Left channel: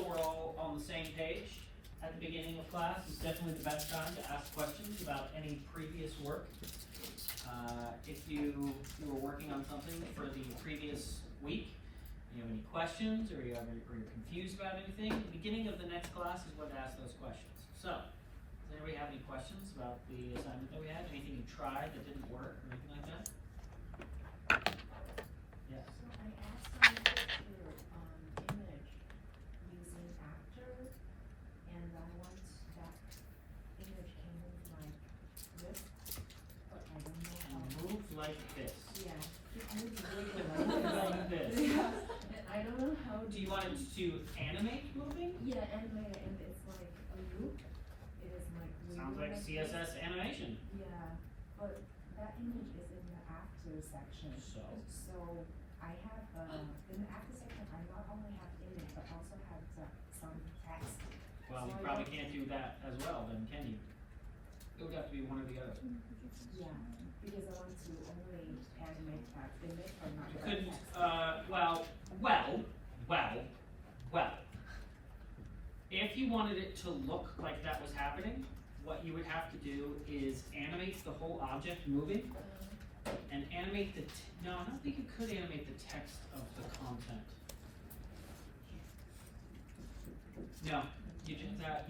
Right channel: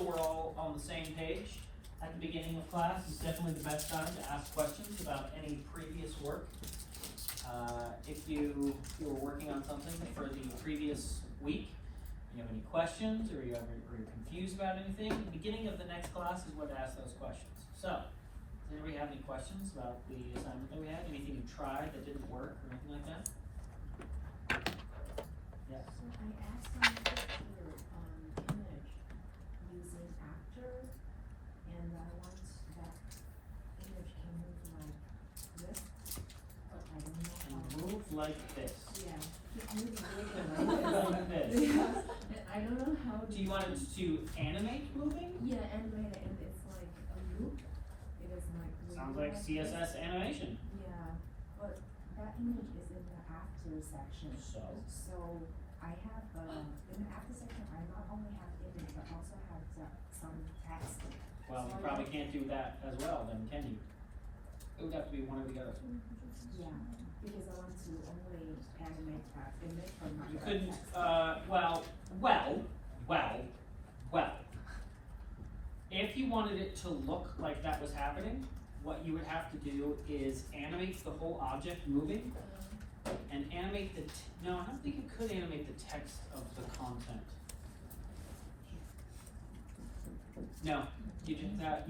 so we're all on the same page, at the beginning of class is definitely the best time to ask questions about any previous work. If you were working on something for the previous week, you have any questions or you're confused about anything, the beginning of the next class is where to ask those questions. So, does anybody have any questions about the assignment that we had? Anything you tried that didn't work or anything like that? Yes. So I asked on the picture, image using actor, and I want that image can move like this, but I don't know how. And move like this. Yeah, keep moving Like this. Yeah, I don't know how. Do you want it to animate moving? Yeah, animate it, and it's like a loop. It is like. Sounds like CSS animation. Yeah, but that image is in the after section. So I have in the after section I not only have image but also have some text. Well, you So probably can't do that as well then, can you? It would have to be one or the other. Yeah, because I want to only animate that image and not You the couldn't, text. well. If you wanted it to look like that was happening, what you would have to do is animate the whole object moving and animate the, no, I don't think you could animate the text of the content. No, you'd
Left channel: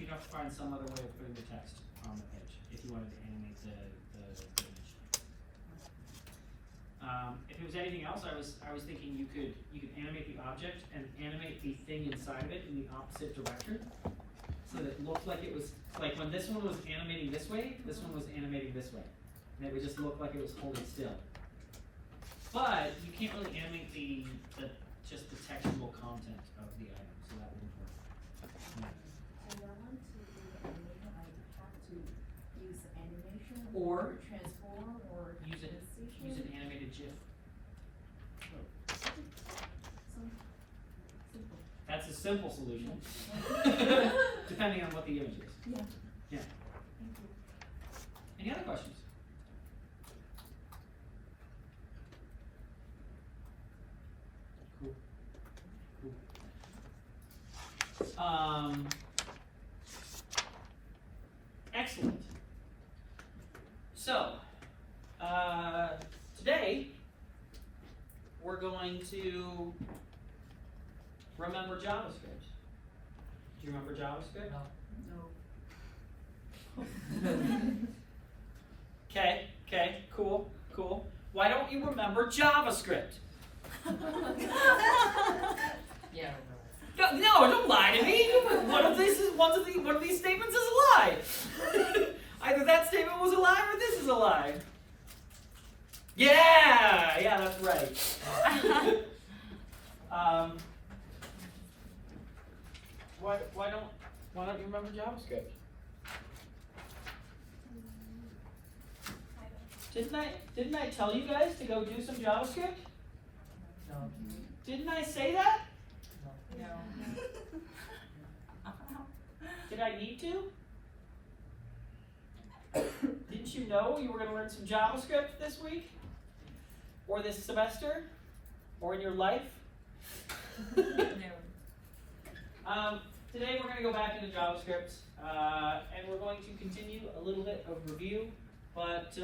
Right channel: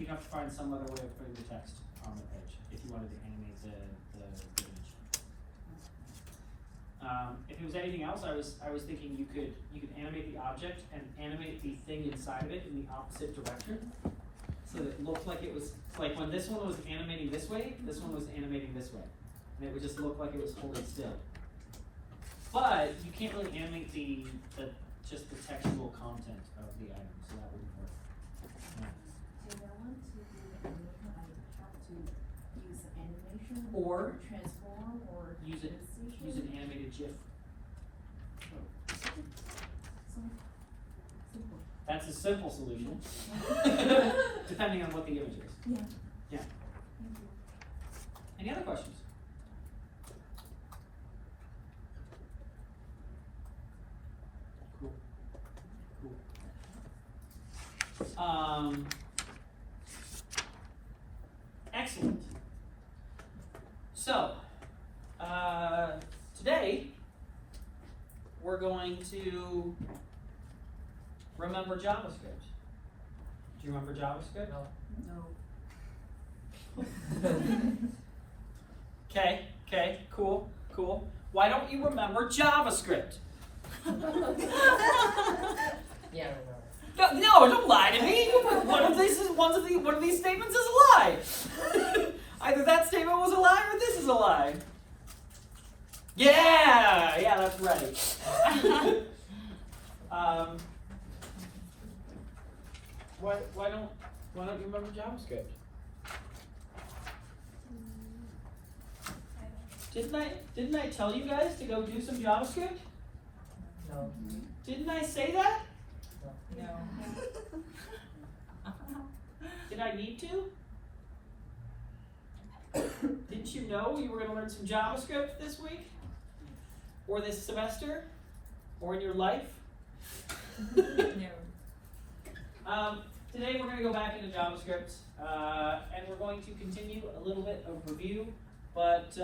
have to find some other way of putting the text on the page if you wanted to animate the image. If it was anything else, I was thinking you could animate the object and animate the thing inside of it in the opposite direction, so that it looked like it was like when this one was animating this way, this one was animating this way, and it would just look like it was holding still. But you can't really animate just the textual content of the item, so that wouldn't work. Yeah. And I want to do the animation, I have to use animation Or transform or use an animated GIF. Simple. That's a simple solution, depending on what the image is. Yeah. Yeah. Thank you. Any other questions? Cool. Excellent. So, today we're going to remember JavaScript. Do you remember JavaScript? No. Okay, cool. Why don't you remember JavaScript? Yeah, No, don't lie to me. One of these statements is a lie. Either that statement was a lie or this is a lie. Yeah, that's right. Why don't you remember JavaScript? Didn't I tell you guys to go do some JavaScript? No. Didn't I say that? No. Did I need to? Didn't you know you were going to learn some JavaScript this week? Or this semester? Or in your life? No. Today we're going to go back into JavaScript, and we're going to continue a little bit of review, but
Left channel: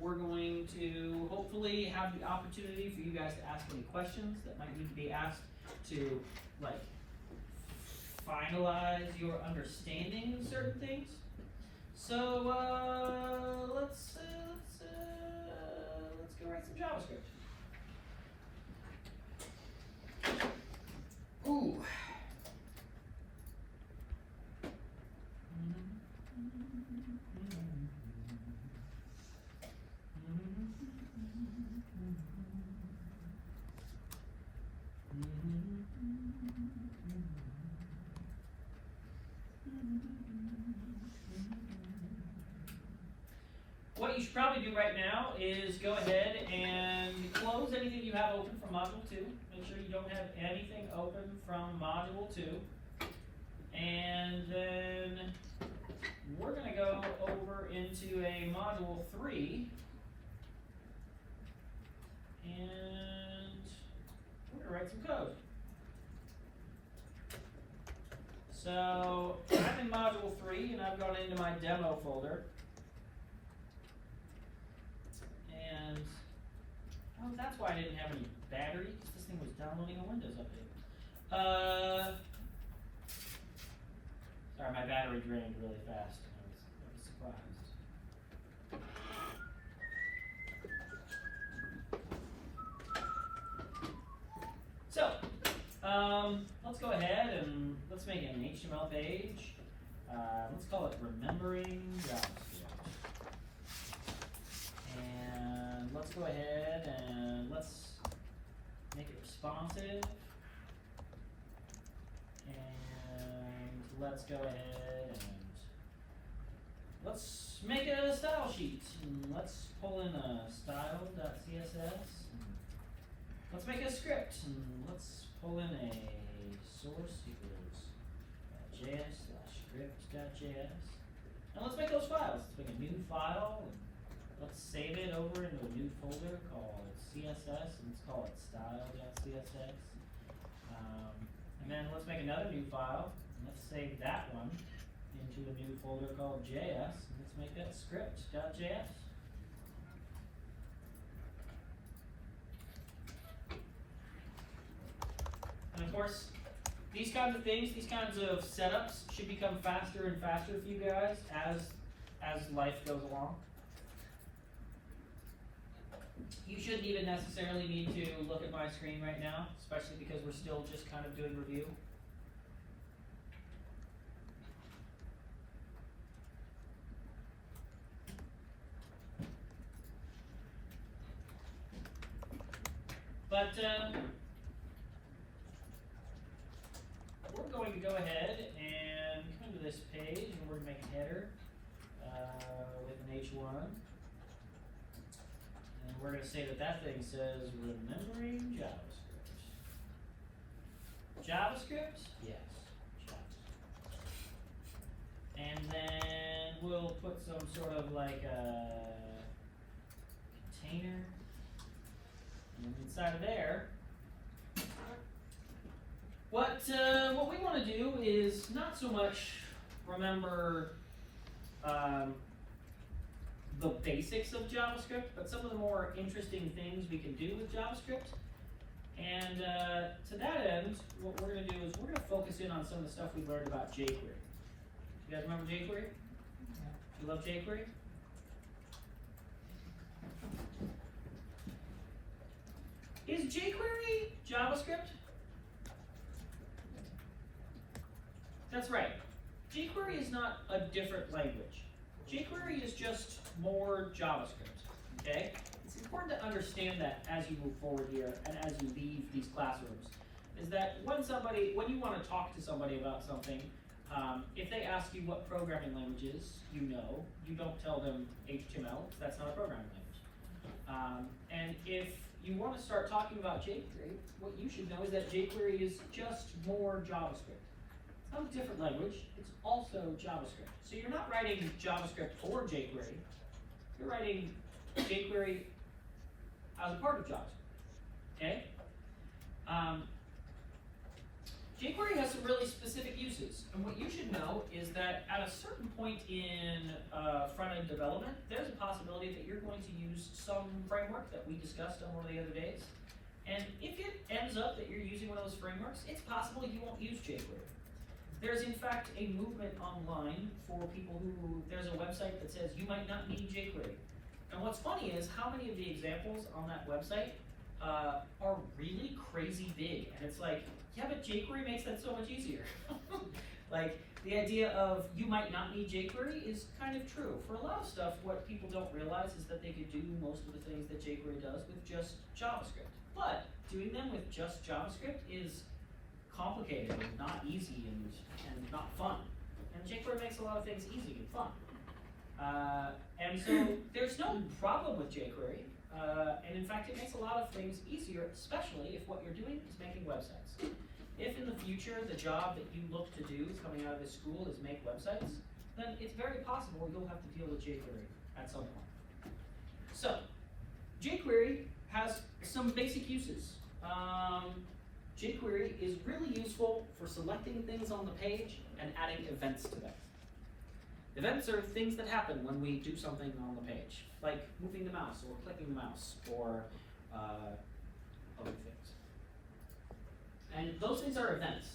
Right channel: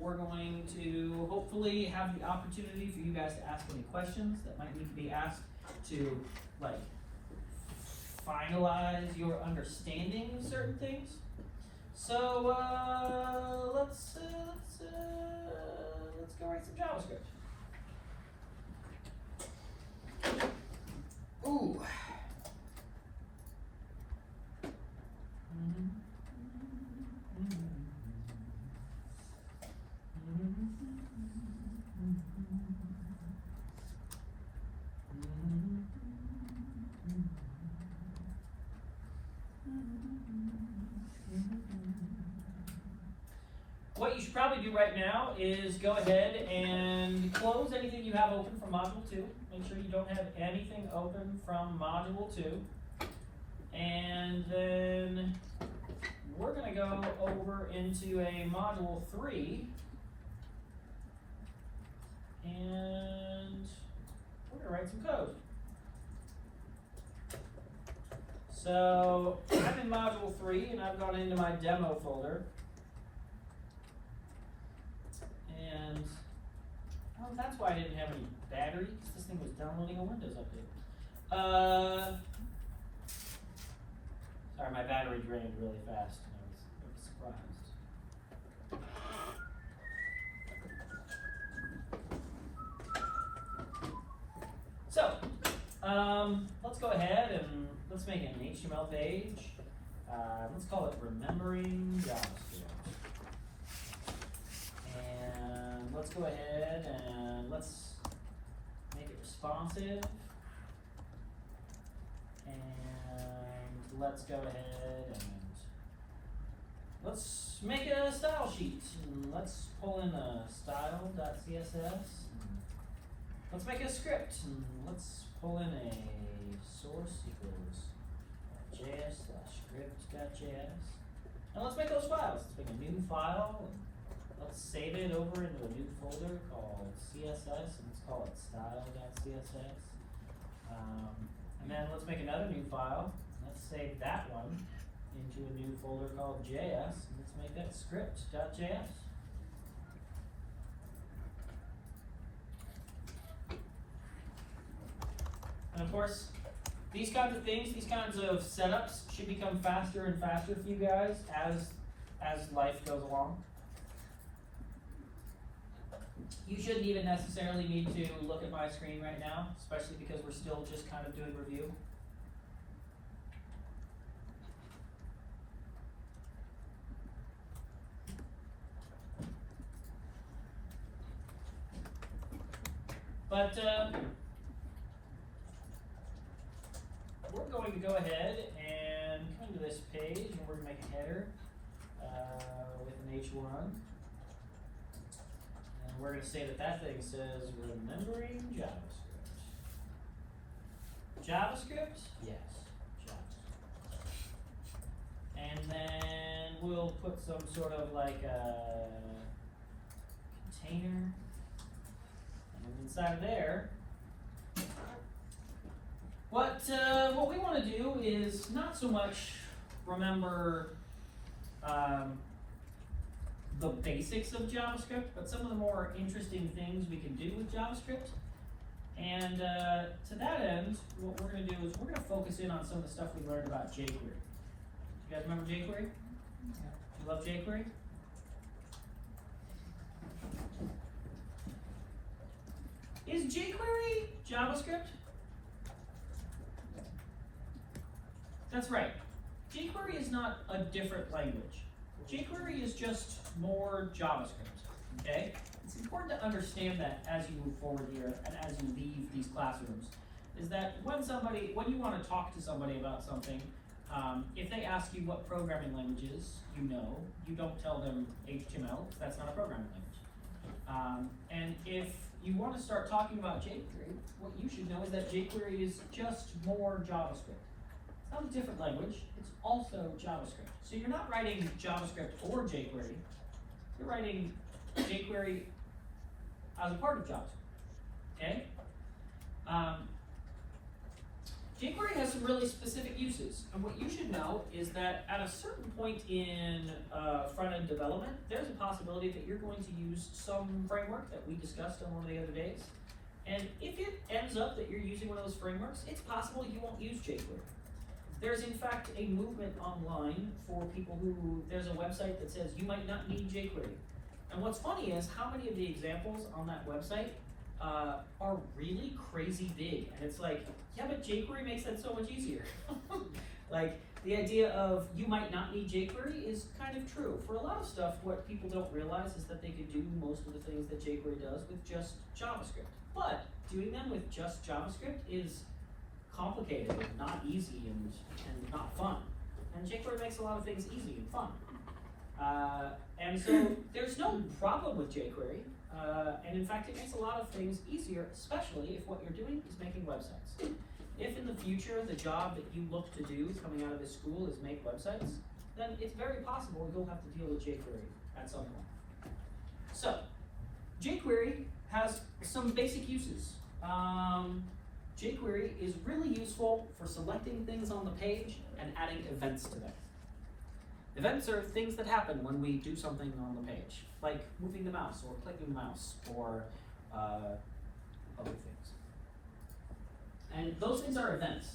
we're going to hopefully have the opportunity for you guys to ask any questions that might need to be asked to finalize your understanding of certain things. So let's go write some JavaScript. Ooh. What you should probably do right now is go ahead and close anything you have open from Module 2. Make sure you don't have anything open from Module 2. And then we're going to go over into a Module 3. And we're going to write some code. So I'm in module 3 and I've gone into my demo folder. And well, that's why I didn't have any battery, because this thing was downloading a Windows update. Sorry, my battery drained really fast. I was surprised. So, let's go ahead and let's make an HTML page. Let's call it Remembering JavaScript. And let's go ahead and let's make it responsive. And let's go ahead and let's make a style sheet. And let's pull in a style.css. Let's make a script. And let's pull in a source equals js/script.js. Now let's make those files. Let's make a new file and let's save it over into a new folder called CSS and let's call it style.css. And then let's make another new file. Let's save that one into a new folder called JS and let's make that script.js. And of course, these kinds of things, these kinds of setups should become faster and faster for you guys as life goes along. You shouldn't even necessarily need to look at my screen right now, especially because we're still just kind of doing review. But we're going to go ahead and come to this page and we're going to make a header with an H1. And we're going to say that that thing says Remembering JavaScript. JavaScript? Yes, JavaScript. And then we'll put some sort of like a container. And inside of there, what we want to do is not so much remember the basics of JavaScript, but some of the more interesting things we can do with JavaScript. And to that end, what we're going to do is we're going to focus in on some of the stuff we learned about jQuery. You guys remember jQuery? Yeah. You love jQuery? Is jQuery JavaScript? That's right. jQuery is not a different language. jQuery is just more JavaScript, okay? It's important to understand that as you move forward here and as you leave these classrooms, is that when you want to talk to somebody about something, if they ask you what programming language is, you don't tell them HTML, that's not a programming language. And if you want to start talking about jQuery, what you should know is that jQuery is just more JavaScript. It's not a different language, it's also JavaScript. So you're not writing JavaScript or jQuery, you're writing jQuery as a part of JavaScript, okay? jQuery has some really specific uses, and what you should know is that at a certain point in front-end development, there's a possibility that you're going to use some framework that we discussed on one of the other days. And if it ends up that you're using one of those frameworks, it's possible you won't use jQuery. There's in fact a movement online for people there's a website that says you might not need jQuery. And what's funny is how many of the examples on that website are really crazy big. And it's like, yeah, but jQuery makes that so much easier. Like, the idea of you might not need jQuery is kind of true. For a lot of stuff, what people don't realize is that they could do most of the things that jQuery does with just JavaScript. But doing them with just JavaScript is complicated, not easy, and not fun. And jQuery makes a lot of things easy and fun. And so there's no problem with jQuery. And in fact, it makes a lot of things easier, especially if what you're doing is making websites. If in the future the job that you look to do coming out of this school is make websites, then it's very possible you'll have to deal with jQuery at some point. So, jQuery has some basic uses. jQuery is really useful for selecting things on the page and adding events to them. Events are things that happen when we do something on the page, like moving the mouse or clicking the mouse or other things. And those things are events.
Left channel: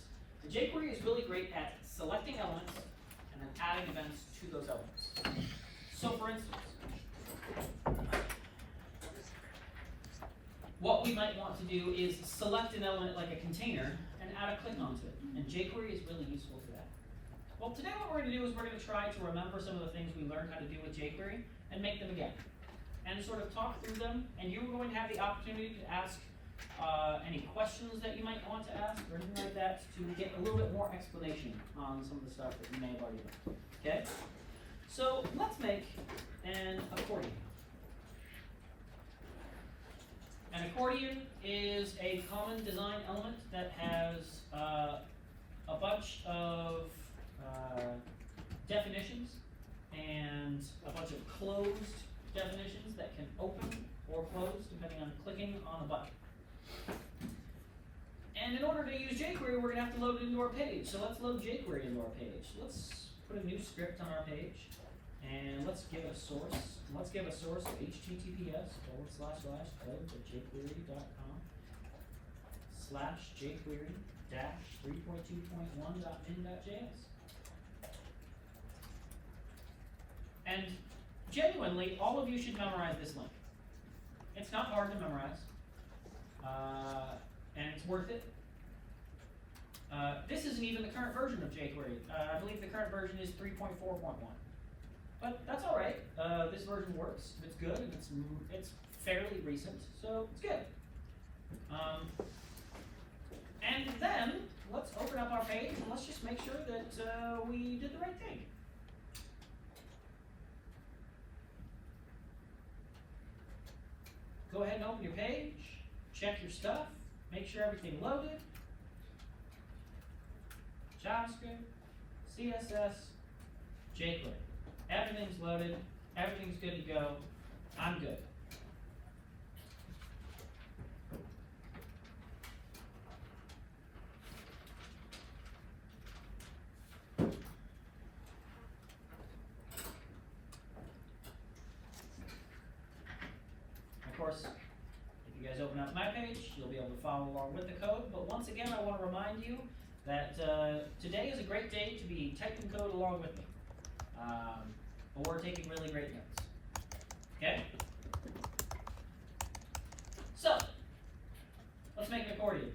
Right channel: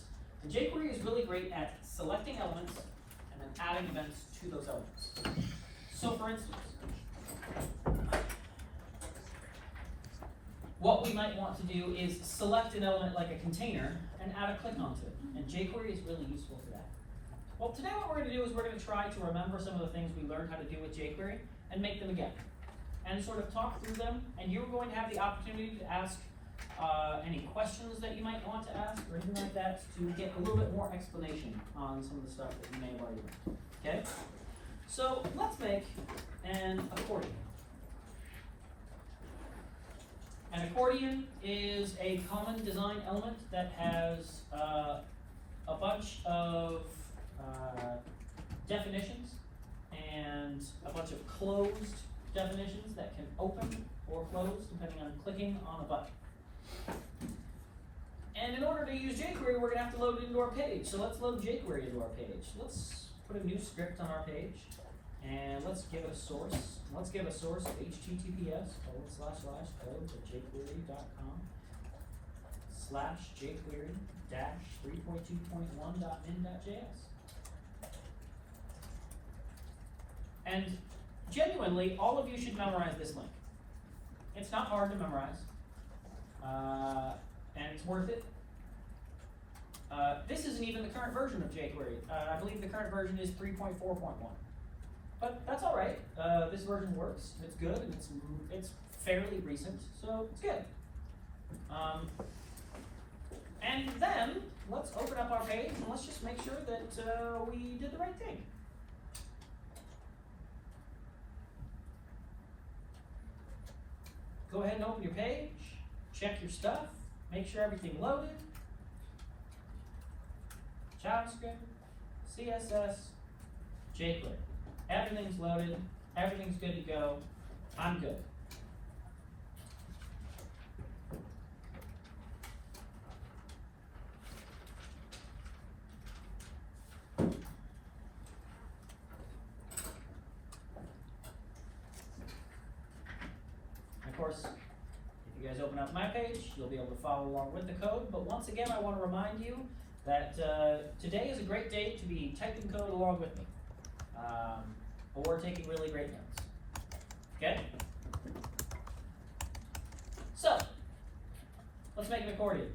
And jQuery is really great at selecting elements and then adding events to those elements. So for instance, what we might want to do is select an element like a container and add a click onto it. And jQuery is really useful for that. Well, today what we're going to do is we're going to try to remember some of the things we learned how to do with jQuery and make them again. And sort of talk through them, and you're going to have the opportunity to ask any questions that you might want to ask or anything like that to get a little bit more explanation on some of the stuff that you may have already learned. Okay? So let's make an accordion. An accordion is a common design element that has a bunch of definitions and a bunch of closed definitions that can open or close depending on clicking on a button. And in order to use jQuery, we're going to have to load it into our page. So let's load jQuery into our page. Let's put a new script on our page, and let's give it a source. Let's give a source of https://code.jQuery.com/jQuery-3.2.1.min.js. And genuinely, all of you should memorize this link. It's not hard to memorize, and it's worth it. This isn't even the current version of jQuery. I believe the current version is 3.4.1. But that's all right. This version works. It's good, and it's fairly recent, so it's good. And then let's open up our page and let's just make sure that we did the right thing. Go ahead and open your page, check your stuff, make sure everything loaded. JavaScript, CSS, jQuery. Everything's loaded, everything's good to go. I'm good. Of course, if you guys open up my page, you'll be able to follow along with the code. But once again, I want to remind you that today is a great day to be typing code along with me, or taking really great notes. Okay? So, let's make an accordion.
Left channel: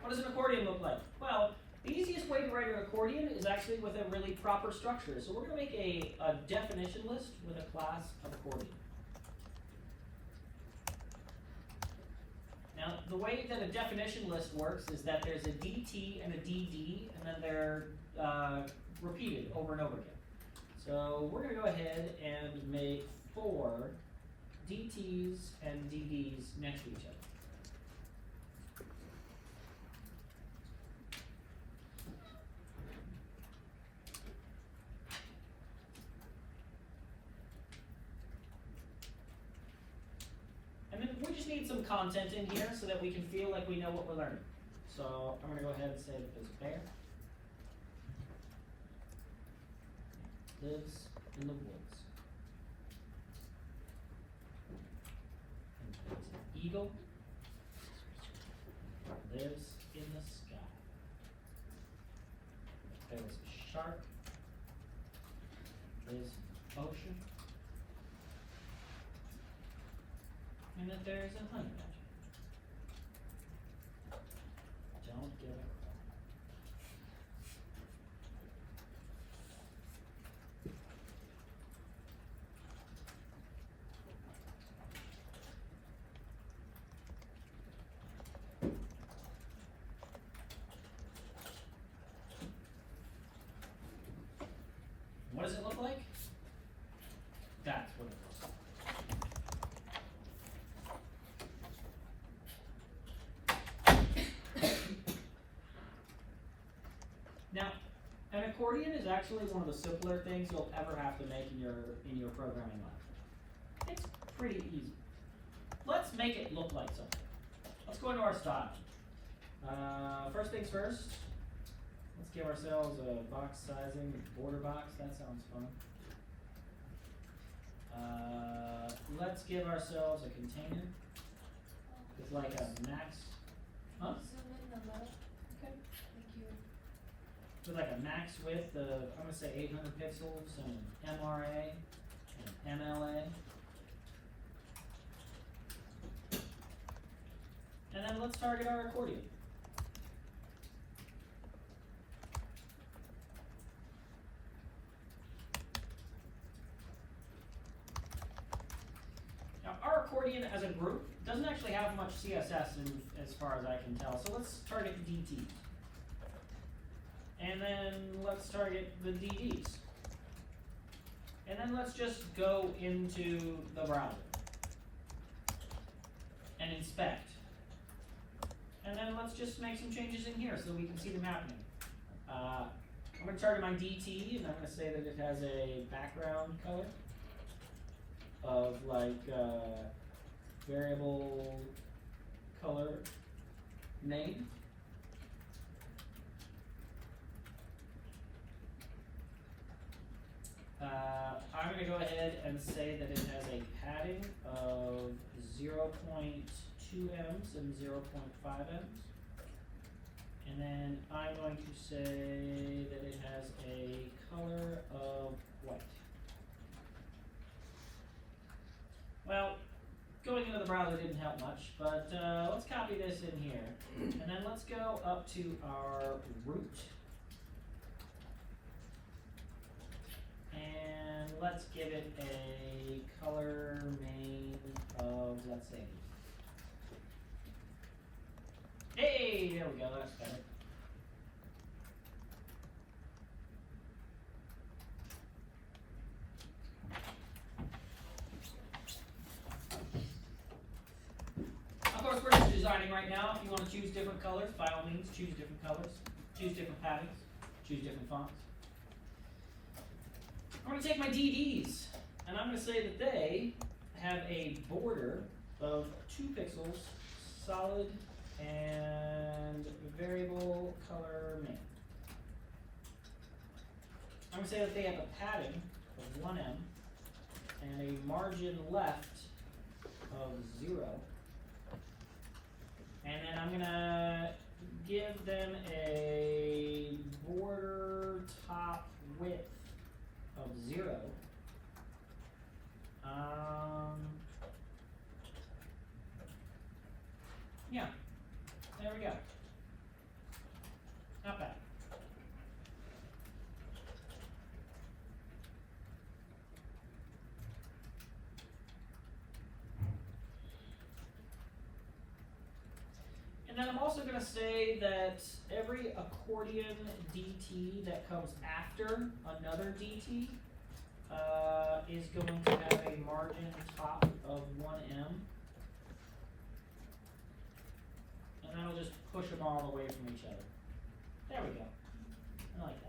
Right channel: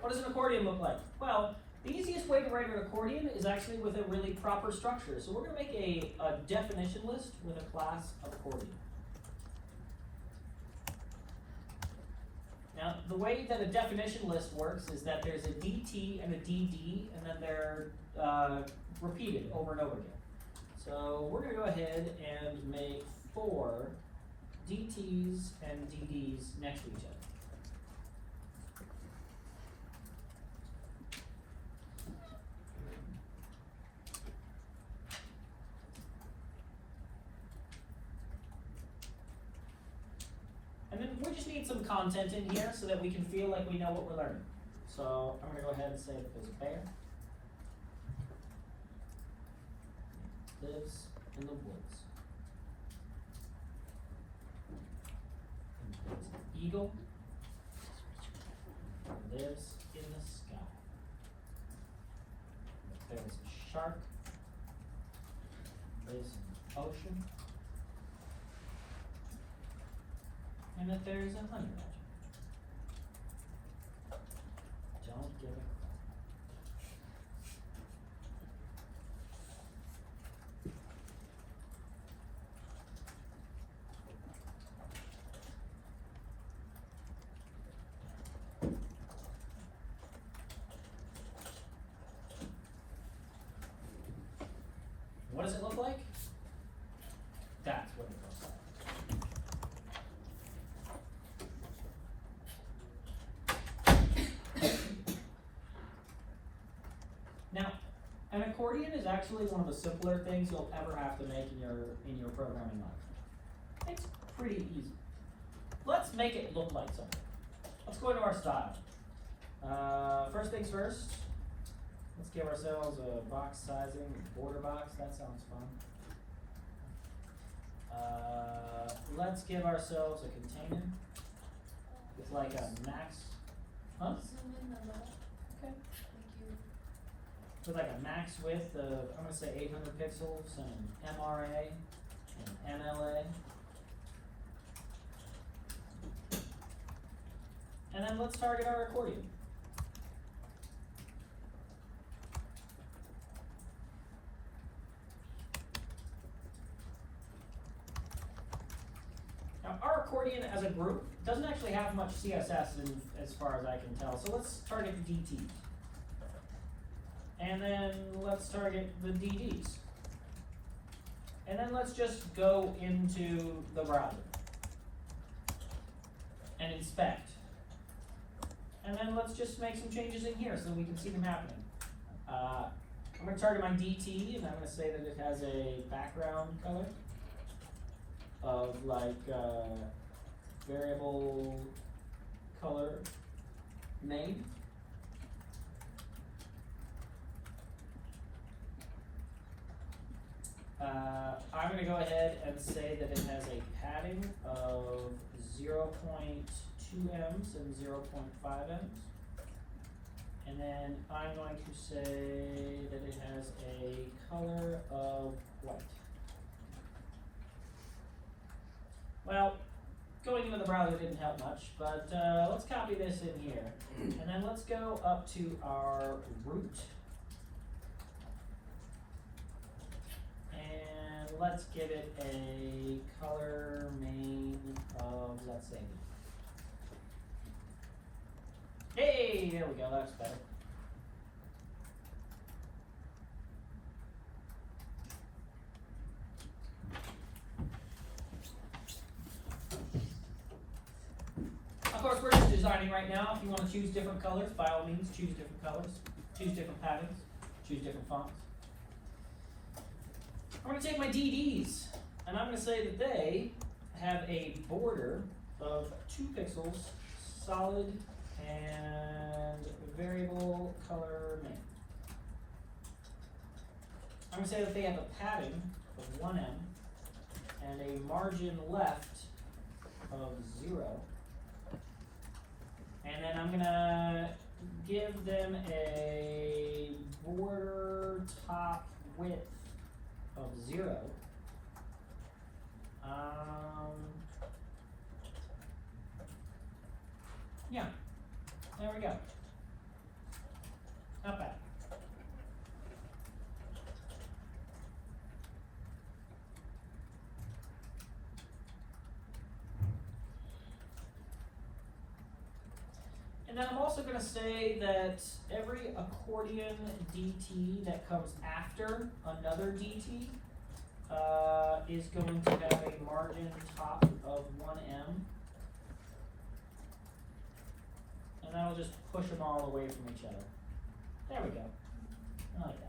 What does an accordion look like? Well, the easiest way to write an accordion is actually with a really proper structure. So we're going to make a definition list with a class of accordion. Now, the way that a definition list works is that there's a DT and a DD, and then they're repeated over and over again. So we're going to go ahead and make 4 DTs and DDs next to each other. And then we just need some content in here so that we can feel like we know what we're learning. So I'm going to go ahead and say that there's a bear. Lives in the woods. And there's an eagle. Lives in the sky. There's a shark. Lives in the ocean. And that there is a honey badger. Don't give a crap. What does it look like? That's what it looks like. Now, an accordion is actually one of the simpler things you'll ever have to make in your programming life. It's pretty easy. Let's make it look like something. Let's go into our style. First things first, let's give ourselves a box sizing, border box, that sounds fun. Let's give ourselves a container with like a max, huh? Okay. With like a max width of, I'm gonna say 800 pixels and MRA and MLA. And then let's target our accordion. Now our accordion as a group doesn't actually have much CSS as far as I can tell, so let's target the DTs. And then let's target the DDs. And then let's just go into the browser and inspect. And then let's just make some changes in here so we can see them happening. I'm going to target my DT, and I'm going to say that it has a background color of like variable color name. I'm going to go ahead and say that it has a padding of 0.2 ems and 0.5 ems. And then I'm going to say that it has a color of white. Well, going into the browser didn't help much, but let's copy this in here. And then let's go up to our root. And let's give it a color main of, let's say, hey, there we go, that's better. Of course, we're just designing right now. If you want to choose different colors, by all means, choose different colors, choose different patterns, choose different fonts. I'm going to take my DDs, and I'm going to say that they have a border of 2 pixels, solid, and variable color main. I'm going to say that they have a padding of 1 em and a margin left of 0. And then I'm going to give them a border top width of 0. Yeah, there we go. Not bad. And then I'm also going to say that every accordion DT that comes after another DT is going to have a margin top of 1 em. And that'll just push them all away from each other. There we go. I like that.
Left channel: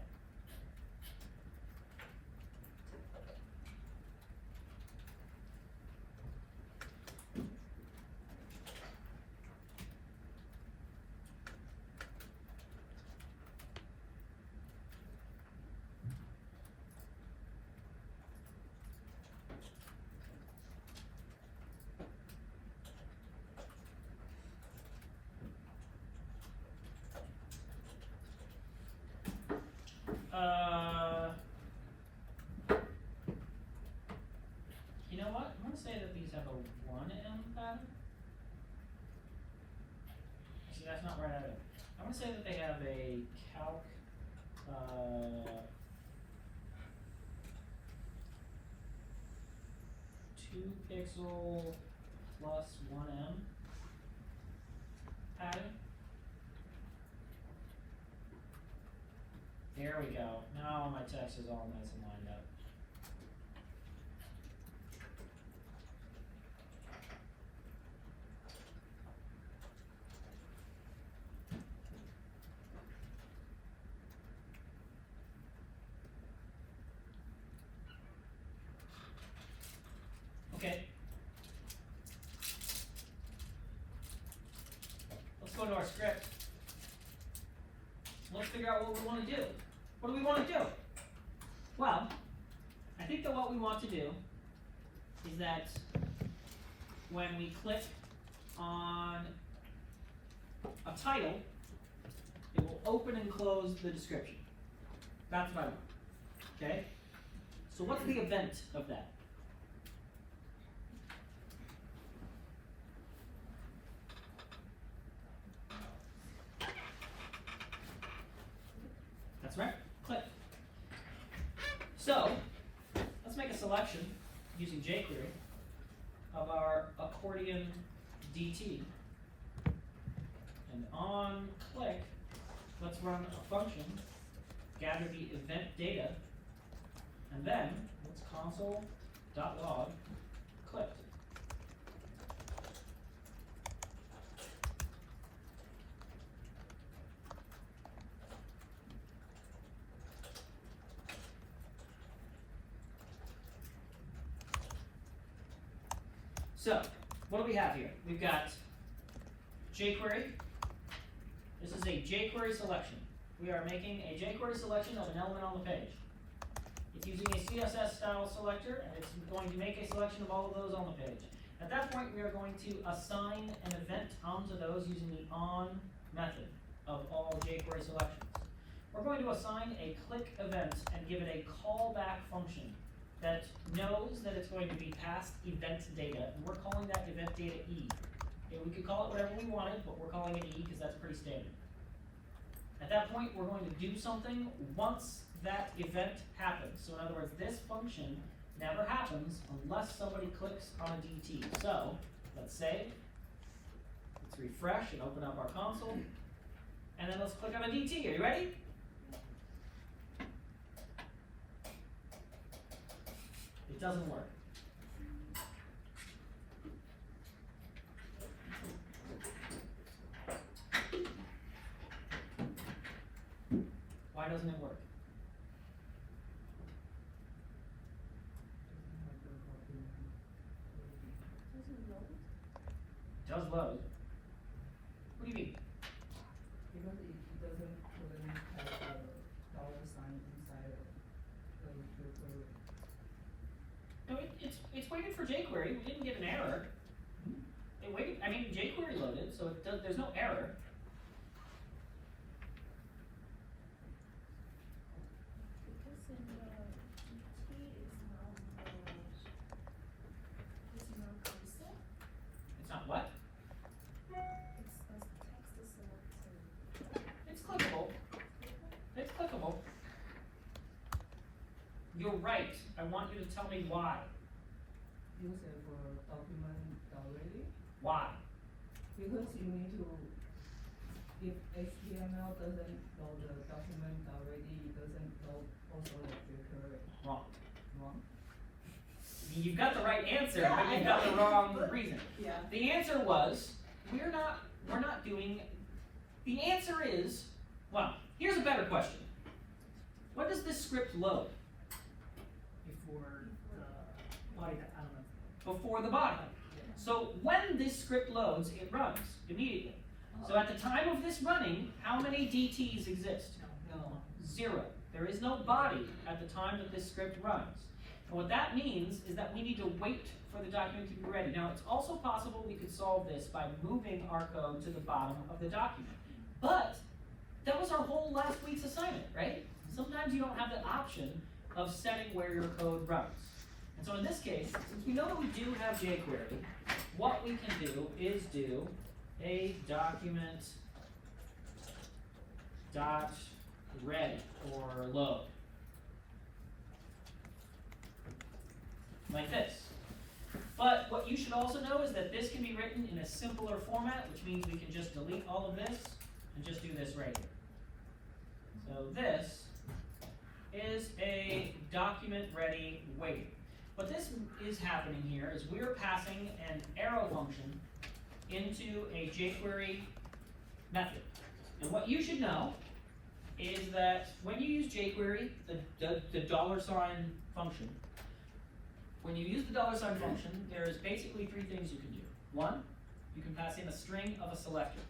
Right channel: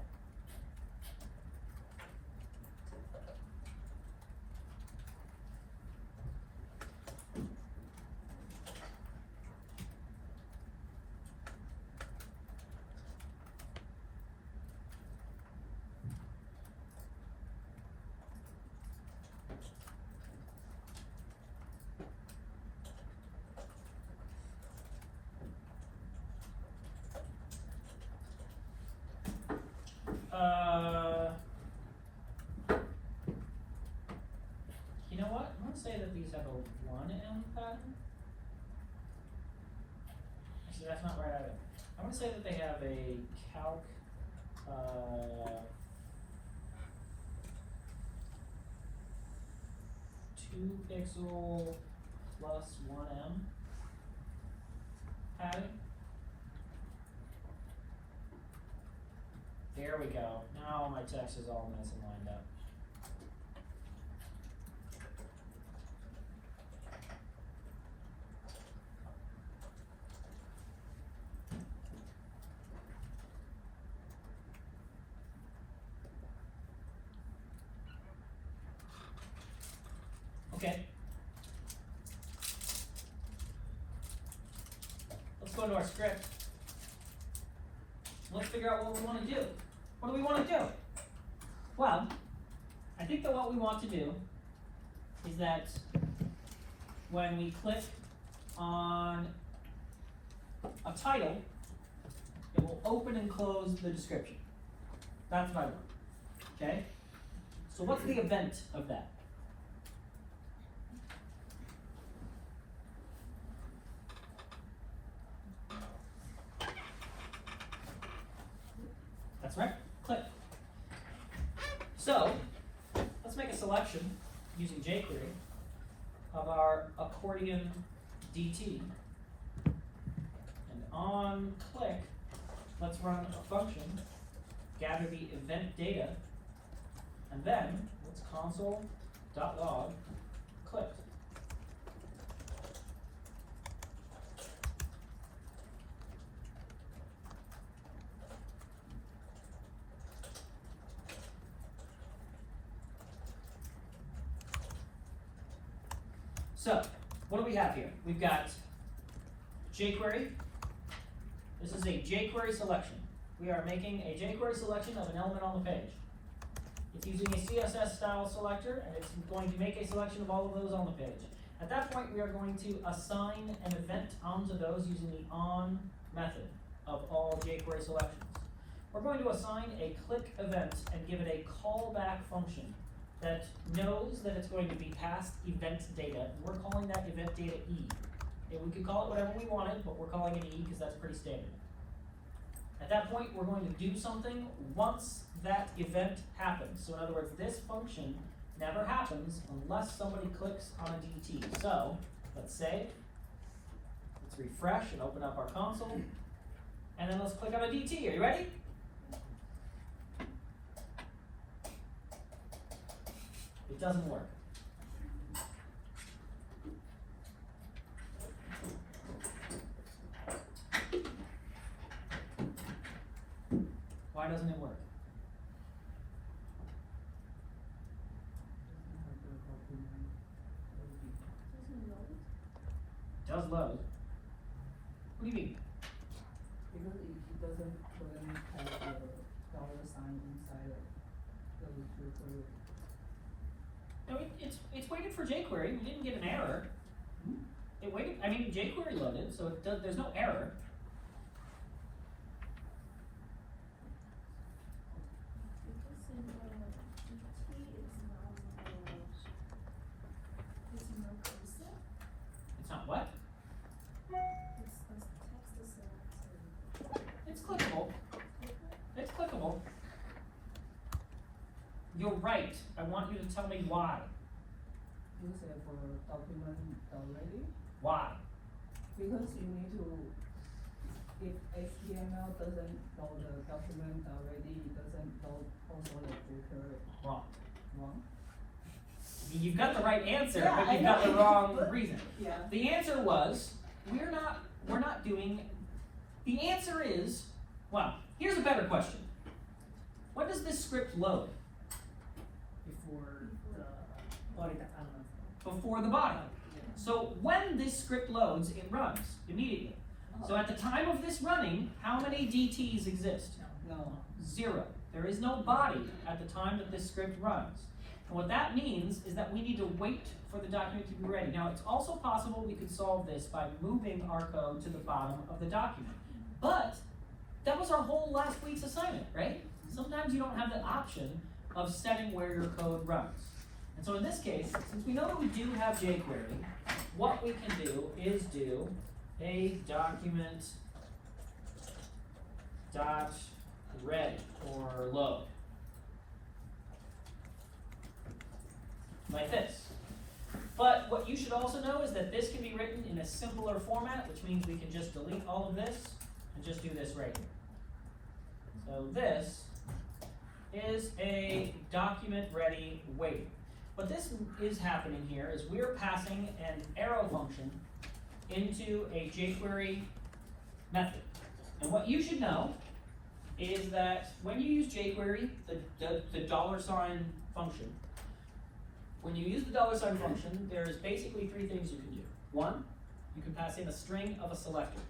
You know what? I'm going to say that these have a 1 em pattern. See, that's not right either. I'm going to say that they have a calc 2 pixel plus 1 em pattern. There we go. Now my text is all nice and lined up. Okay. Let's go into our script. let's figure out what we want to do. What do we want to do? Well, I think that what we want to do is that when we click on a title, it will open and close the description. That's what I want. Okay? So what's the event of that? That's right, click. So, let's make a selection using jQuery of our accordion DT. And on click, let's run a function, gather the event data, and then let's console.log clicked. So, what do we have here? We've got jQuery. This is a jQuery selection. We are making a jQuery selection of an element on the page. It's using a CSS style selector, and it's going to make a selection of all of those on the page. At that point, we are going to assign an event onto those using the on method of all jQuery selections. We're going to assign a click event and give it a callback function that knows that it's going to be passed event data, and we're calling that event data E. Okay, we could call it whatever we wanted, but we're calling it E because that's pretty standard. At that point, we're going to do something once that event happens. So in other words, this function never happens unless somebody clicks on a DT. So let's save, let's refresh and open up our console, and then let's click on a DT. Are you ready? It doesn't work. Why doesn't it work? It does load. What do you mean? Because it doesn't have the dollar sign inside it. No, it's waited for jQuery. We didn't get an error. It waited. I mean, jQuery loaded, so it does. There's no error. It's not what? It's clickable. It's clickable. You're right. I want you to tell me why. Use it for document already. Why? Because you need to, if HTML doesn't load the document already, it doesn't load also the filter. Wrong. Wrong? You've got the right answer, Yeah, but I you've got know. the wrong reason. Yeah. The answer was, we're not doing, the answer is, well, here's a better question. What does this script load? Before the body element. Before the body. So when this script loads, it runs immediately. So at the time of this running, how many DTs exist? No. 0. There is no body at the time that this script runs. And what that means is that we need to wait for the document to be ready. Now, it's also possible we could solve this by moving our code to the bottom of the document. But that was our whole last week's assignment, right? Sometimes you don't have the option of setting where your code runs. And so in this case, since we know that we do have jQuery, what we can do is do a document dot ready or load. Like this. But what you should also know is that this can be written in a simpler format, which means we can just delete all of this and just do this right here. So this is a document ready wait. What this is happening here is we're passing an arrow function into a jQuery method. And what you should know is that when you use jQuery, the $sign function, when you use the $sign function, there's basically 3 things you can do. 1, you can pass in a string of a selector.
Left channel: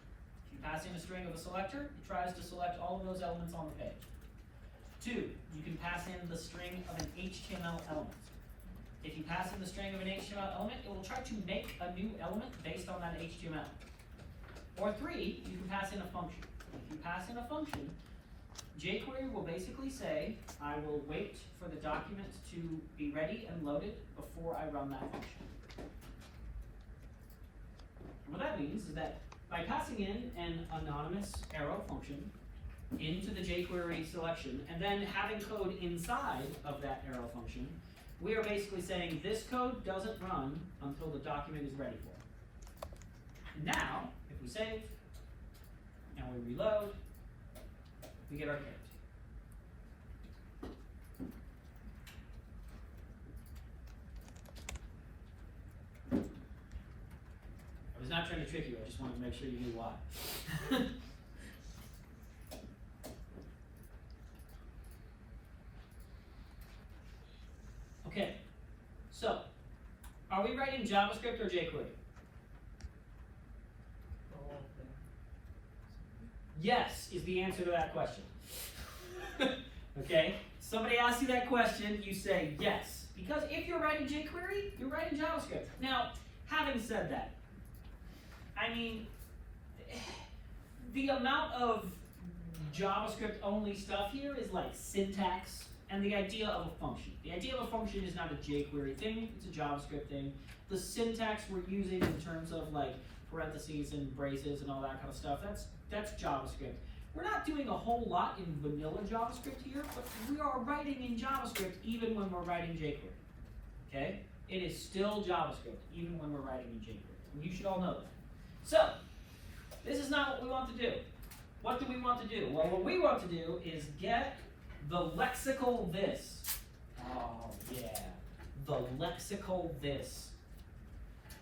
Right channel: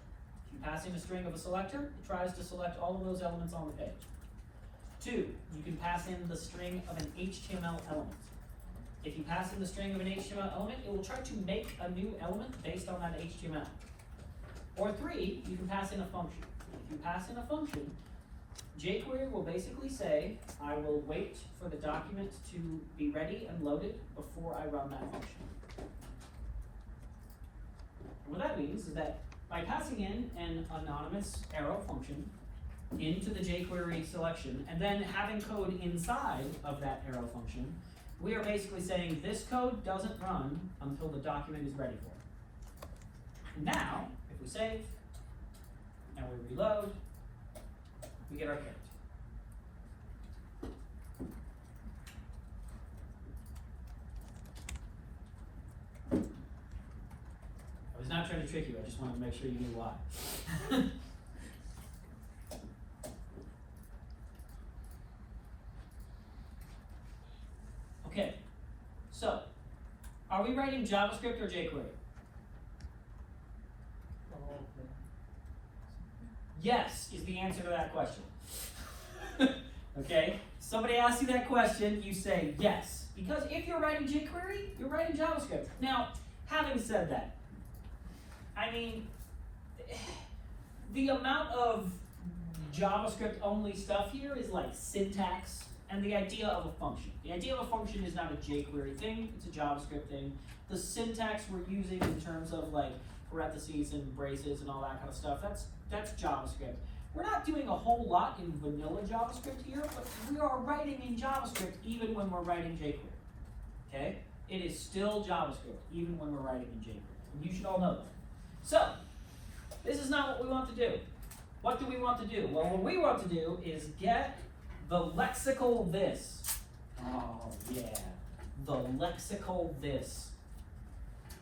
If you pass in a string of a selector, it tries to select all of those elements on the page. 2, you can pass in the string of an HTML element. If you pass in the string of an HTML element, it will try to make a new element based on that HTML. Or 3, you can pass in a function. If you pass in a function, jQuery will basically say, I will wait for the document to be ready and loaded before I run that function. And what that means is that by passing in an anonymous arrow function into the jQuery selection, and then having code inside of that arrow function, we are basically saying this code doesn't run until the document is ready for it. Now, if we save, and we reload, we get our code. I was not trying to trick you, I just wanted to make sure you knew why. Okay, so, are we writing JavaScript or jQuery? Yes is the answer to that question. Okay, somebody asks you that question, you say yes. Because if you're writing jQuery, you're writing JavaScript. Now, having said that, I mean, the amount of JavaScript only stuff here is like syntax and the idea of a function. The idea of a function is not a jQuery thing, it's a JavaScript thing. The syntax we're using in terms of like parentheses and braces and all that kind of stuff, that's JavaScript. We're not doing a whole lot in vanilla JavaScript here, but we are writing in JavaScript even when we're writing jQuery. Okay? It is still JavaScript even when we're writing in jQuery. You should all know that. So, this is not what we want to do. What do we want to do? Well, what we want to do is get the lexical this. Oh, yeah. The lexical this.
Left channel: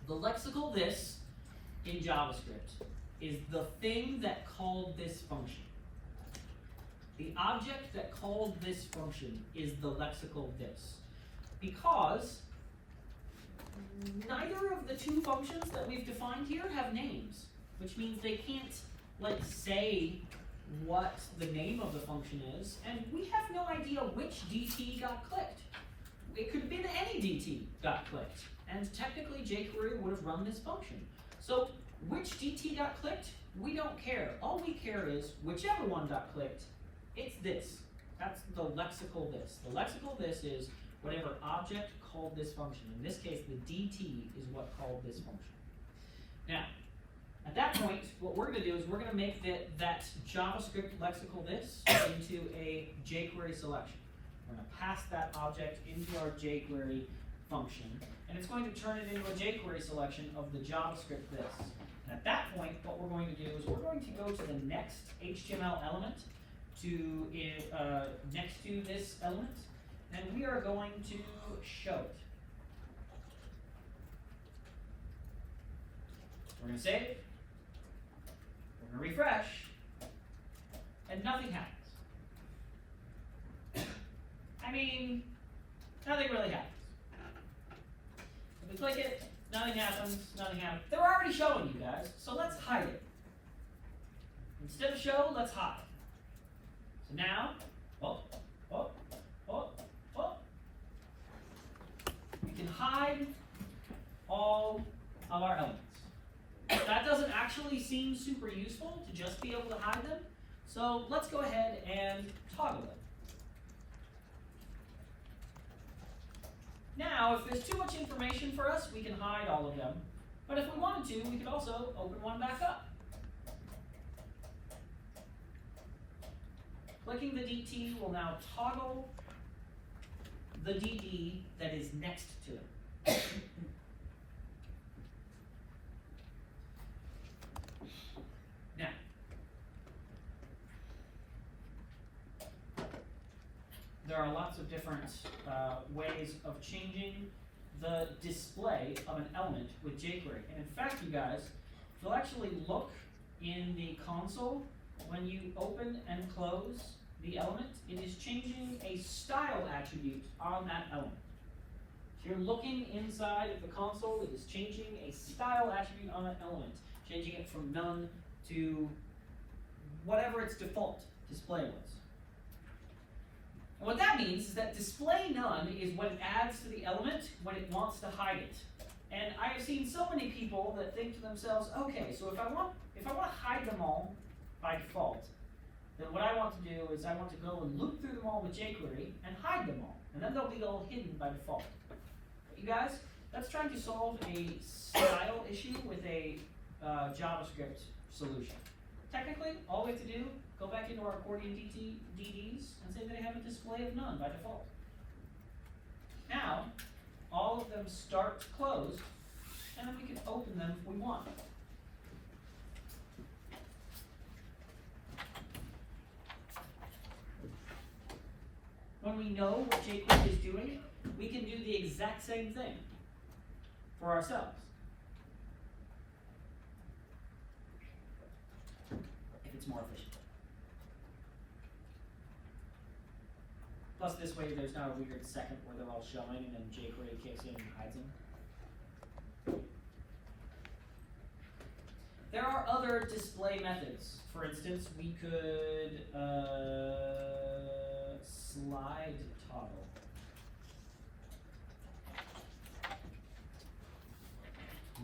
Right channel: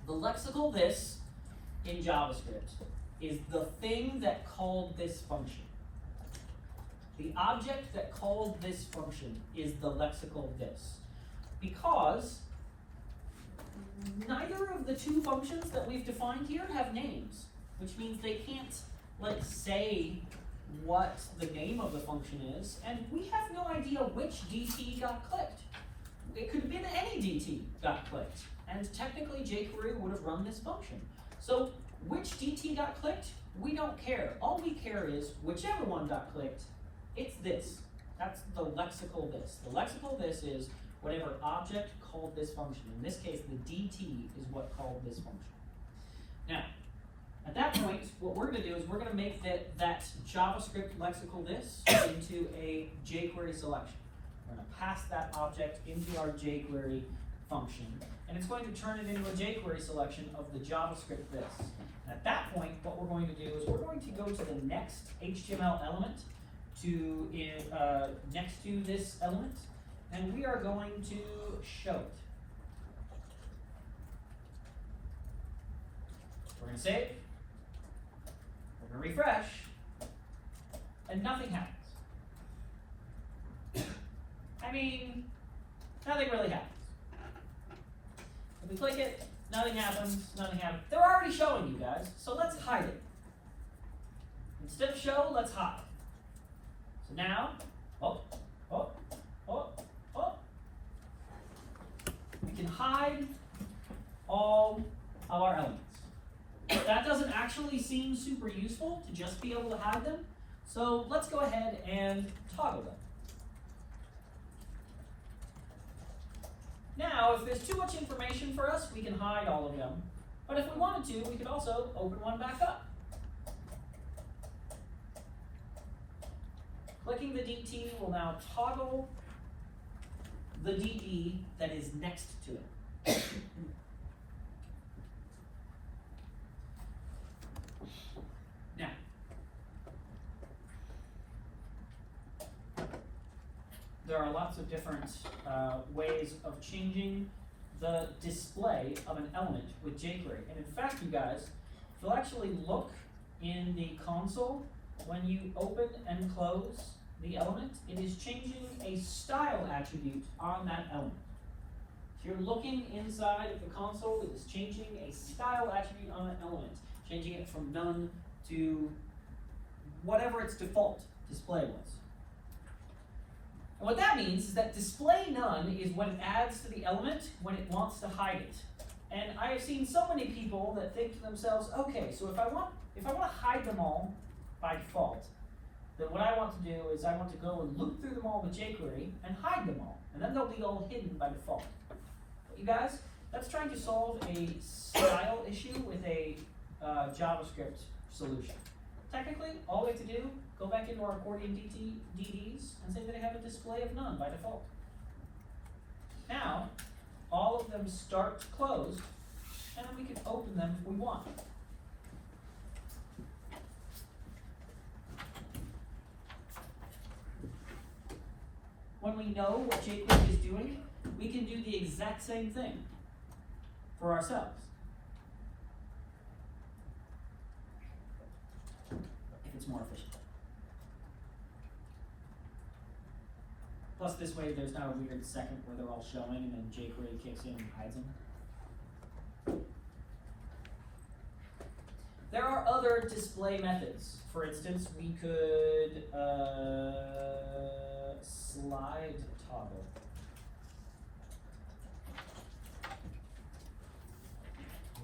The lexical this in JavaScript is the thing that called this function. The object that called this function is the lexical this. Because neither of the two functions that we've defined here have names, which means they can't like say what the name of the function is, and we have no idea which DT got clicked. It could have been any DT got clicked, and technically jQuery would have run this function. So which DT got clicked, we don't care. All we care is whichever one got clicked, it's this. That's the lexical this. The lexical this is whatever object called this function. In this case, the DT is what called this function. Now, at that point, what we're going to do is we're going to make that JavaScript lexical this into a jQuery selection. We're going to pass that object into our jQuery function, and it's going to turn it into a jQuery selection of the JavaScript this. And at that point, what we're going to do is we're going to go to the next HTML element next to this element, and we are going to show it. We're going to save. We're going to refresh, and nothing happens. I mean, nothing really happens. If we click it, nothing happens, nothing happens. They're already showing you guys, so let's hide it. Instead of show, let's hide. So now, we can hide all of our elements. That doesn't actually seem super useful to just be able to hide them, so let's go ahead and toggle them. Now, if there's too much information for us, we can hide all of them, but if we wanted to, we could also open one back up. Clicking the DT will now toggle the DT that is next to it. Now, there are lots of different ways of changing the display of an element with jQuery. And in fact, you guys, if you'll actually look in the console, when you open and close the element, it is changing a style attribute on that element. If you're looking inside of the console, it is changing a style attribute on an element, changing it from none to whatever its default display was. And what that means is that display none is what it adds to the element when it wants to hide it. And I have seen so many people that think to themselves, okay, so if I want to hide them all by default, then what I want to do is I want to go and loop through them all with jQuery and hide them all. And then they'll be all hidden by default. But you guys, that's trying to solve a style issue with a JavaScript solution. Technically, all we have to do, go back into our accordion DDs and say that I have a display of none by default. Now, all of them start closed, and then we can open them if we want. When we know what jQuery is doing, we can do the exact same thing for ourselves. If it's more efficient. Plus this way there's not a weird second where they're all showing and then jQuery kicks in and hides them. There are other display methods. For instance, we could slide toggle.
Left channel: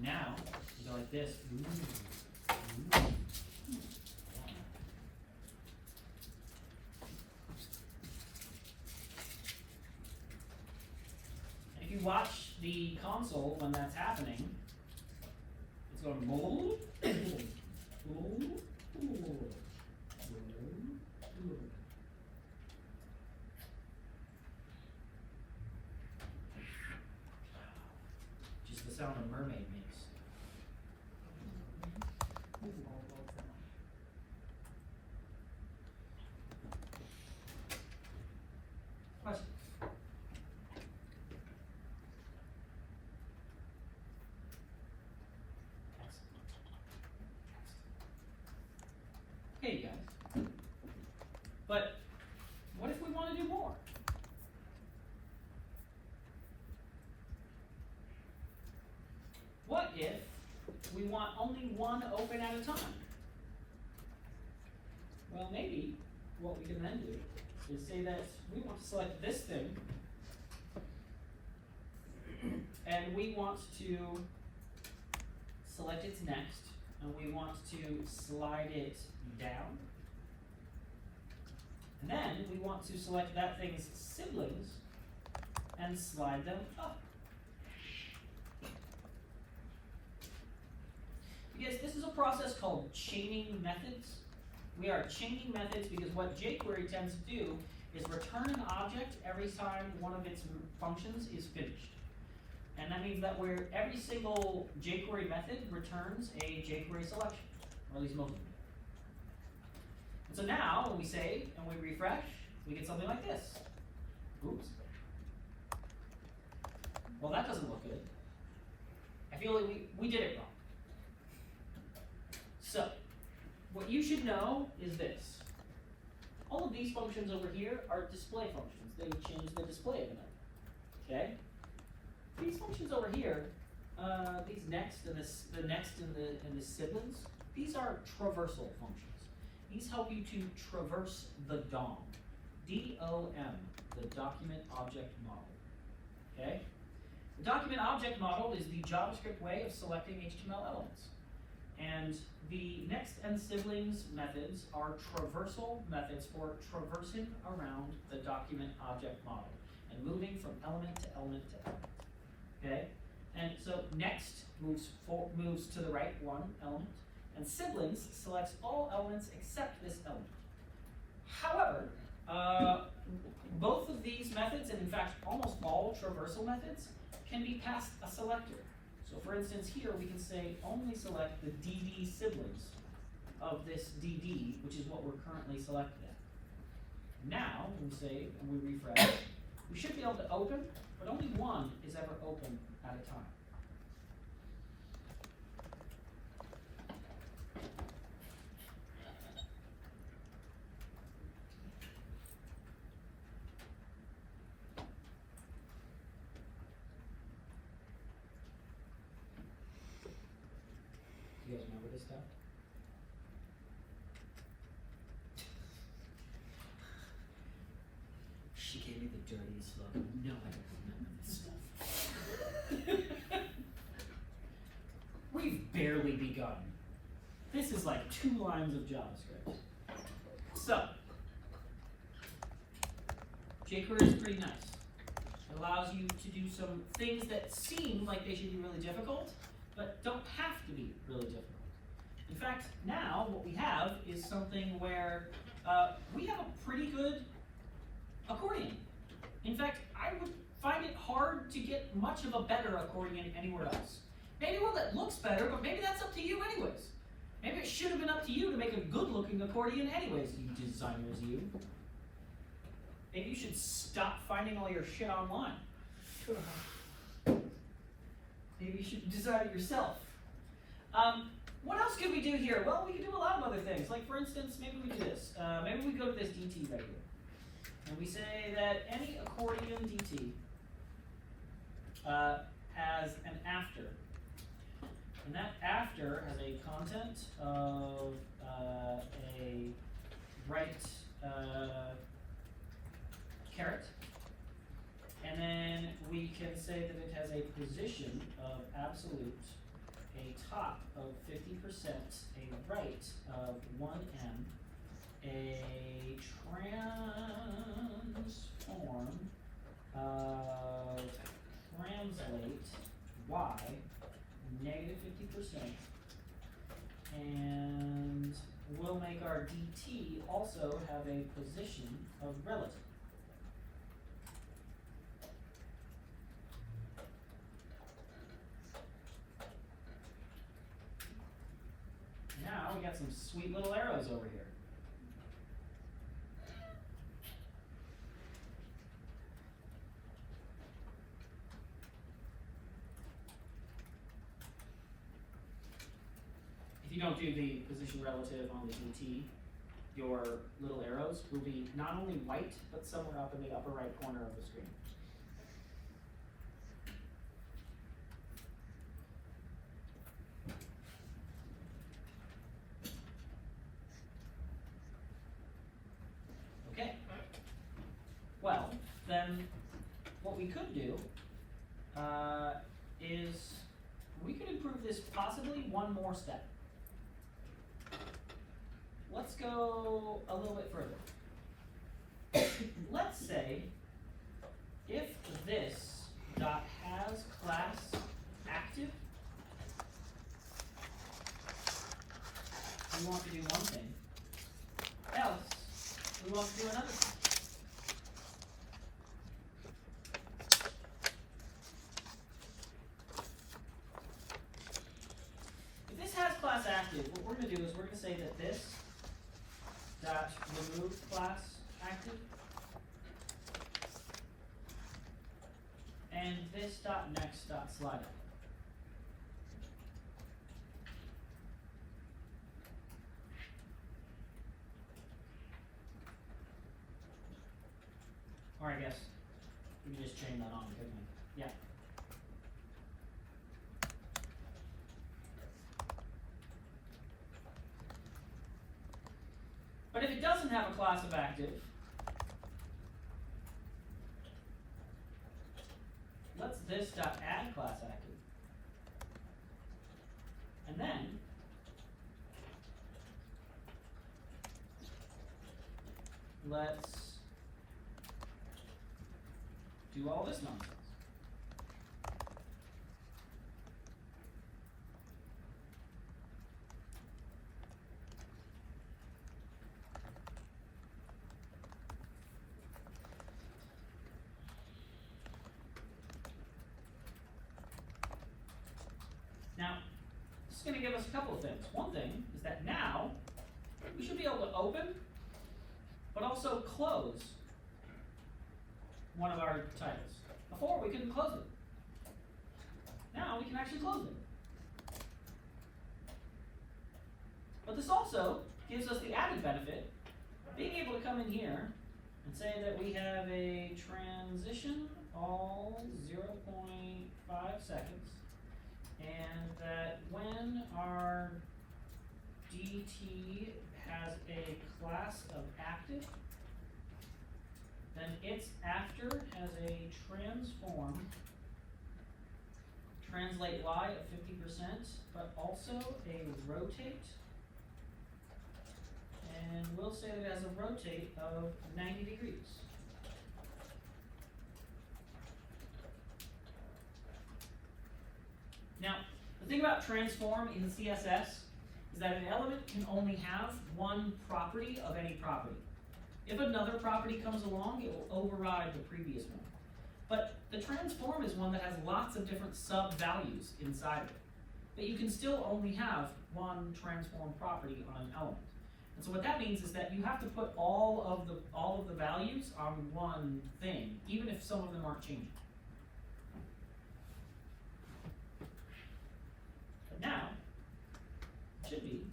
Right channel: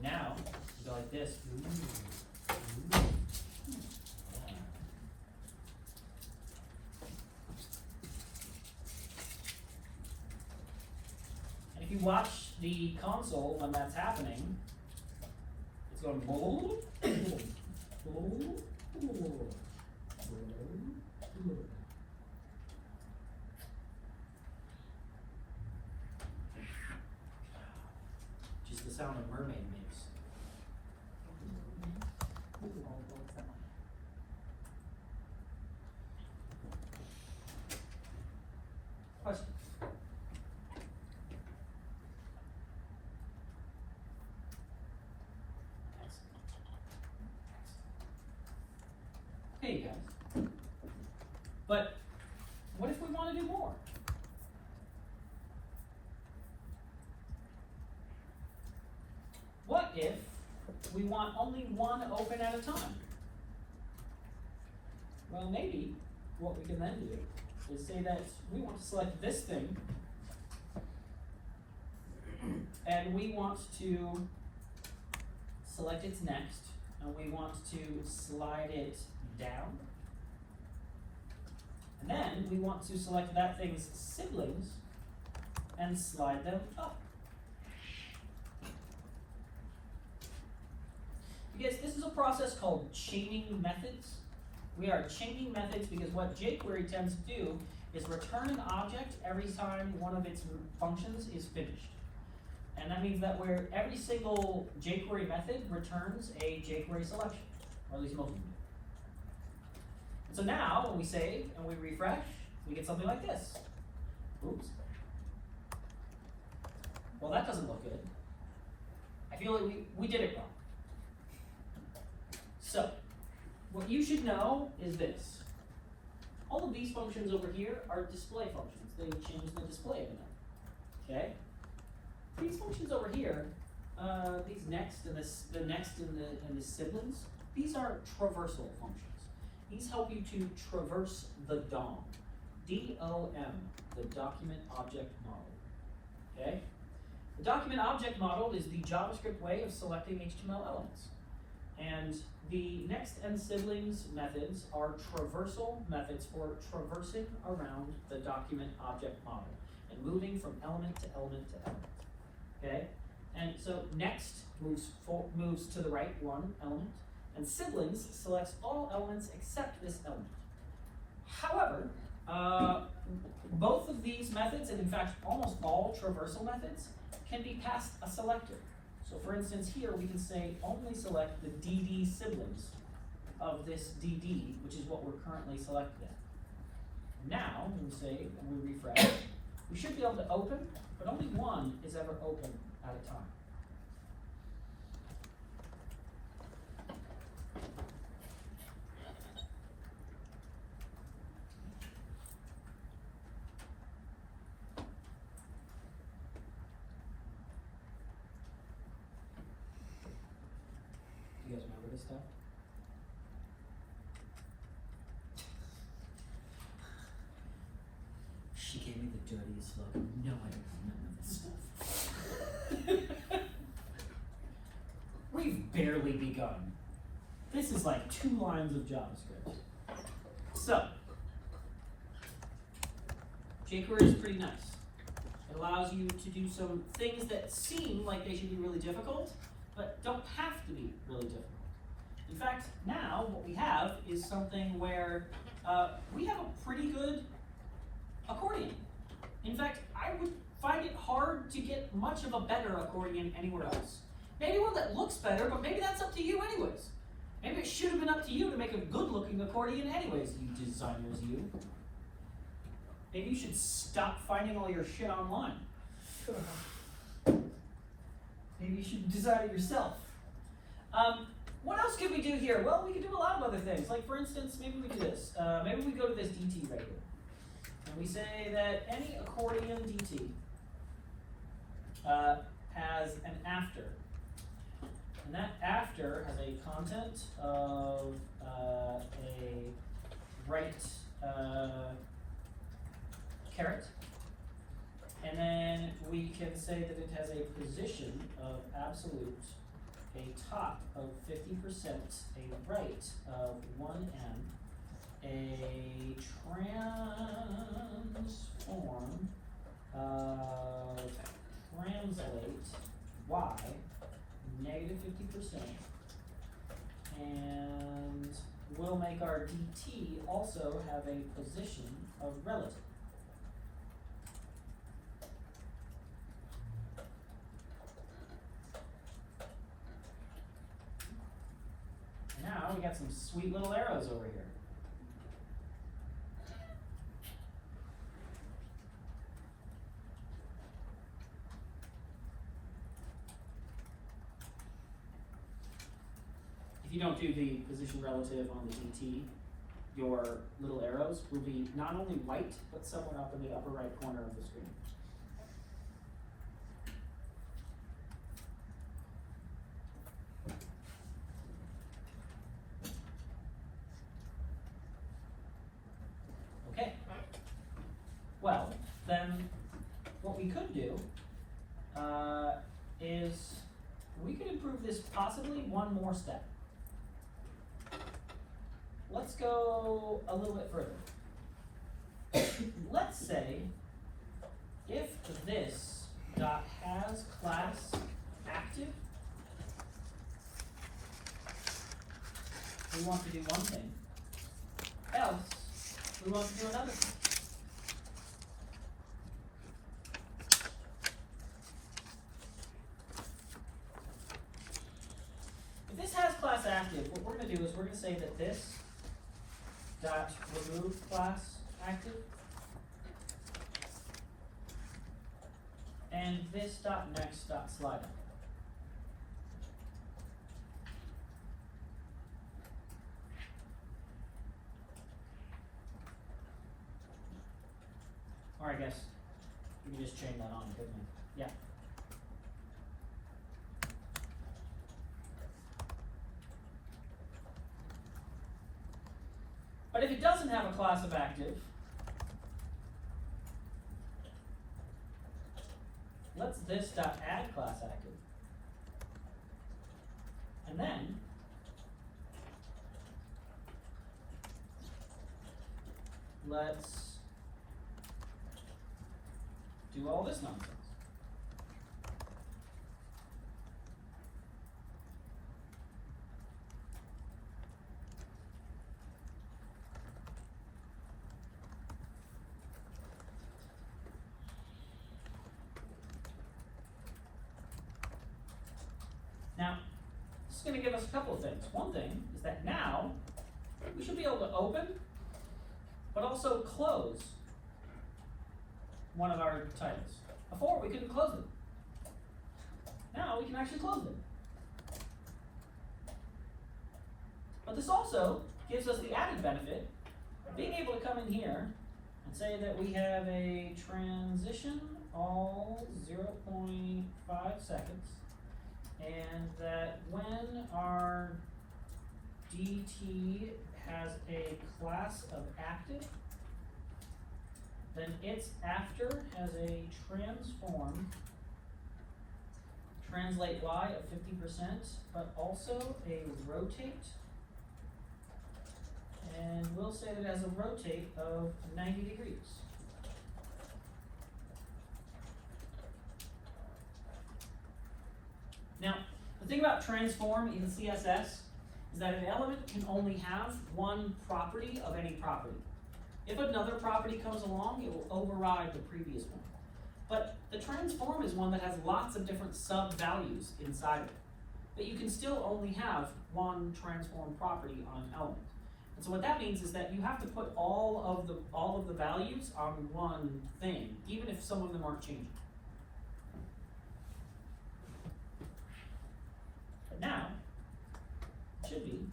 Now, you go like this. Ooh. If you watch the console when that's happening, it's going boom, boom, boom, boom. Just the sound a mermaid makes. Question? Hey guys. But what if we want to do more? What if we want only one open at a time? Well, maybe what we can then do is say that we want to select this thing and we want to select its next and we want to slide it down. And then we want to select that thing's siblings and slide them up. Because this is a process called chaining methods. We are chaining methods because what jQuery tends to do is return an object every time one of its functions is finished. And that means that where every single jQuery method returns a jQuery selection, or at least most of them. So now, when we save and we refresh, we get something like this. Oops. Well, that doesn't look good. I feel like we did it wrong. So, what you should know is this. All of these functions over here are display functions. They change the display of them. Okay? These functions over here, these next and the next and the siblings, these are traversal functions. These help you to traverse the DOM. D-O-M, the document object model. Okay? The document object model is the JavaScript way of selecting HTML elements. And the next and siblings methods are traversal methods for traversing around the document object model and moving from element to element to element. Okay? And so next moves to the right one element, and siblings selects all elements except this element. However, both of these methods, and in fact almost all traversal methods, can be passed a selector. So for instance here we can say only select the DD siblings of this DD, which is what we're currently selected at. Now, when we save and we refresh, we should be able to open, but only one is ever open at a time. You guys remember this stuff? dirtiest look. No, I don't remember this stuff. We've barely begun. This is like 2 lines of JavaScript. So, jQuery is pretty nice. It allows you to do some things that seem like they should be really difficult, but don't have to be really difficult. In fact, now what we have is something where we have a pretty good accordion. In fact, I would find it hard to get much of a better accordion anywhere else. Maybe one that looks better, but maybe that's up to you anyways. Maybe it should have been up to you to make a good-looking accordion anyways, you designers, you. Maybe you should stop finding all your shit online. Maybe you should design it yourself. What else could we do here? Well, we could do a lot of other things. Like, for instance, maybe we do this. Maybe we go to this DT right here. And we say that any accordion DT has an after. And that after has a content of a right caret. And then we can say that it has a position of absolute, a top of 50%, a right of 1m, a transform of translate y negative 50%, and we'll make our dt also have a position of relative. Now we got some sweet little arrows over here. If you don't do the position relative on the DT, your little arrows will be not only white, but somewhere up in the upper right corner of the screen. Okay. Well, then what we could do is we could improve this possibly one more step. Let's go a little bit further. Let's say if this dot has class active, we want to do one thing, else we want to do another thing. If this has class active, what we're going to do is we're going to say that this dot remove class active, and this dot next dot slide. Or I guess we can just chain that on, couldn't we? Yeah. But if it doesn't have a class of active, let's this dot add class active. And then let's do all this nonsense. Now, this is going to give us a couple of things. One thing is that now we should be able to open, but also close one of our titles. Before, we couldn't close them. Now we can actually close them. But this also gives us the added benefit of being able to come in here and say that we have a transition all 0.5 seconds. And that when our DT has a class of active, then its after vector has a transform, translate y of 50%, but also a rotate, and we'll say that it has a rotate of 90 degrees. Now, the thing about transform in CSS is that an element can only have one property of any property. If another property comes along, it will override the previous one. But the transform is one that has lots of different sub-values inside of it. But you can still only have one transform property on an element. And so what that means is that you have to put all of the values on one thing, even if some of them aren't changing. But now, it should be,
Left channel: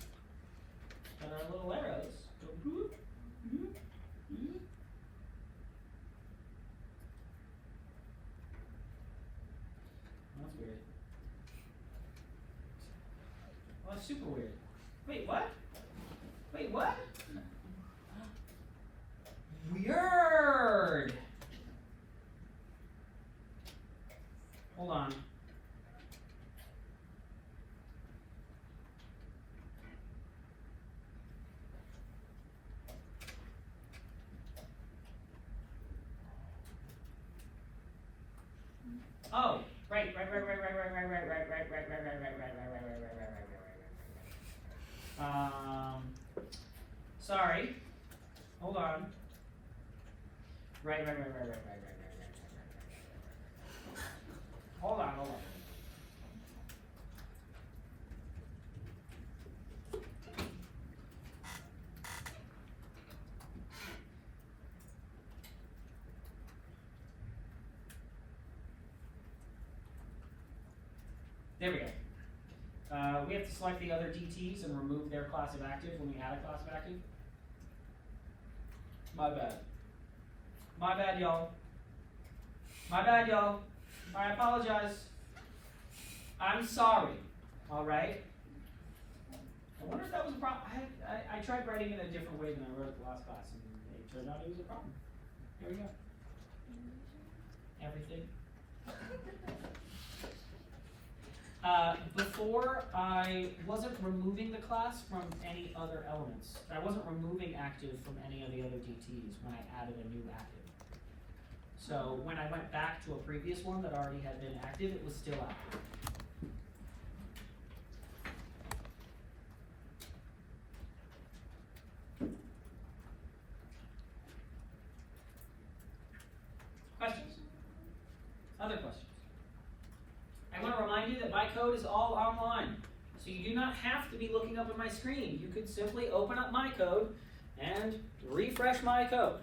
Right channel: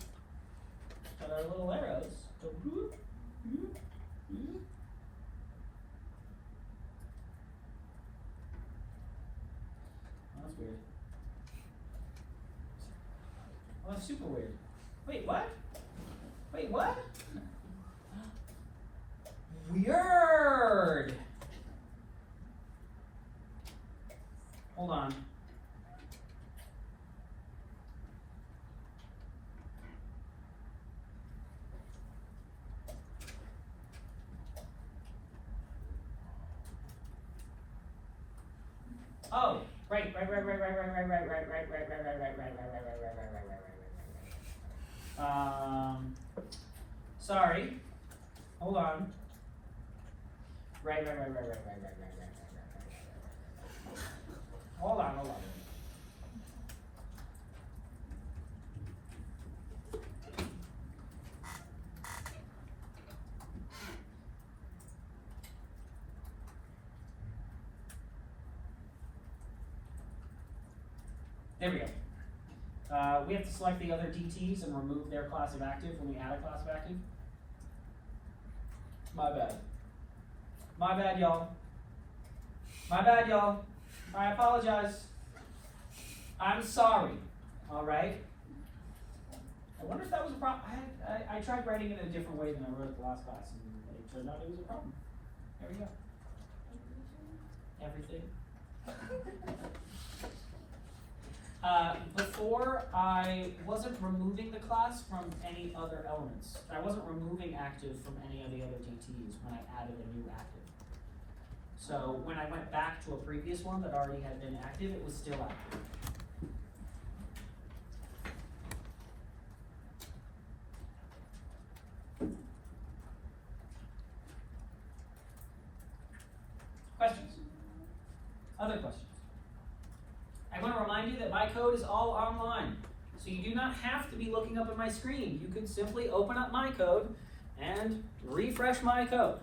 got our little arrows, go whoop, whoop, whoop. Oh, that's weird. Oh, that's super weird. Wait, what? Wait, what? Weird! Hold on. Oh, right. Sorry. Hold on. Right. Hold on. There we go. We have to select the other DTs and remove their class of active when we add a class of active. My bad. My bad, y'all. I apologize. I'm sorry. All right. I wonder if that was a problem. I tried writing it in a different way than I wrote the last class, and it turned out it was a problem. There we go. Everything. Before, I wasn't removing the class from any other elements. I wasn't removing active from any of the other DTs when I added a new active. So when I went back to a previous one that already had been active, it was still active. Questions? Other questions? I'm going to remind you that my code is all online, so you do not have to be looking up at my screen. You can simply open up my code and refresh my code.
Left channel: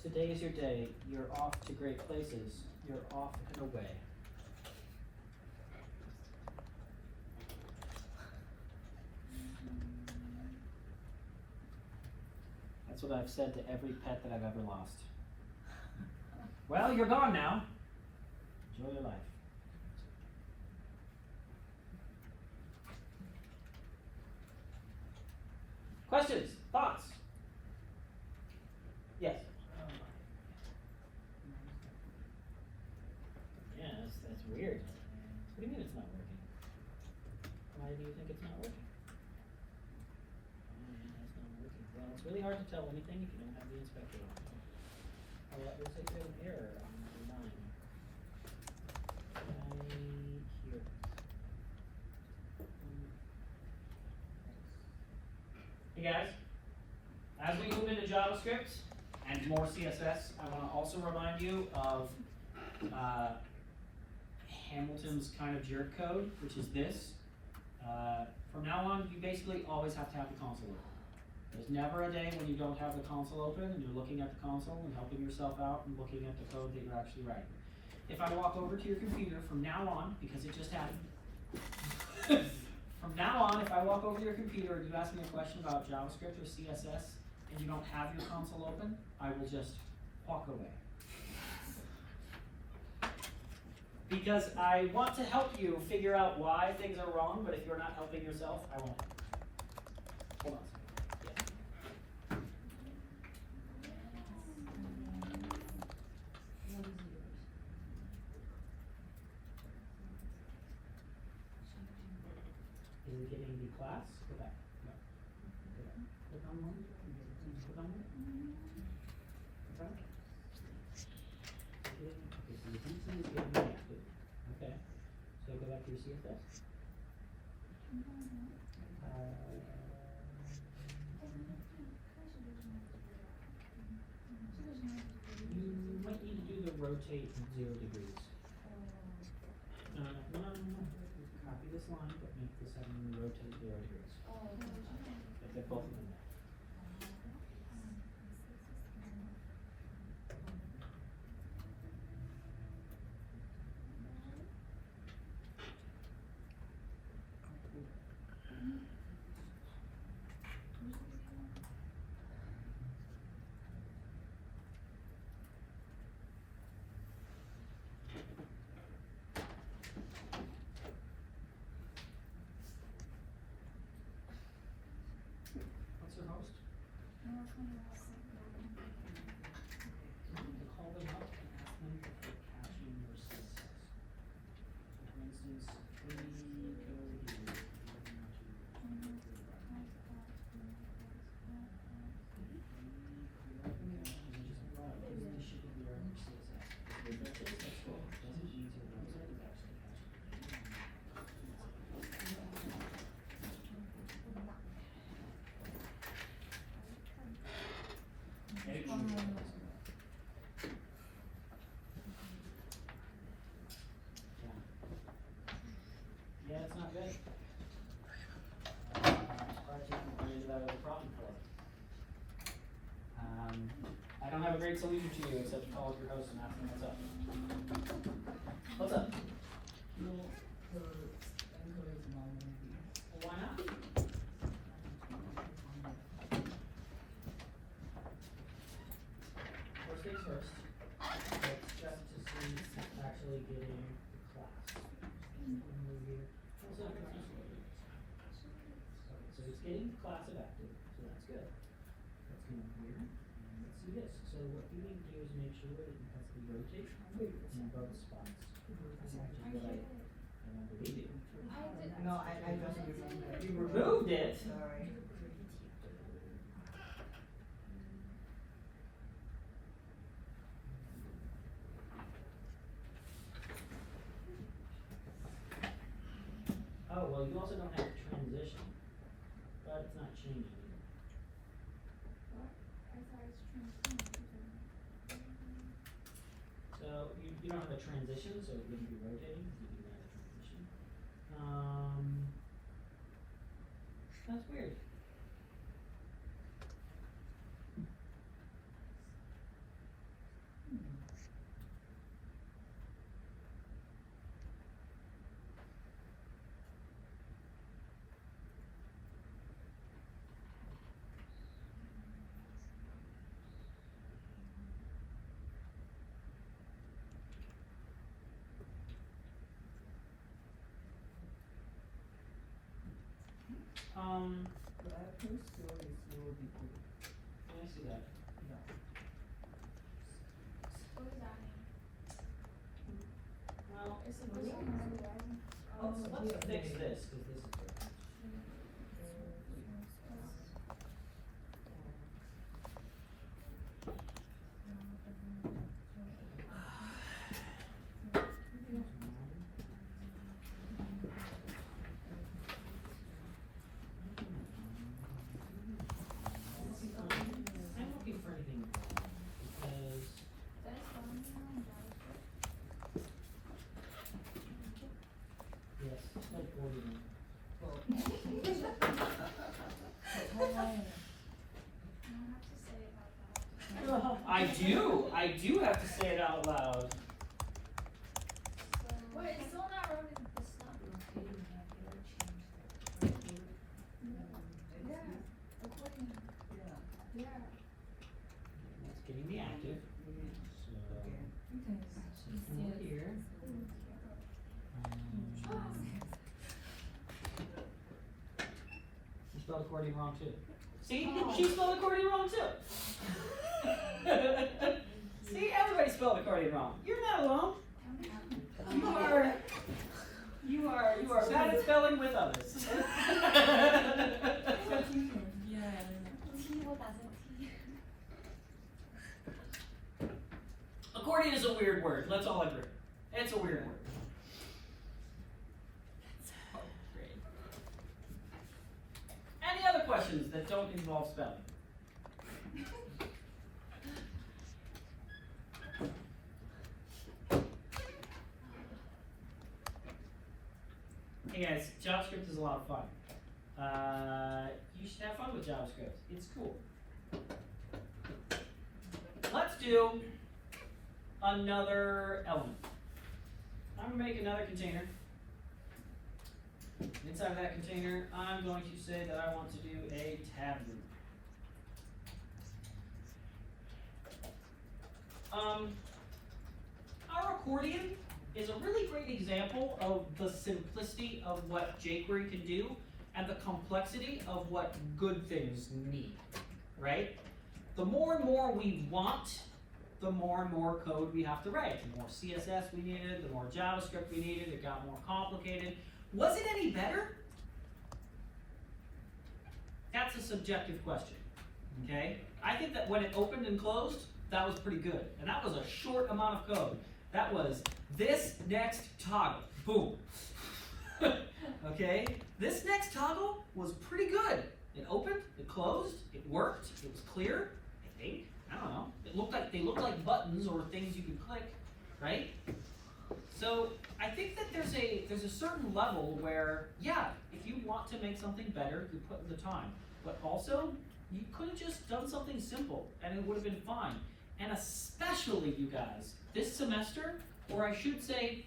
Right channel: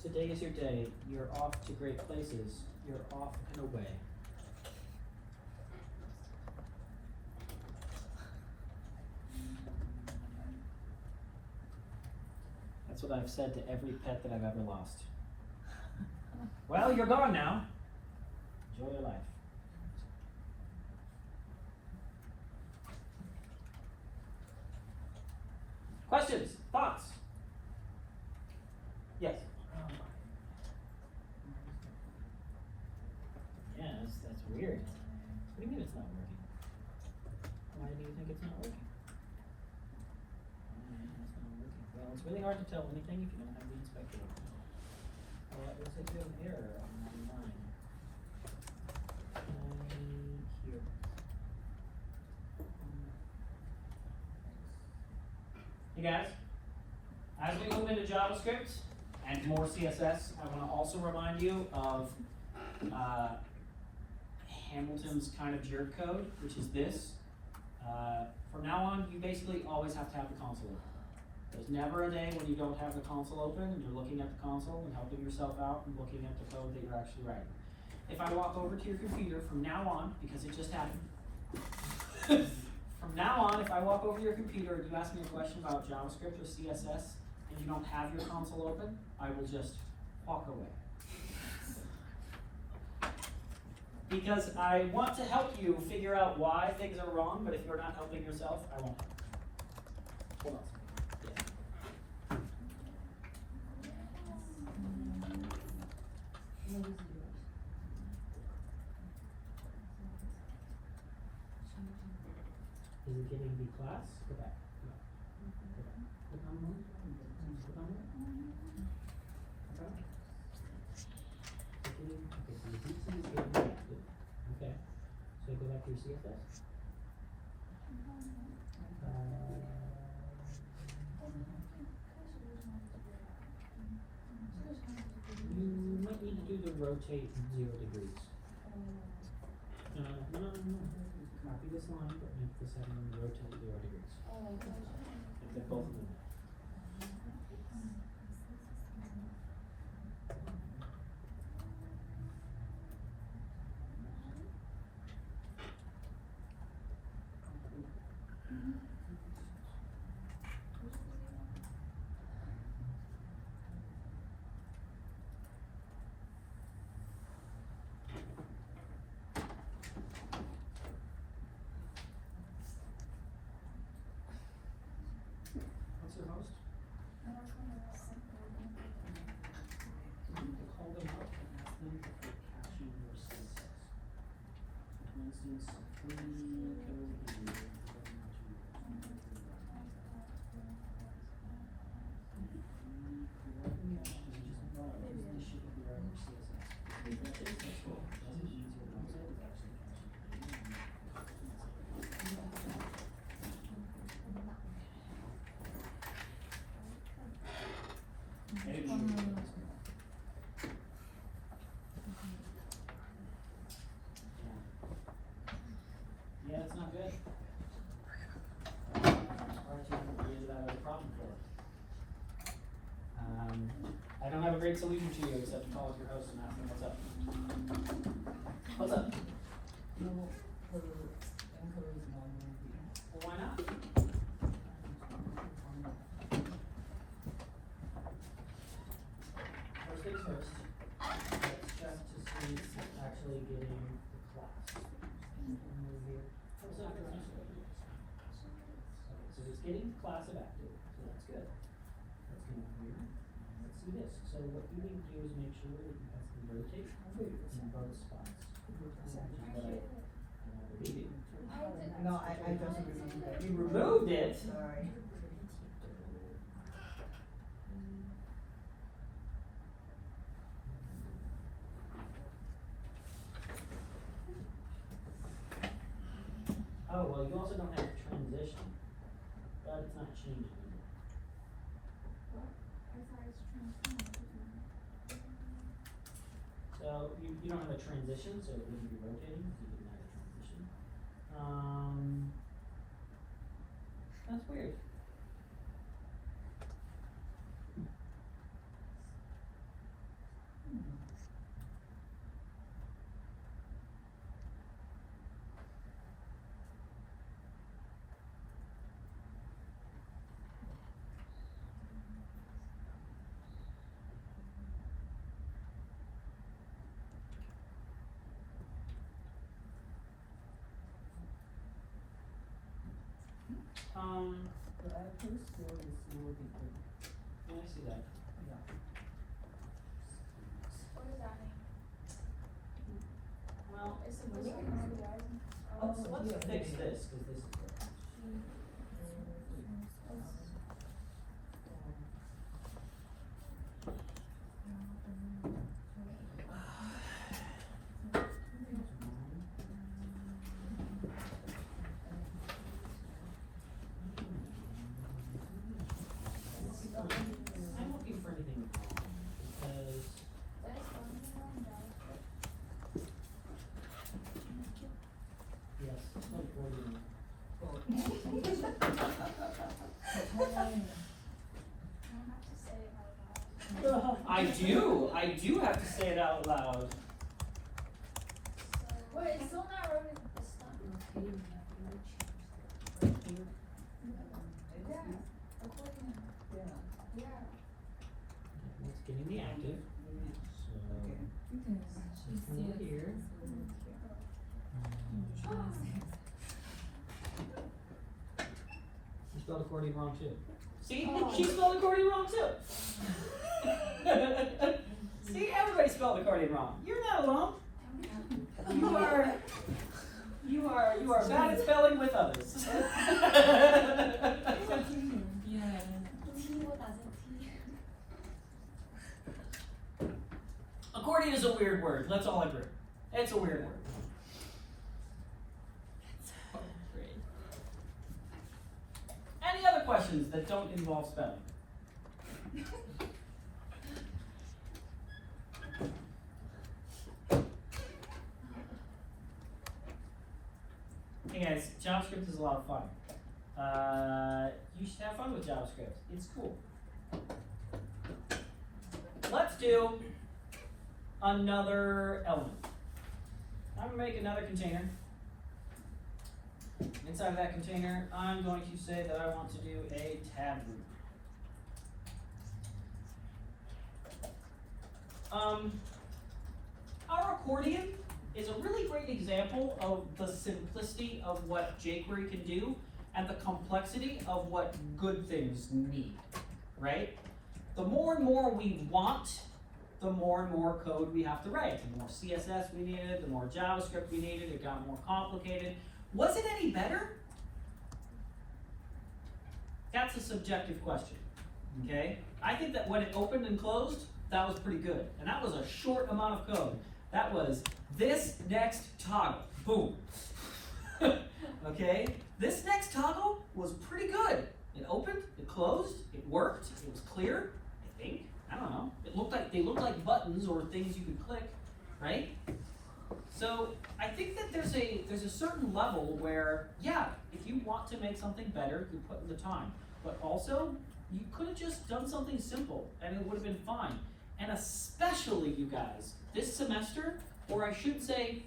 Today is your day. You're off to great places. You're off and away. That's what I've said to every pet that I've ever lost. Well, you're gone now. Enjoy your life. Questions? Thoughts? Yes. Yeah, that's weird. What do you mean it's not working? Why do you think it's not working? It's not working. Well, it's really hard to tell anything if you don't have the inspector open. Well, it looks like there's an error on line 9. Here. Hey guys, as we move into JavaScript and more CSS, I want to also remind you of Hamilton's kind of jerk code, which is this. From now on, you basically always have to have the console open. There's never a day when you don't have the console open and you're looking at the console and helping yourself out and looking at the code that you're actually writing. If I walk over to your computer from now on, because it just happened, from now on, if I walk over to your computer and you ask me a question about JavaScript or CSS and you don't have your console open, I will just walk away. Because I want to help you figure out why things are wrong, but if you're not helping yourself, I won't. Hold on. Is it getting the class? Go back. No. Go back. Click on one. Click on it. Okay. Okay, so the DT is getting reactive. Okay. So go back to your CSS. You might need to do the rotate 0 degrees. No. Copy this line, but make the setting rotate 0 degrees. Like both of them. What's your host? Call them up and ask them if they're caching your CSS. For instance, free code Yeah, it's not good. Created that other problem for it. I don't have a great solution to you except calling your host and asking what's up. What's up? Well, why not? First things first. Let's check to see if it's actually getting the class. So it's getting class active, so that's good. Let's come up here. Let's do this. So what you need to do is make sure that you have the rotate in both spots. Which is what I deleted. No, I just removed it. You removed it? Sorry. Oh, well, you also don't have transition, but it's not changing either. So you don't have a transition, so it wouldn't be rotating, so you didn't have a transition. That's weird. But I think still this will be good. Yeah, I see that. Yeah. Well, Oh, let's yeah, fix yeah. this, because this is broken. I'm looking for anything wrong, because yes, it's like coding. accordion wrong too. See, Oh. she spelled accordion wrong too. See, everybody spelled accordion wrong. You're not alone. You are bad at spelling with others. T 보다 T. Accordion is a weird word. Let's all agree. It's a weird word. Any other questions that don't involve spelling? Hey guys, JavaScript is a lot of fun. You should have fun with JavaScript. It's cool. Let's do another element. I'm going to make another container. Inside of that container, I'm going to say that I want to do a tab group. Our accordion is a really great example of the simplicity of what jQuery can do and the complexity of what good things need, right? The more and more we want, the more and more code we have to write. The more CSS we needed, the more JavaScript we needed, it got more complicated. Was it any better? That's a subjective question, okay? I think that when it opened and closed, that was pretty good. And that was a short amount of code. That was this next toggle, boom. Okay? This next toggle was pretty good. It opened, it closed, it worked, it was clear, I think. I don't know. They looked like buttons or things you could click, right? So I think that there's a certain level where, yeah, if you want to make something better, you put in the time. But also, you could have just done something simple and it would have been fine. And especially, you guys, this semester, or I should say,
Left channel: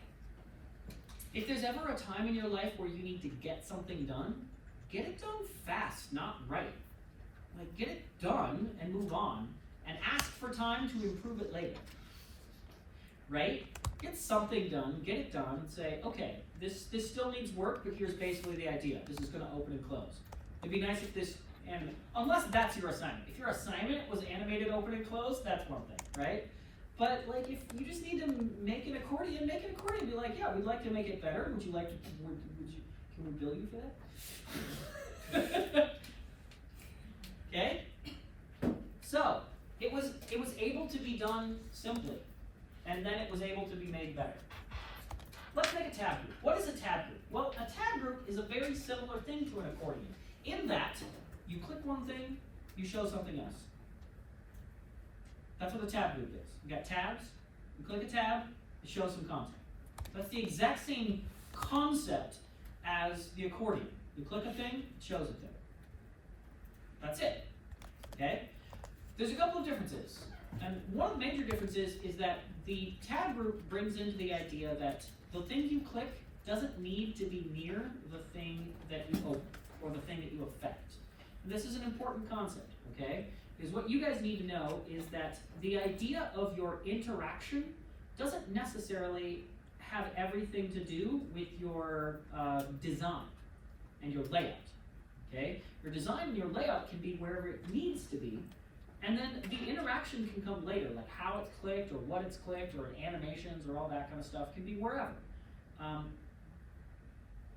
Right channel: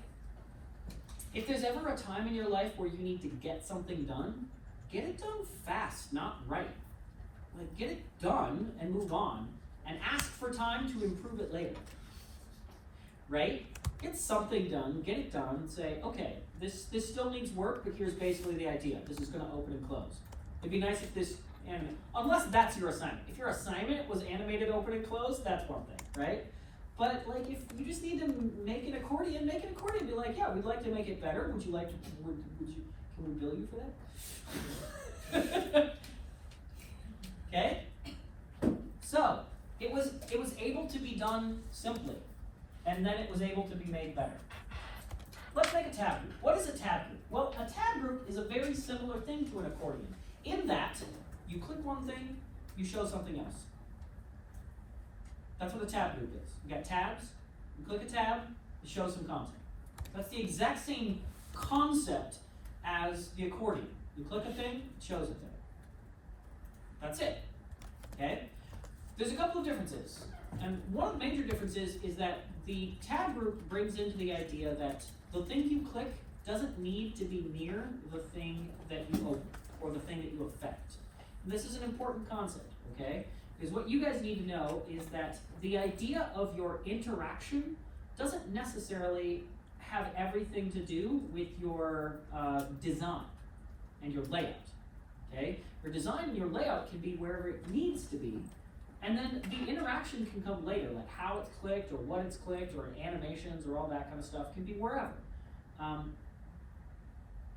if there's ever a time in your life where you need to get something done, get it done fast, not right. Like, get it done and move on, and ask for time to improve it later. Right? Get something done, get it done, and say, okay, this still needs work, but here's basically the idea. This is going to open and close. It'd be nice if this, unless that's your assignment. If your assignment was animated open and close, that's one thing, right? But like, if you just need to make an accordion, make an accordion. Be like, yeah, we'd like to make it better. Would you like to? Can we bill you for that? Okay. So it was able to be done simply, and then it was able to be made better. Let's make a tab group. What is a tab group? Well, a tab group is a very similar thing to an accordion, in that you click one thing, you show something else. That's what a tab group is. You got tabs, you click a tab, it shows some content. That's the exact same concept as the accordion. You click a thing, it shows it there. That's it. Okay? There's a couple of differences. And one of the major differences is that the tab group brings into the idea that the thing you click doesn't need to be near the thing that you open or the thing that you affect. And this is an important concept, okay? Because what you guys need to know is that the idea of your interaction doesn't necessarily have everything to do with your design and your layout, okay? Your design and your layout can be wherever it needs to be, and then the interaction can come later, like how it's clicked or what it's clicked or animations or all that kind of stuff can be wherever.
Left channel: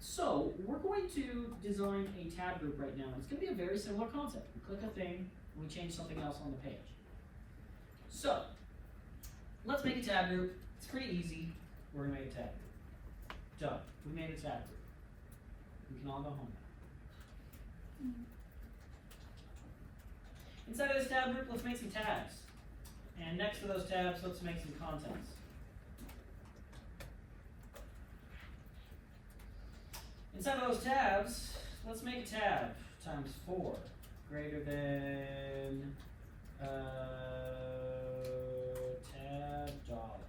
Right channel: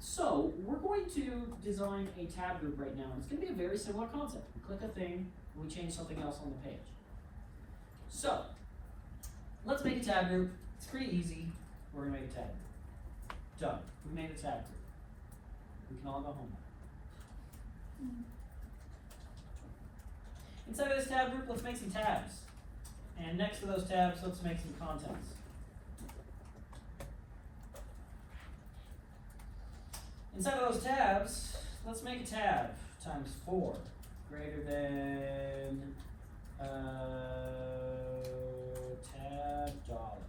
So we're going to design a tab group right now. It's going to be a very similar concept. We click a thing, and we change something else on the page. So let's make a tab group. It's pretty easy. We're going to make a tab group. Done. We made a tab group. We can all go home now. Inside of this tab group, let's make some tabs. And next to those tabs, let's make some contents. Inside of those tabs, let's make a tab times 4 greater than tab dollar.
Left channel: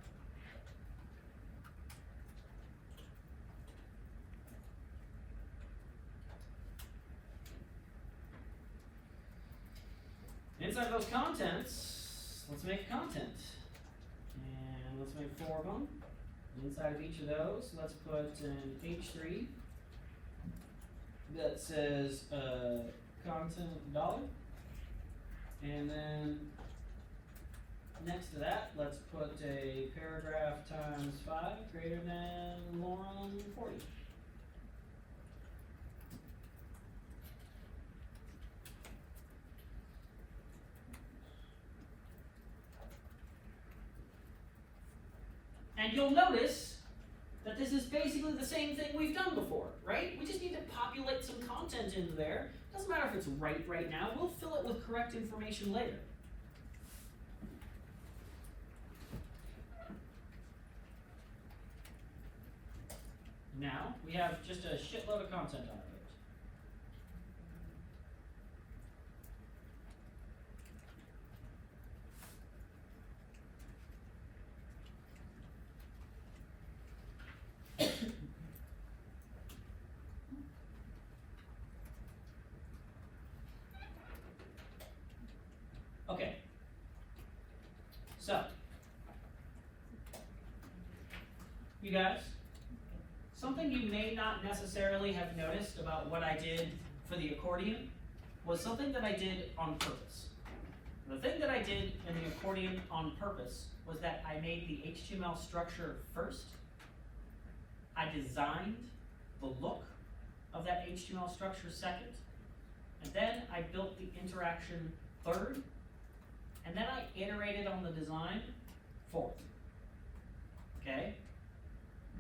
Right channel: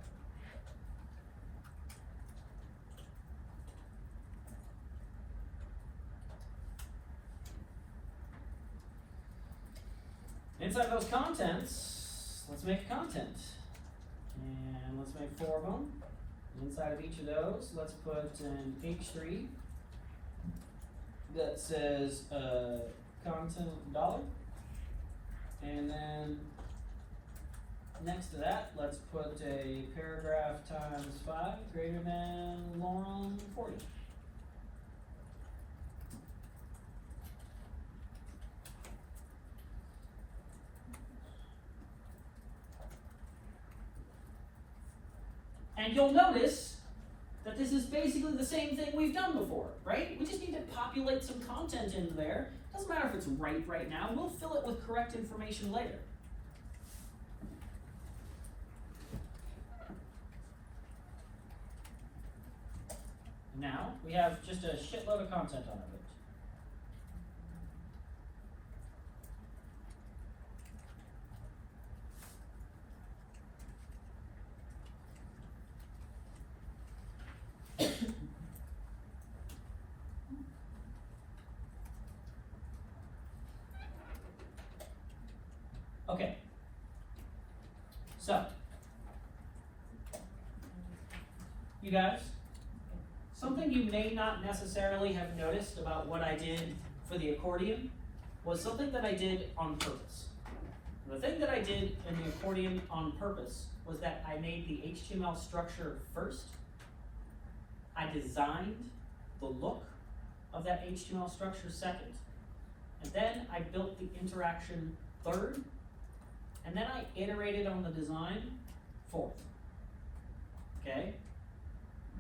Inside those contents, let's make content. And let's make 4 of them. Inside of each of those, let's put an H3 that says content dollar. And then next to that, let's put a paragraph times 5 greater than long 40. And you'll notice that this is basically the same thing we've done before, right? We just need to populate some content into there. Doesn't matter if it's right now, we'll fill it with correct information later. Now, we have just a shitload of content on it. Okay, so, you guys, something you may not necessarily have noticed about what I did for the accordion was something that I did on purpose. The thing that I did in the accordion on purpose was that I made the HTML structure first. I designed the look of that HTML structure second. And then I built the interaction third. And then I iterated on the design fourth. Okay?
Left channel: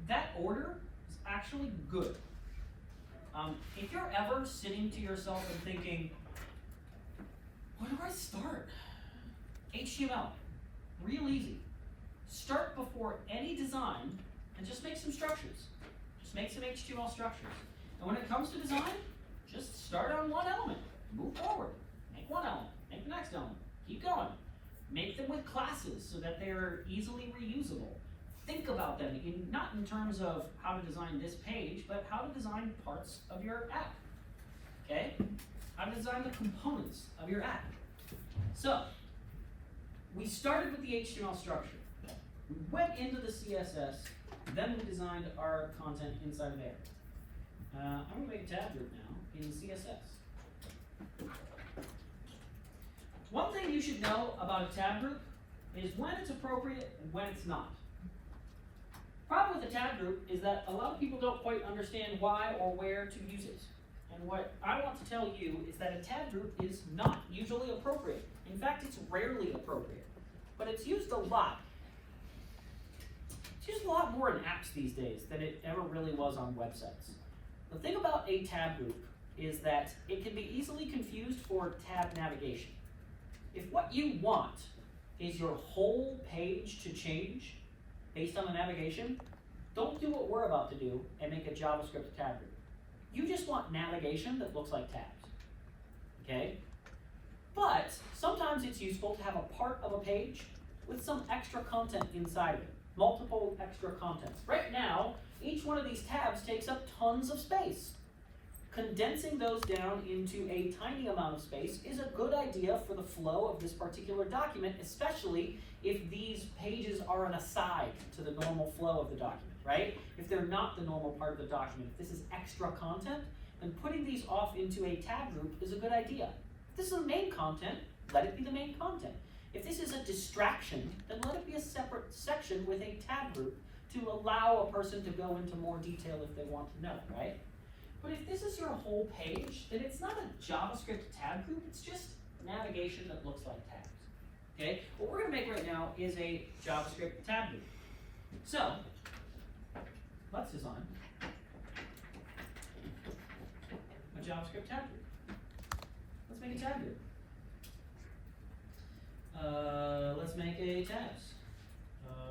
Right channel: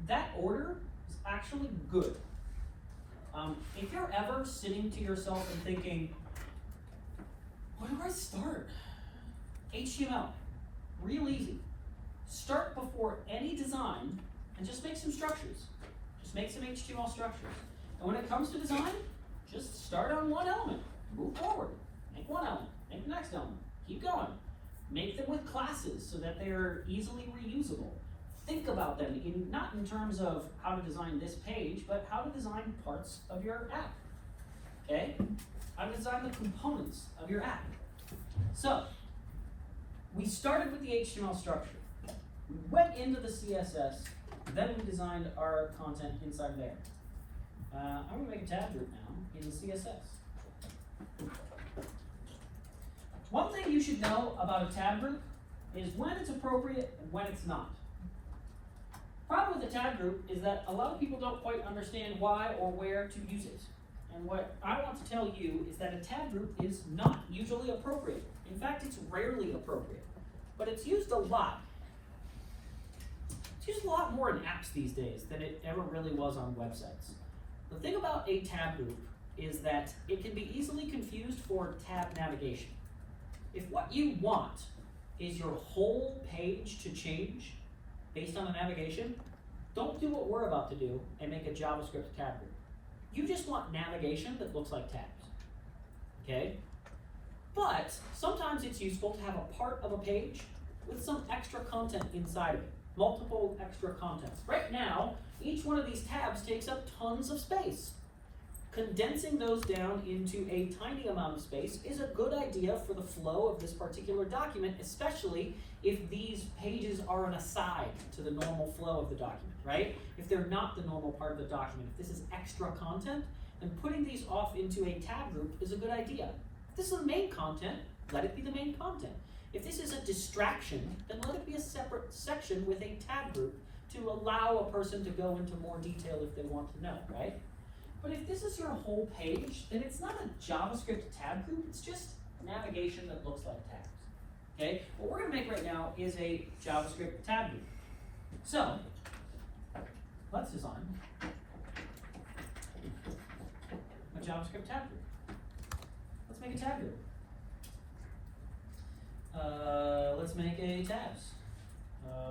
That order is actually good. If you're ever sitting to yourself and thinking, where do I start? HTML, real easy. Start before any design and just make some structures. Just make some HTML structures. And when it comes to design, just start on one element, move forward, make one element, make the next element, keep going. Make them with classes so that they are easily reusable. Think about them, not in terms of how to design this page, but how to design parts of your app. Okay? How to design the components of your app. So, we started with the HTML structure. We went into the CSS, then we designed our content inside of there. I'm going to make a tab group now in the CSS. One thing you should know about a tab group is when it's appropriate and when it's not. Problem with a tab group is that a lot of people don't quite understand why or where to use it. And what I want to tell you is that a tab group is not usually appropriate. In fact, it's rarely appropriate, but it's used a lot. It's used a lot more in apps these days than it ever really was on websites. The thing about a tab group is that it can be easily confused for tab navigation. If what you want is your whole page to change based on the navigation, don't do what we're about to do and make a JavaScript tab group. You just want navigation that looks like tabs, okay? But sometimes it's useful to have a part of a page with some extra content inside of it, multiple extra contents. Right now, each one of these tabs takes up tons of space. Condensing those down into a tiny amount of space is a good idea for the flow of this particular document, especially if these pages are an aside to the normal flow of the document, right? If they're not the normal part of the document, if this is extra content, then putting these off into a tab group is a good idea. If this is the main content, let it be the main content. If this is a distraction, then let it be a separate section with a tab group to allow a person to go into more detail if they want to know, right? But if this is your whole page, then it's not a JavaScript tab group, it's just navigation that looks like tabs. Okay? What we're going to make right now is a JavaScript tab group. So, let's design a JavaScript tab group. Let's make a tab group. Let's make a tabs.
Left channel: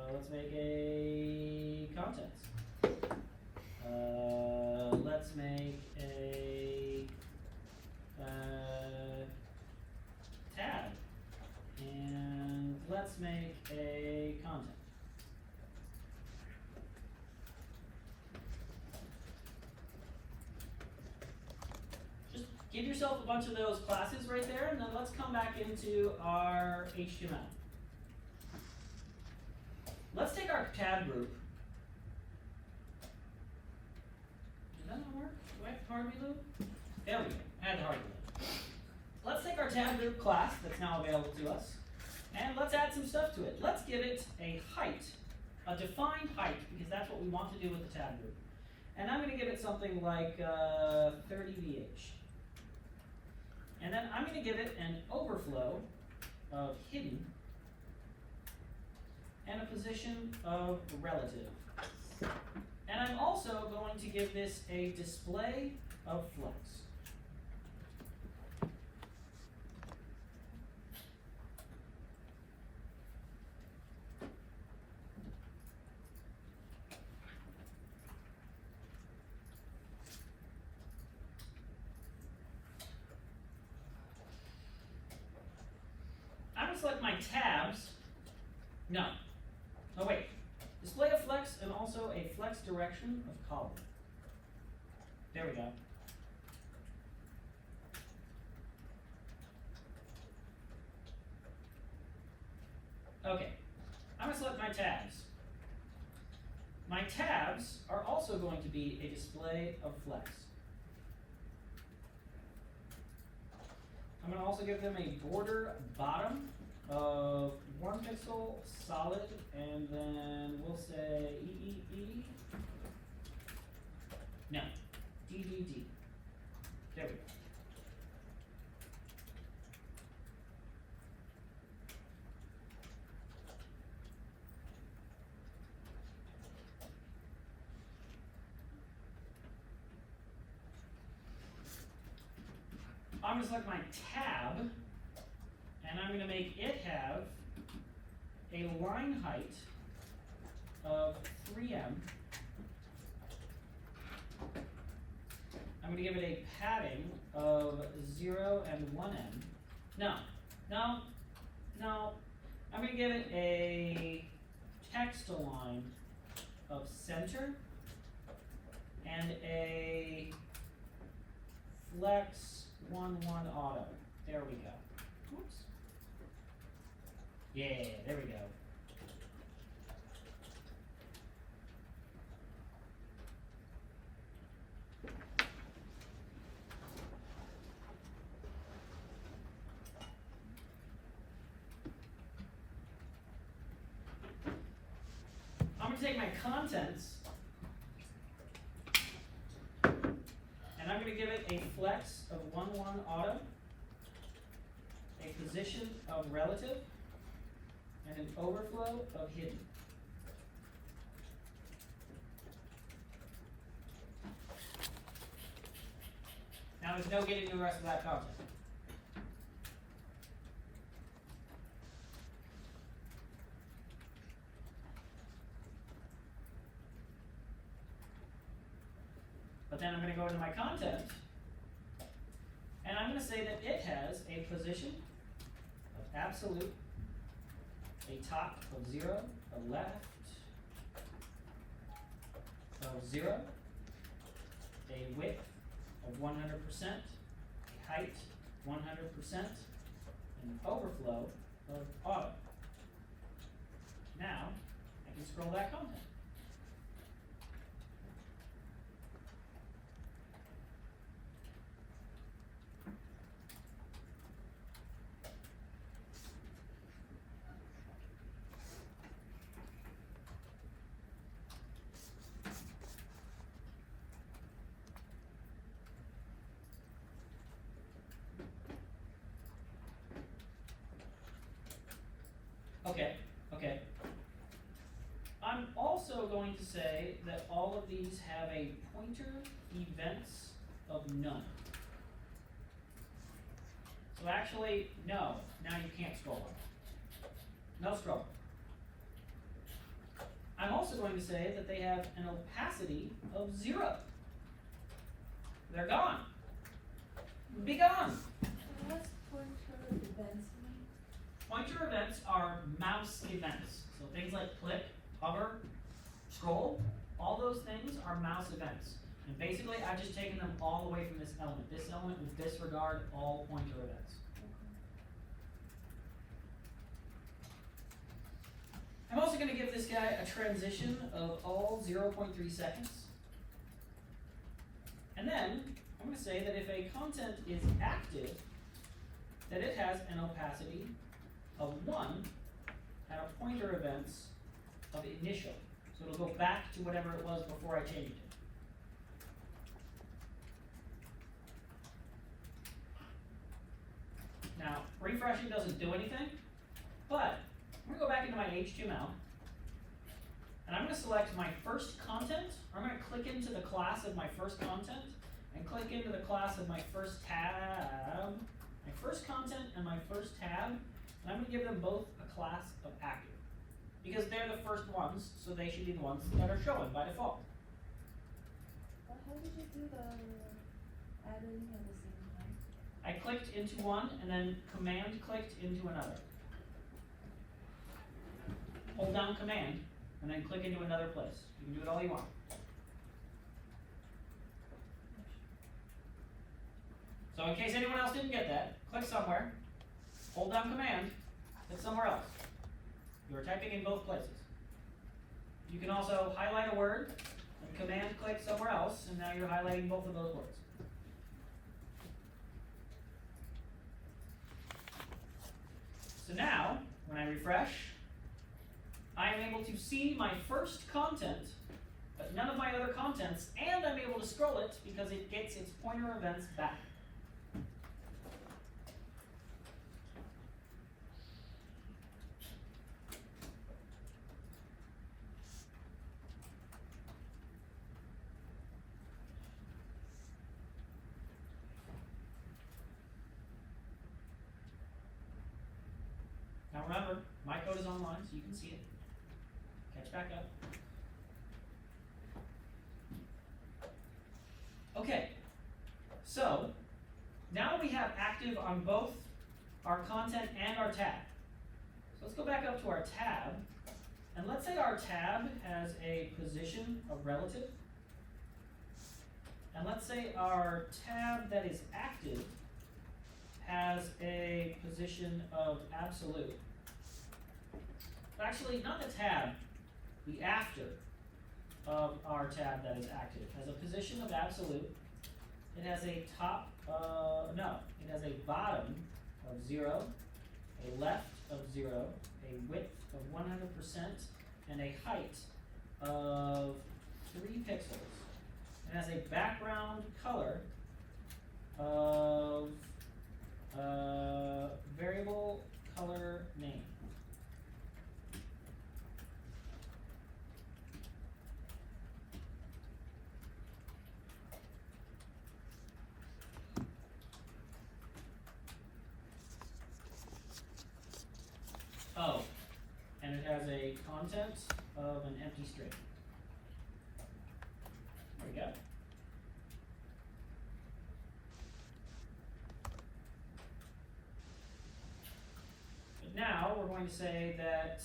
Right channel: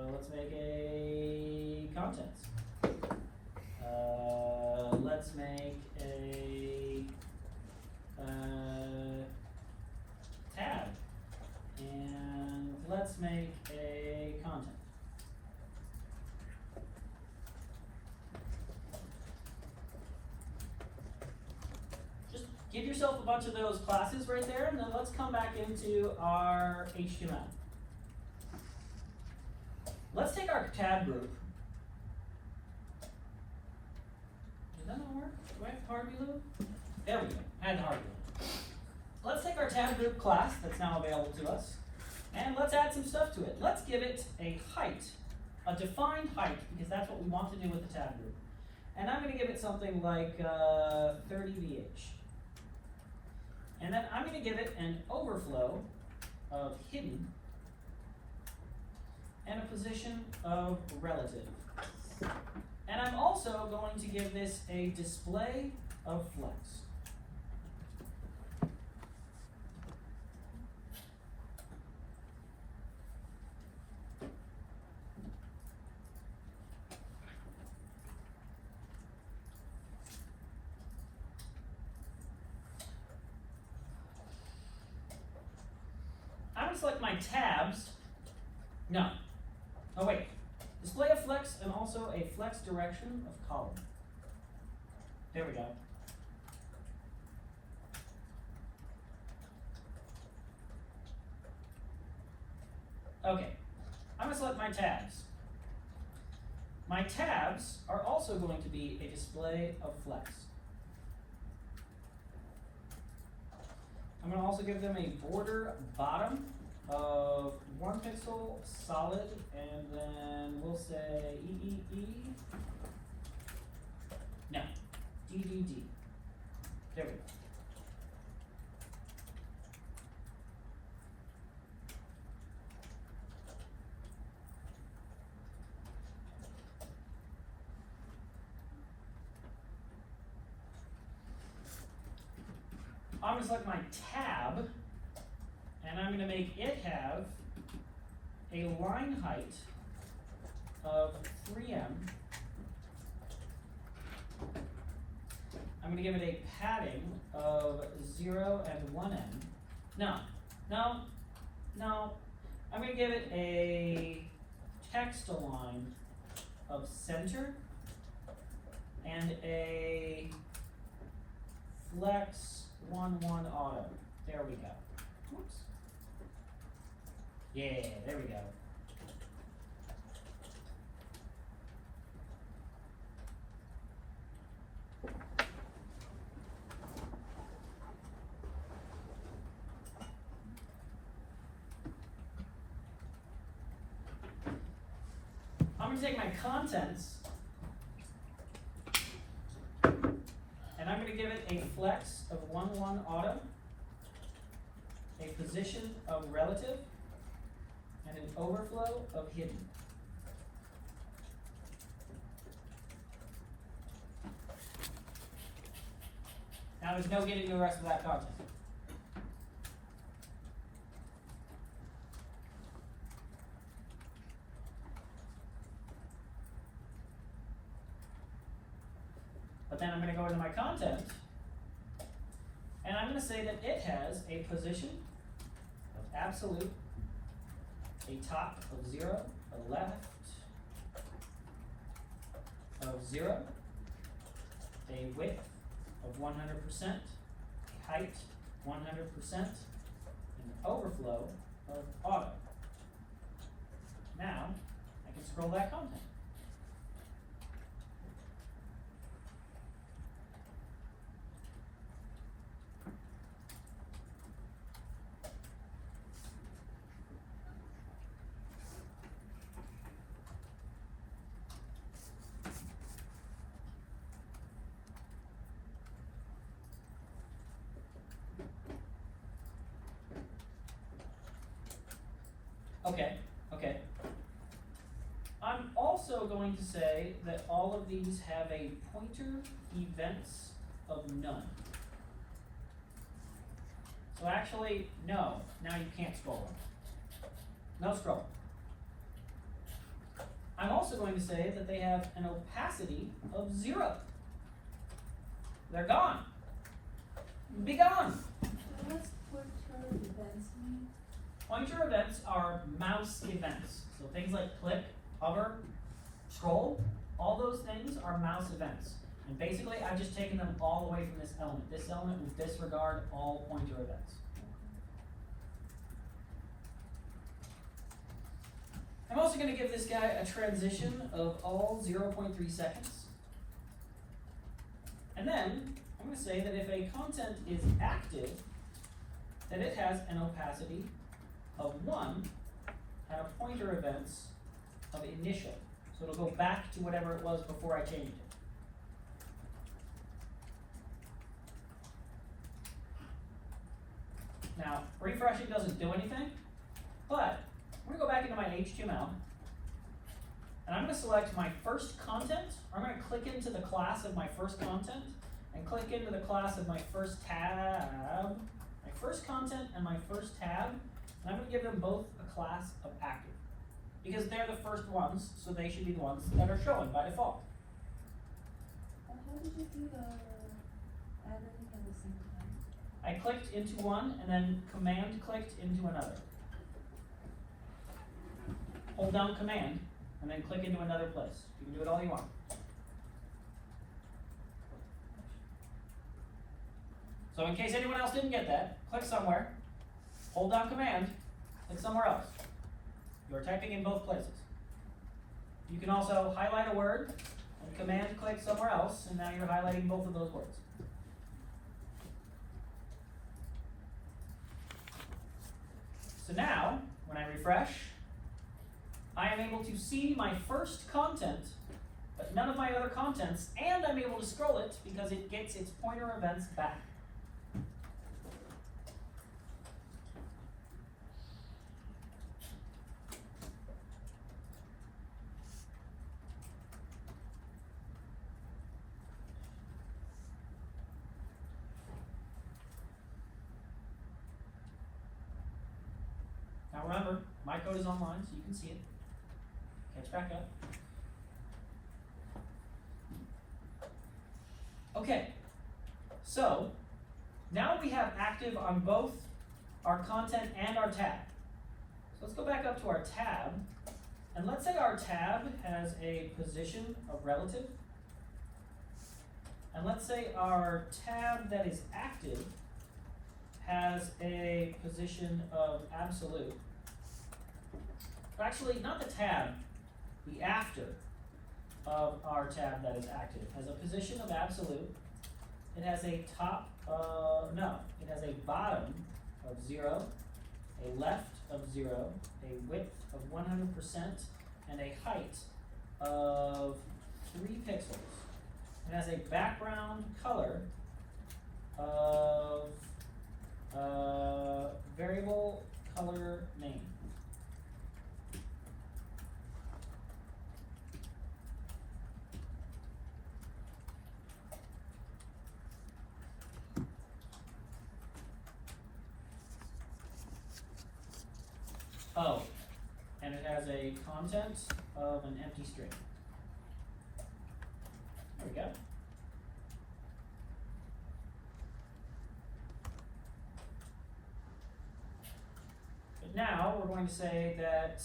Let's make a contents. Let's make a tab, and let's make a content. Just give yourself a bunch of those classes right there, and then let's come back into our HTML. Let's take our tab group. Does that not work? Do I have hard reload? There we go. Add hard reload. tab group class that's now available to us, and let's add some stuff to it. Let's give it a height, a defined height, because that's what we want to do with the tab group. And I'm going to give it something like 30 VH. And then I'm going to give it an overflow of hidden and a position of relative. And I'm also going to give this a display of flux. I'm going to select my tabs. No. Oh wait. Display of flex and also a flex direction of column. There we go. Okay. I'm going to select my tabs. My tabs are also going to be a display of flex. I'm going to also give them a border bottom of 1 pixel solid, and then we'll say no, DDD. There we go. I'm going to select my tab, and I'm going to make it have a line height of 3M. I'm going to give it a padding of 0 and 1M. No. I'm going to give it a text align of center and a flex 1-1 auto. There we go. Whoops. Yeah, there we go. I'm going to take my contents and I'm going to give it a flex of 1-1 auto, a position of relative, and an overflow of hidden. Now there's no getting the rest of that content. But then I'm going to go into my content, and I'm going to say that it has a position of absolute, a top of 0, a left of 0, a width of 100%, a height 100%, and an overflow of auto. Now I can scroll that content. Okay. I'm also going to say that all of these have a pointer events of none. So actually, no, now you can't scroll them. No scroll. I'm also going to say that they have an opacity of 0. They're gone. Be gone. What's pointer events mean? Pointer events are mouse events. So things like click, hover, scroll, all those things are mouse events. And basically, I've just taken them all away from this element. This element will disregard all pointer events. I'm also going to give this guy a transition of all 0.3 seconds. And then I'm going to say that if a content is active, that it has an opacity of 1 and a pointer events of initial. So it'll go back to whatever it was before I changed it. Now, refreshing doesn't do anything, but I'm going to go back into my HTML, and I'm going to select my first content. I'm going to click into the class of my first content, and click into the class of my first tab, my first content and my first tab, and I'm going to give them both a class of active, because they're the first ones, so they should be the ones that are shown by default. But how did you do the adding at the same time? I clicked into one and then command clicked into another. Hold down command and then click into another place. You can do it all you want. So in case anyone else didn't get that, click somewhere, hold down command, click somewhere else. You're typing in both places. You can also highlight a word and command click somewhere else, and now you're highlighting both of those words. So now, when I refresh, I am able to see my first content, but none of my other contents, and I'm able to scroll it because it gets its pointer events back. Now remember, my code is online, so you can see it. Catch back up. Okay, so now we have active on both our content and our tab. So let's go back up to our tab, and let's say our tab has a position of relative, and let's say our tab that is active has a position of absolute. Actually, not the tab, the after of our tab that is active has a position of absolute. It has a top, it has a bottom of 0, a left of 0, a width of 100%, and a height of 3 pixels. It has a background color of variable color name. Oh, and it has a content of an empty string. There we go. But now we're going to say that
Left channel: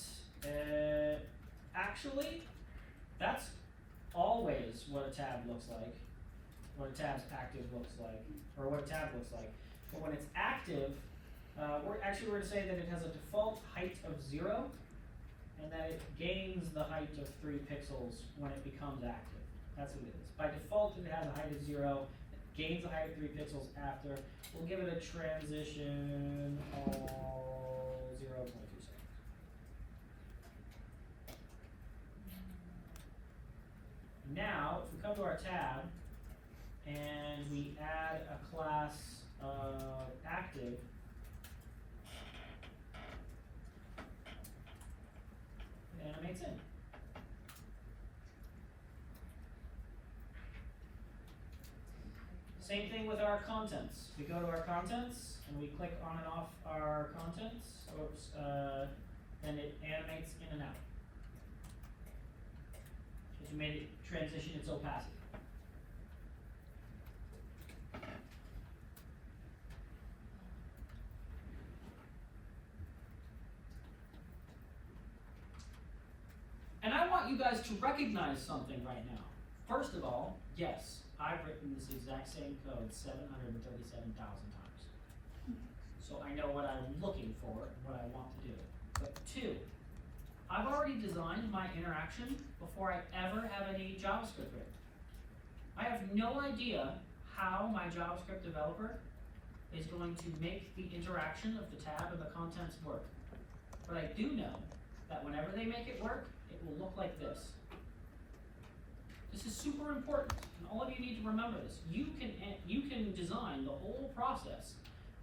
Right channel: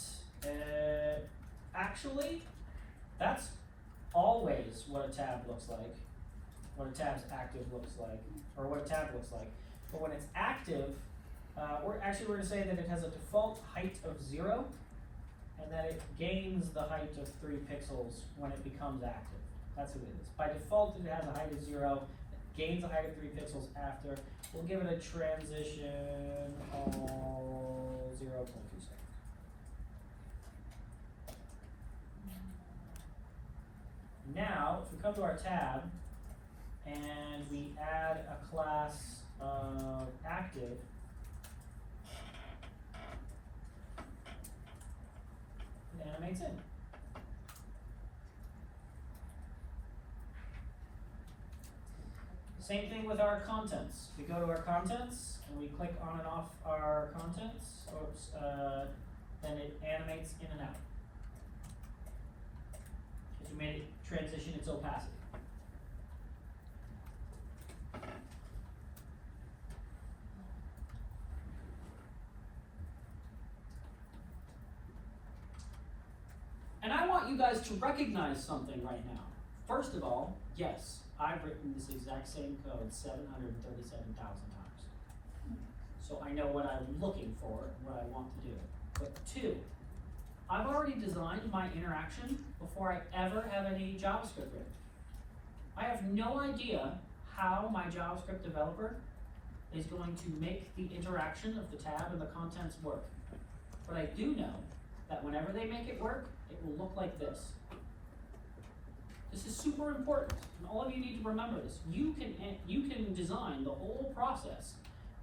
actually that's always what a tab looks like, what a tab's active looks like, or what a tab looks like. But when it's active, we're going to say that it has a default height of 0, and that it gains the height of 3 pixels when it becomes active. That's what it is. By default, it has a height of 0, it gains a height of 3 pixels after. We'll give it a transition of 0.2 seconds. Now, if we come to our tab, and we add a class of active, it animates in. Same thing with our contents. We go to our contents and we click on and off our contents, then it animates in and out. Because we made it transition its opacity. And I want you guys to recognize something right now. First of all, yes, I've written this exact same code 737,000 times. So I know what I'm looking for and what I want to do. But 2, I've already designed my interaction before I ever have any JavaScript written. I have no idea how my JavaScript developer is going to make the interaction of the tab and the contents work. But I do know that whenever they make it work, it will look like this. This is super important, and all of you need to remember this. You can design the whole process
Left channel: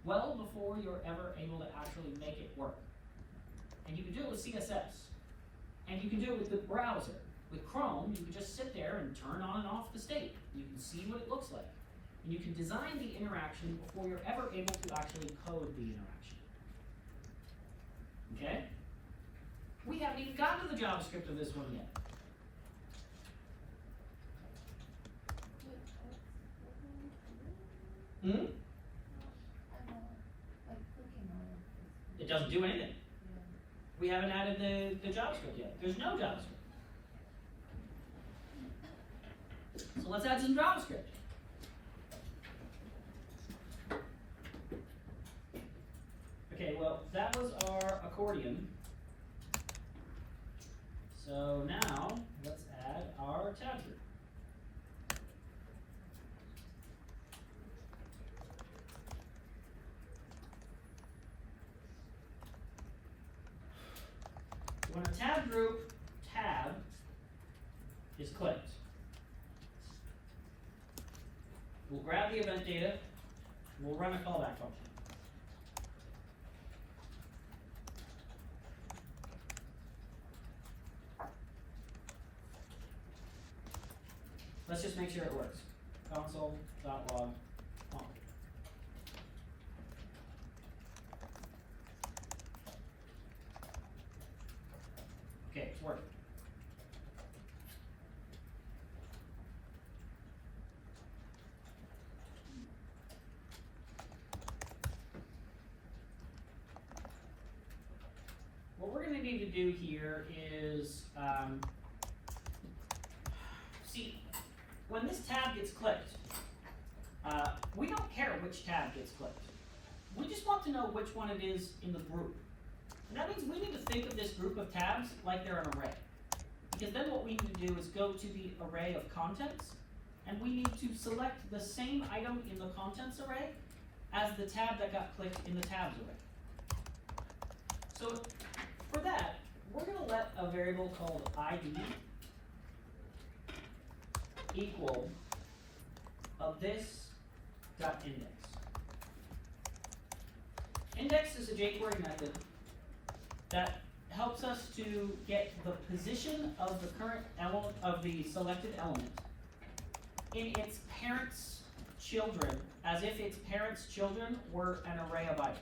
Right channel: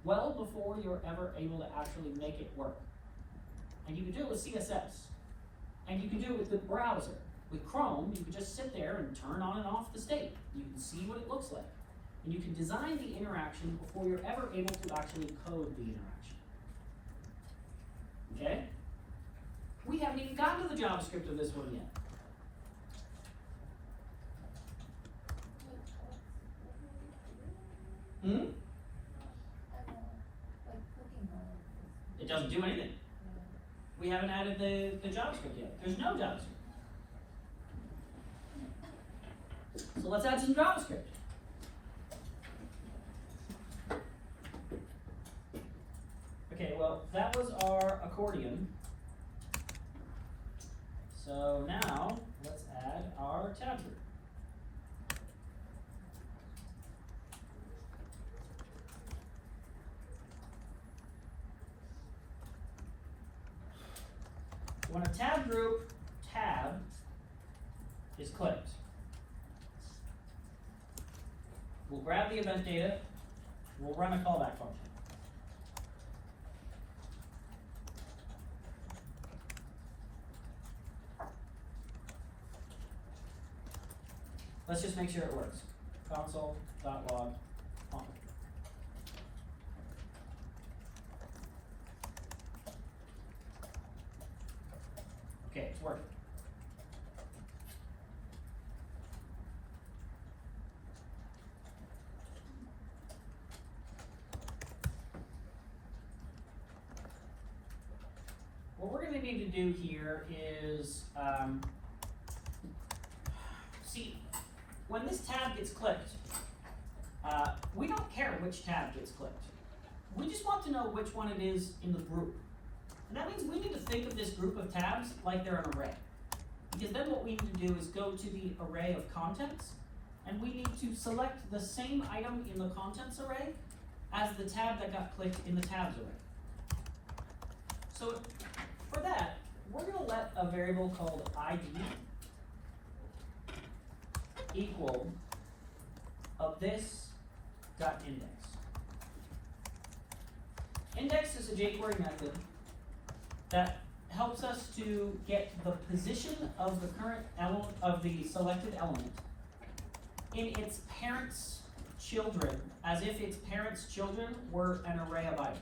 well before you're ever able to actually make it work. And you can do it with CSS. And you can do it with the browser. With Chrome, you can just sit there and turn on and off the state. You can see what it looks like. And you can design the interaction before you're ever able to actually code the interaction. Okay? We haven't even gotten to the JavaScript of this one yet. It doesn't do anything. We haven't added the JavaScript yet. There's no JavaScript. So let's add some JavaScript. Okay, well, that was our accordion. So now, let's add our tab group. When a tab group tab is clicked, we'll grab the event data, we'll run a callback function. Let's just make sure it works. Console.log on. Okay, it's working. What we're going to need to do here is, see, when this tab gets clicked, we don't care which tab gets clicked. We just want to know which one it is in the group. And that means we need to think of this group of tabs like they're an array. Because then what we need to do is go to the array of contents, and we need to select the same item in the contents array as the tab that got clicked in the tabs array. So for that, we're going to let a variable called ID equal of this dot index. Index is a jQuery method that helps us to get the position of the current element of the selected element in its parents' children, as if its parents' children were an array of items.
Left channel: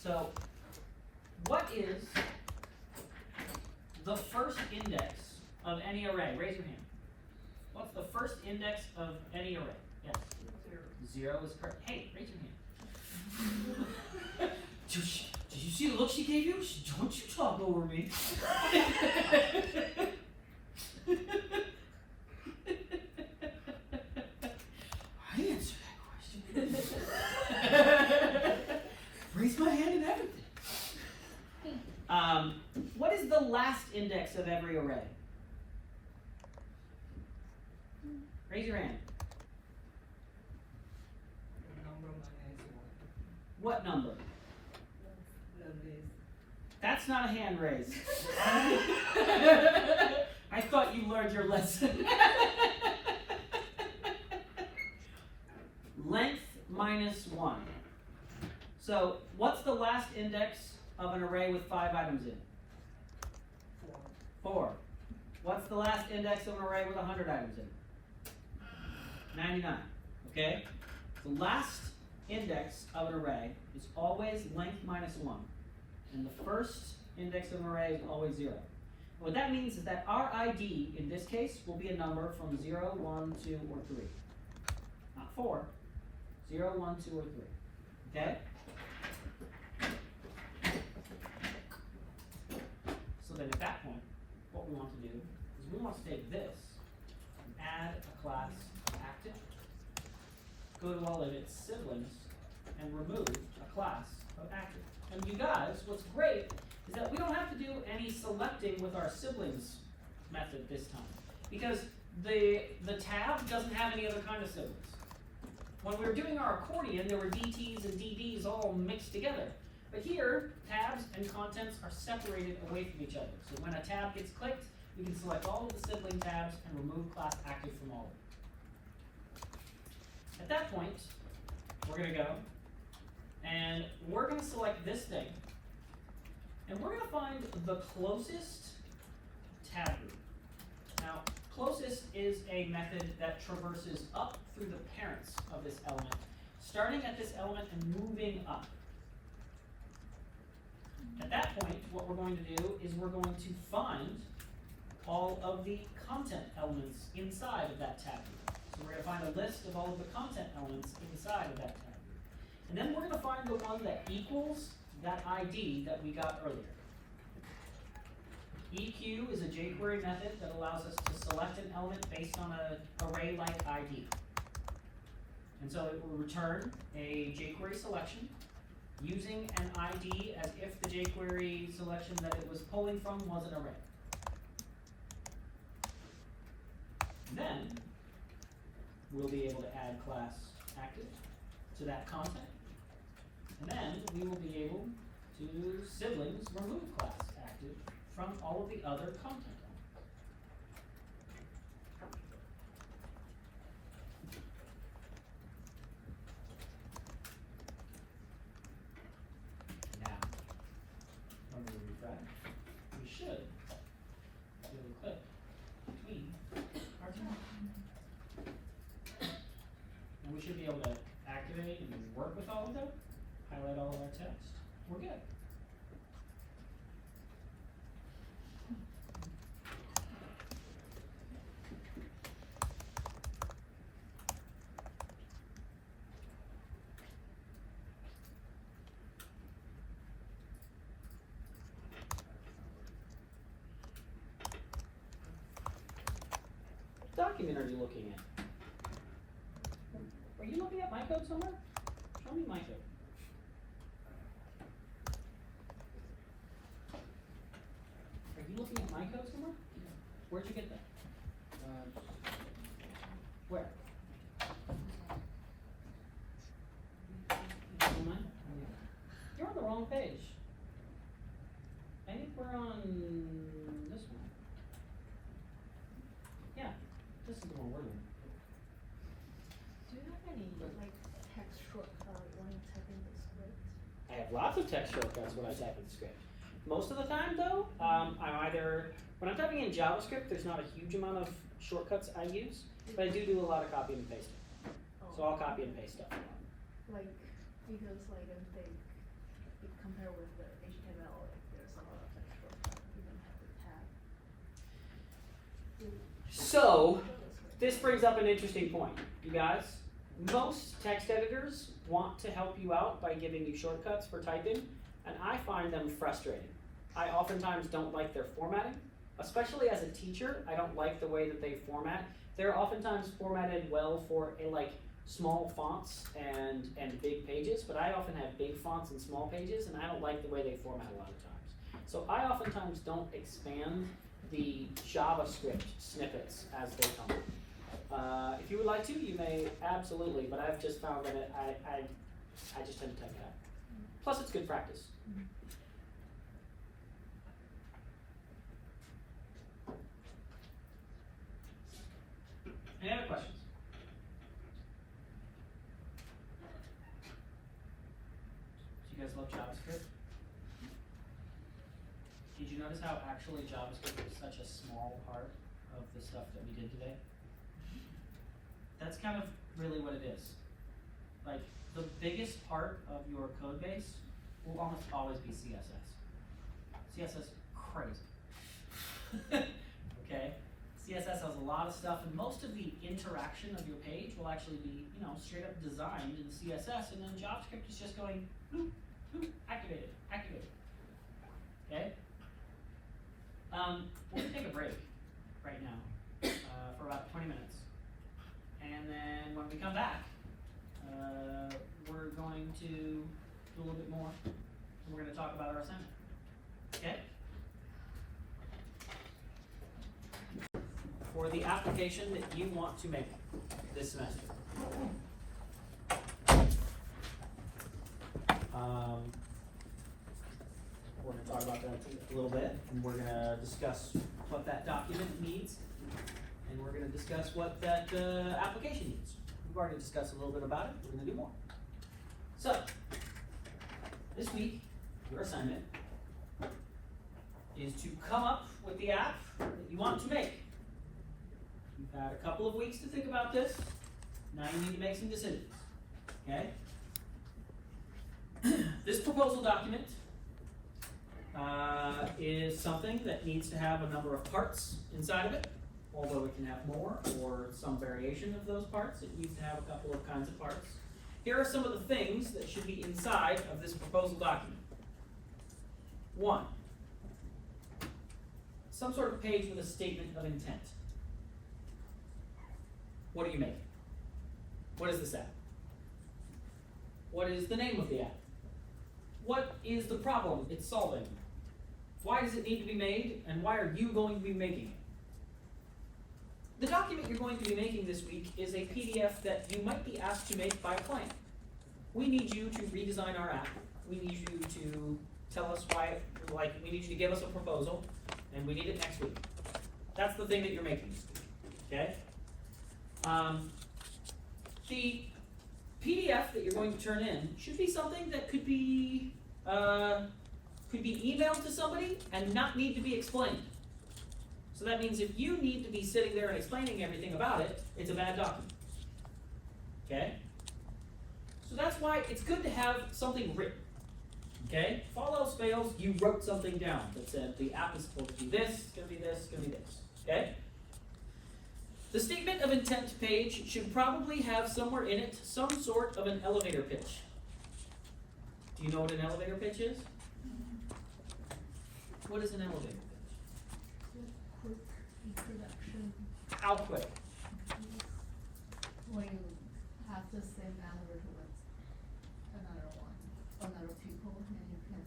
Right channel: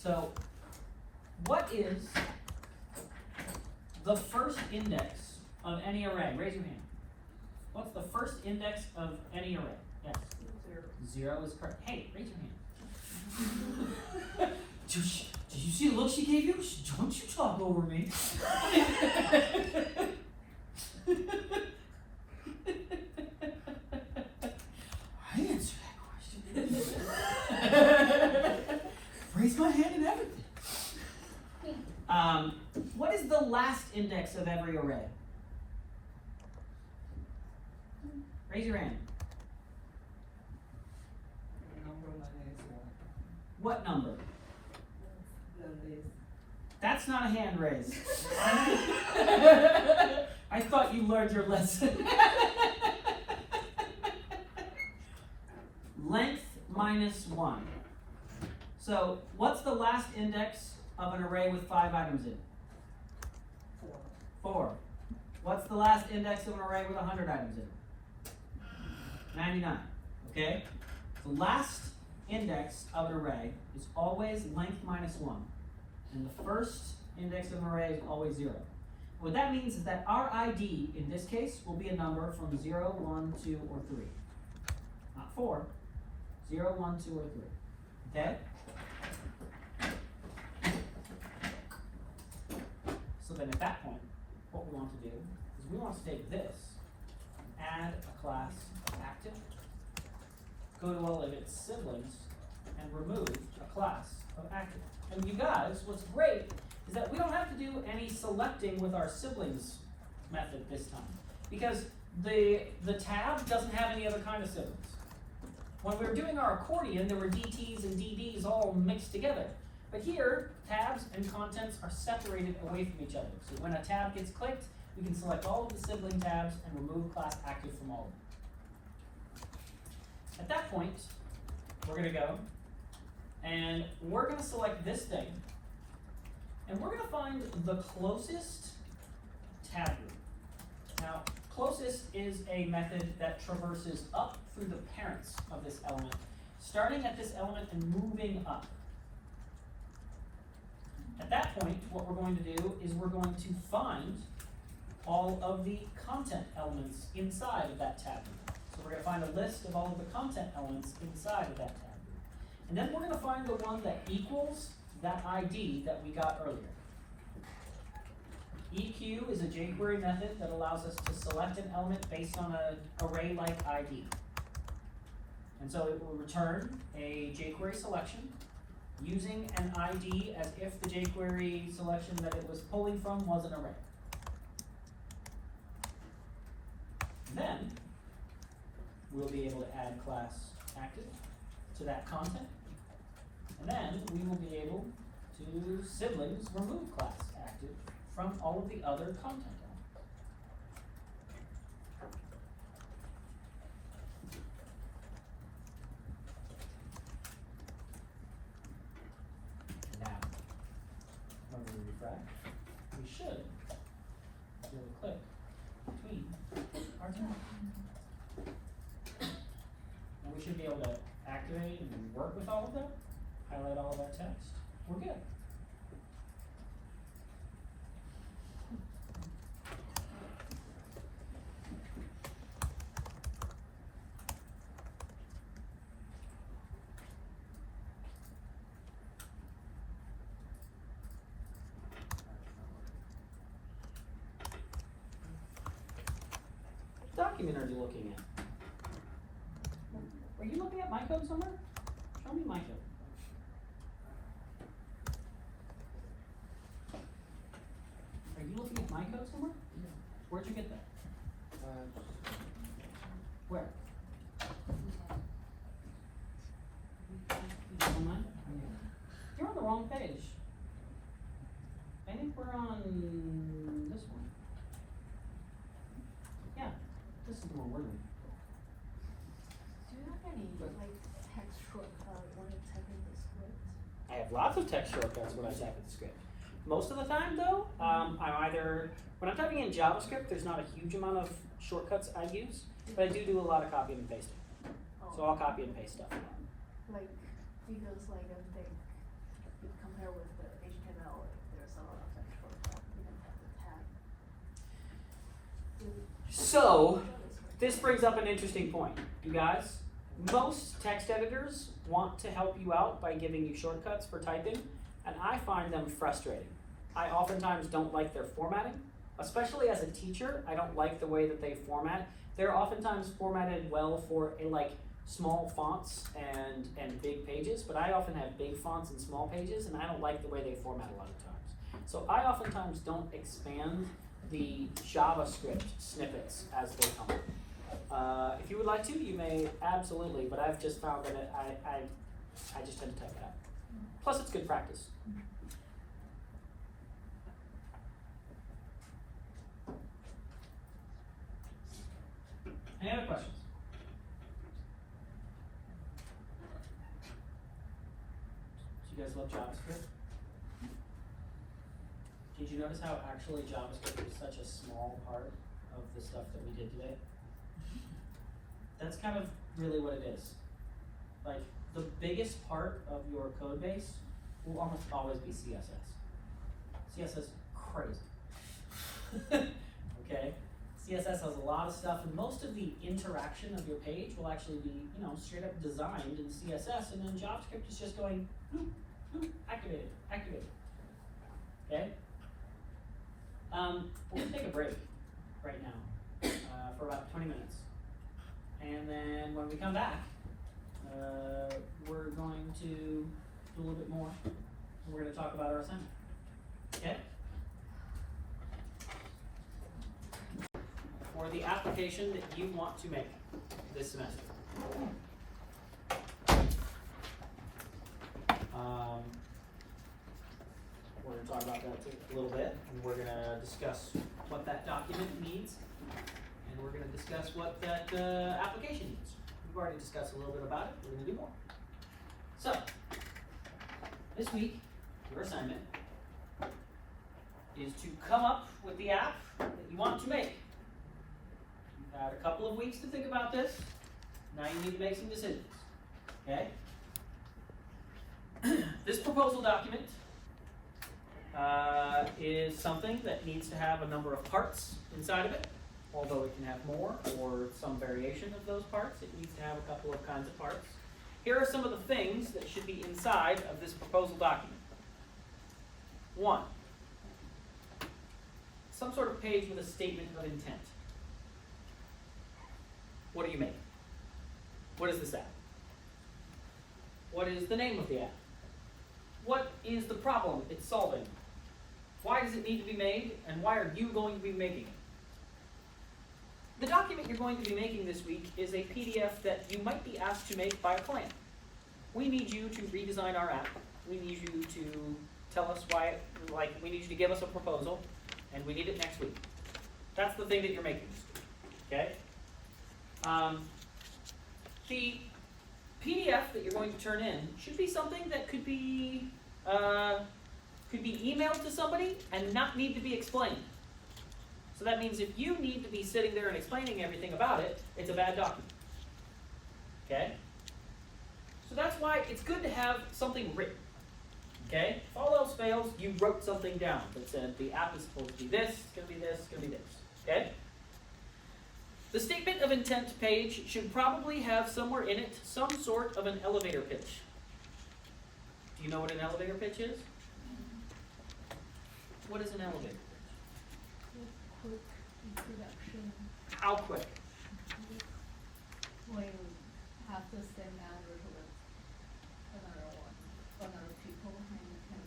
So, what is the first index of any array? Raise your hand. What's the first index of any array? Yes. 0 is correct. Hey, raise your hand. Did you see the look she gave you? Don't you talk over me. I answer that question. Raise my hand and everything. What is the last index of every array? Raise your hand. What number? That's not a hand raise. I thought you learned your lesson. Length minus 1. So, what's the last index of an array with 5 items in it? 4. What's the last index of an array with 100 items in it? 99. Okay? The last index of an array is always length minus 1. And the first index of an array is always 0. What that means is that our ID, in this case, will be a number from 0, 1, 2, or 3. Not 4. 0, 1, 2, or 3. Okay? So then at that point, what we want to do is we want to take this and add a class active, go to all of its siblings, and remove a class of active. And you guys, what's great is that we don't have to do any selecting with our siblings method this time. Because the tab doesn't have any other kind of siblings. When we were doing our accordion, there were DTs and DDs all mixed together. But here, tabs and contents are separated away from each other. So when a tab gets clicked, you can select all of the sibling tabs and remove class active from all of them. At that point, we're going to go and we're going to select this thing. And we're going to find the closest tab group. Now, closest is a method that traverses up through the parents of this element, starting at this element and moving up. At that point, what we're going to do is we're going to find all of the content elements inside of that tab group. So we're going to find a list of all of the content elements inside of that tab group. And then we're going to find the one that equals that ID that we got earlier. EQ is a jQuery method that allows us to select an element based on an array-like ID. And so it will return a jQuery selection using an ID as if the jQuery selection that it was pulling from was an array. And then we'll be able to add class active to that content. And then we will be able to siblings remove class active from all of the other content elements. Now, when we refresh, we should be able to click between our tabs. And we should be able to activate and work with all of them, highlight all of our text. We're good. Document are you looking at? Are you looking at my code somewhere? Show me my code. Are you looking at my code somewhere? Yeah. Where'd you get that? Where? Online? Yeah. You're on the wrong page. I think we're on this one. Yeah, this is the one we're in. Do you have any, like, text shortcut when you're typing the script? I have lots of text shortcuts when I type in the script. Most of the time, though, I'm either, when I'm typing in JavaScript, there's not a huge amount of shortcuts I use, but I do a lot of copy and pasting. So I'll copy and paste stuff. Like, because like I think, if compared with the HTML, there's a lot of text shortcut, you don't have the tab. So, this brings up an interesting point, you guys. Most text editors want to help you out by giving you shortcuts for typing, and I find them frustrating. I oftentimes don't like their formatting, especially as a teacher. I don't like the way that they format. They're oftentimes formatted well for small fonts and big pages, but I often have big fonts and small pages, and I don't like the way they format a lot of times. So I oftentimes don't expand the JavaScript snippets as they come. If you would like to, you may absolutely, but I've just found that I just tend to type it out. Plus, it's good practice. Any other questions? Do you guys love JavaScript? Did you notice how actually JavaScript is such a small part of the stuff that we did today? That's kind of really what it is. Like, the biggest part of your code base will almost always be CSS. CSS is crazy. Okay? CSS has a lot of stuff, and most of the interaction of your page will actually be, straight up designed in CSS, and then JavaScript is just going, activated, activated. Okay? We're gonna take a break right now for about 20 minutes. And then when we come back, we're going to do a little bit more. We're going to talk about our assignment. Okay? For the application that you want to make this semester. We're going to talk about that a little bit, and we're going to discuss what that document needs, and we're going to discuss what that application needs. We've already discussed a little bit about it. We're going to do more. So, this week, your assignment is to come up with the app that you want to make. You've had a couple of weeks to think about this. Now you need to make some decisions. Okay? This proposal document is something that needs to have a number of parts inside of it. Although it can have more or some variation of those parts, it needs to have a couple of kinds of parts. Here are some of the things that should be inside of this proposal document. 1, some sort of page with a statement of intent. What are you making? What is this app? What is the name of the app? What is the problem it's solving? Why does it need to be made, and why are you going to be making it? The document you're going to be making this week is a PDF that you might be asked to make by a client. We need you to redesign our app. We need you to tell us why, we need you to give us a proposal, and we need it next week. That's the thing that you're making this week, okay? The PDF that you're going to turn in should be something that could be emailed to somebody and not need to be explained. So that means if you need to be sitting there and explaining everything about it, it's a bad document. Okay? So that's why it's good to have something written. Okay? If all else fails, you wrote something down that said the app is supposed to be this, it's going to be this, it's going to be this. Okay? The statement of intent page should probably have somewhere in it some sort of an elevator pitch. Do you know what an elevator pitch is? What is an elevator pitch? Quick introduction. How quick? When you have the same matter with another people, and you can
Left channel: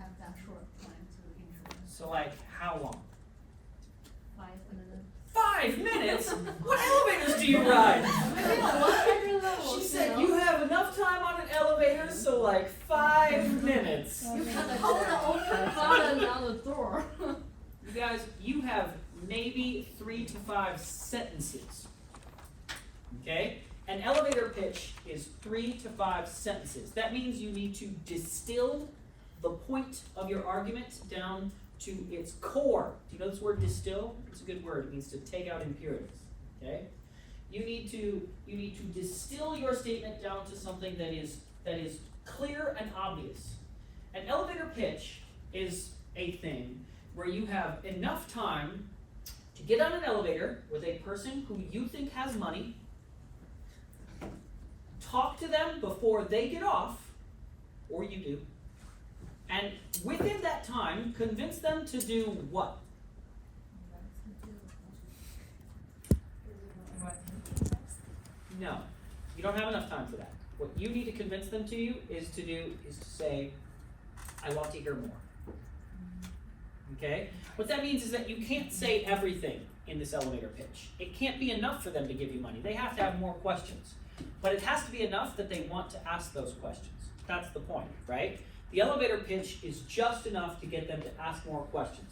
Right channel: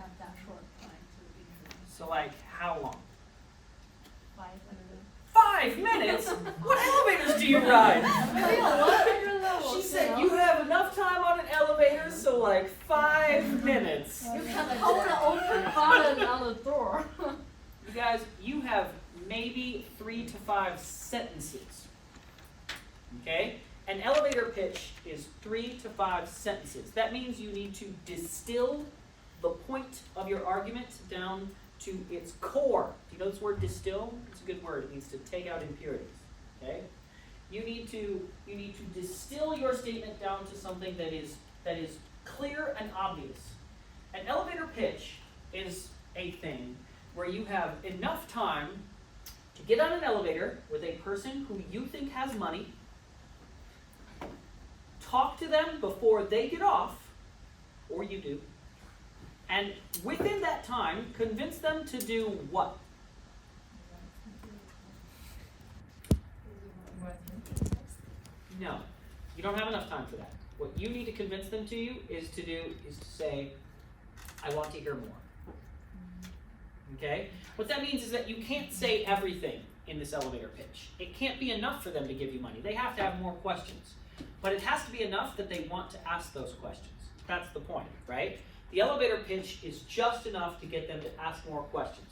have that short time to introduce. So like, how long? 5 minutes. 5 minutes? What elevators do you ride? She said you have enough time on an elevator, so like 5 minutes. You can hold the open button on the door. You guys, you have maybe 3 to 5 sentences. Okay? An elevator pitch is 3 to 5 sentences. That means you need to distill the point of your argument down to its core. Do you know this word distill? It's a good word. It means to take out impurities. Okay? You need to distill your statement down to something that is clear and obvious. An elevator pitch is a thing where you have enough time to get on an elevator with a person who you think has money, talk to them before they get off, or you do, and within that time, convince them to do what? No, you don't have enough time for that. What you need to convince them to you is to say, I want to hear more. Okay? What that means is that you can't say everything in this elevator pitch. It can't be enough for them to give you money. They have to have more questions. But it has to be enough that they want to ask those questions. That's the point, right? The elevator pitch is just enough to get them to ask more questions.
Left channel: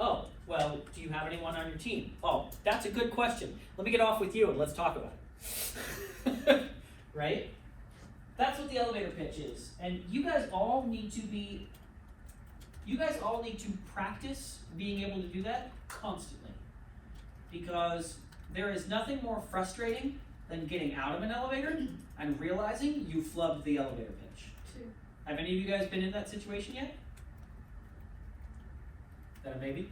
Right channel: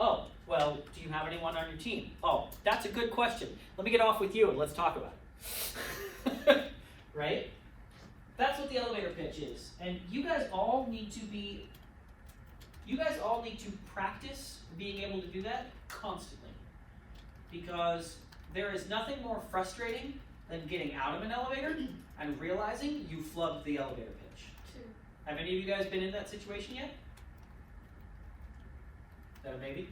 Oh, well, do you have anyone on your team? Oh, that's a good question. Let me get off with you and let's talk about it. Right? That's what the elevator pitch is. And you guys all need to practice being able to do that constantly. Because there is nothing more frustrating than getting out of an elevator and realizing you flubbed the elevator pitch. Two. Have any of you guys been in that situation yet? Is that a maybe?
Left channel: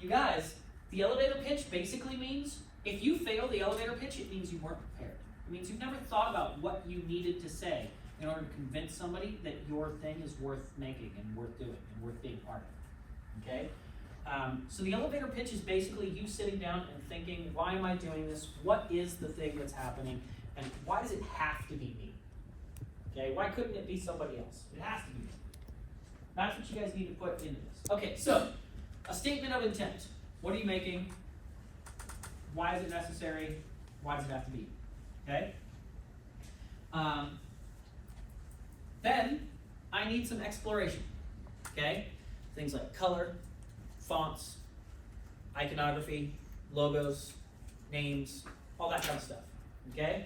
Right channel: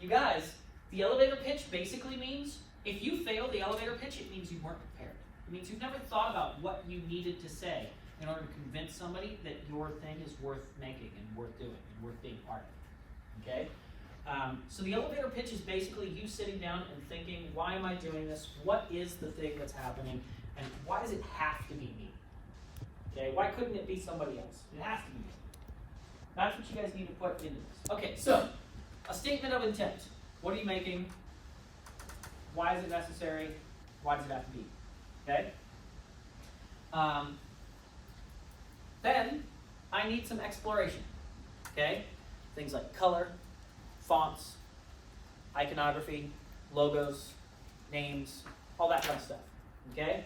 You guys, the elevator pitch basically means if you fail the elevator pitch, it means you weren't prepared. It means you've never thought about what you needed to say in order to convince somebody that your thing is worth making and worth doing and worth being part of. Okay? So the elevator pitch is basically you sitting down and thinking, why am I doing this? What is the thing that's happening? And why does it have to be me? Okay, why couldn't it be somebody else? It has to be me. That's what you guys need to put into this. Okay, so a statement of intent. What are you making? Why is it necessary? Why does it have to be? Okay? Then I need some exploration. Okay? Things like color, fonts, iconography, logos, names, all that kind of stuff. Okay?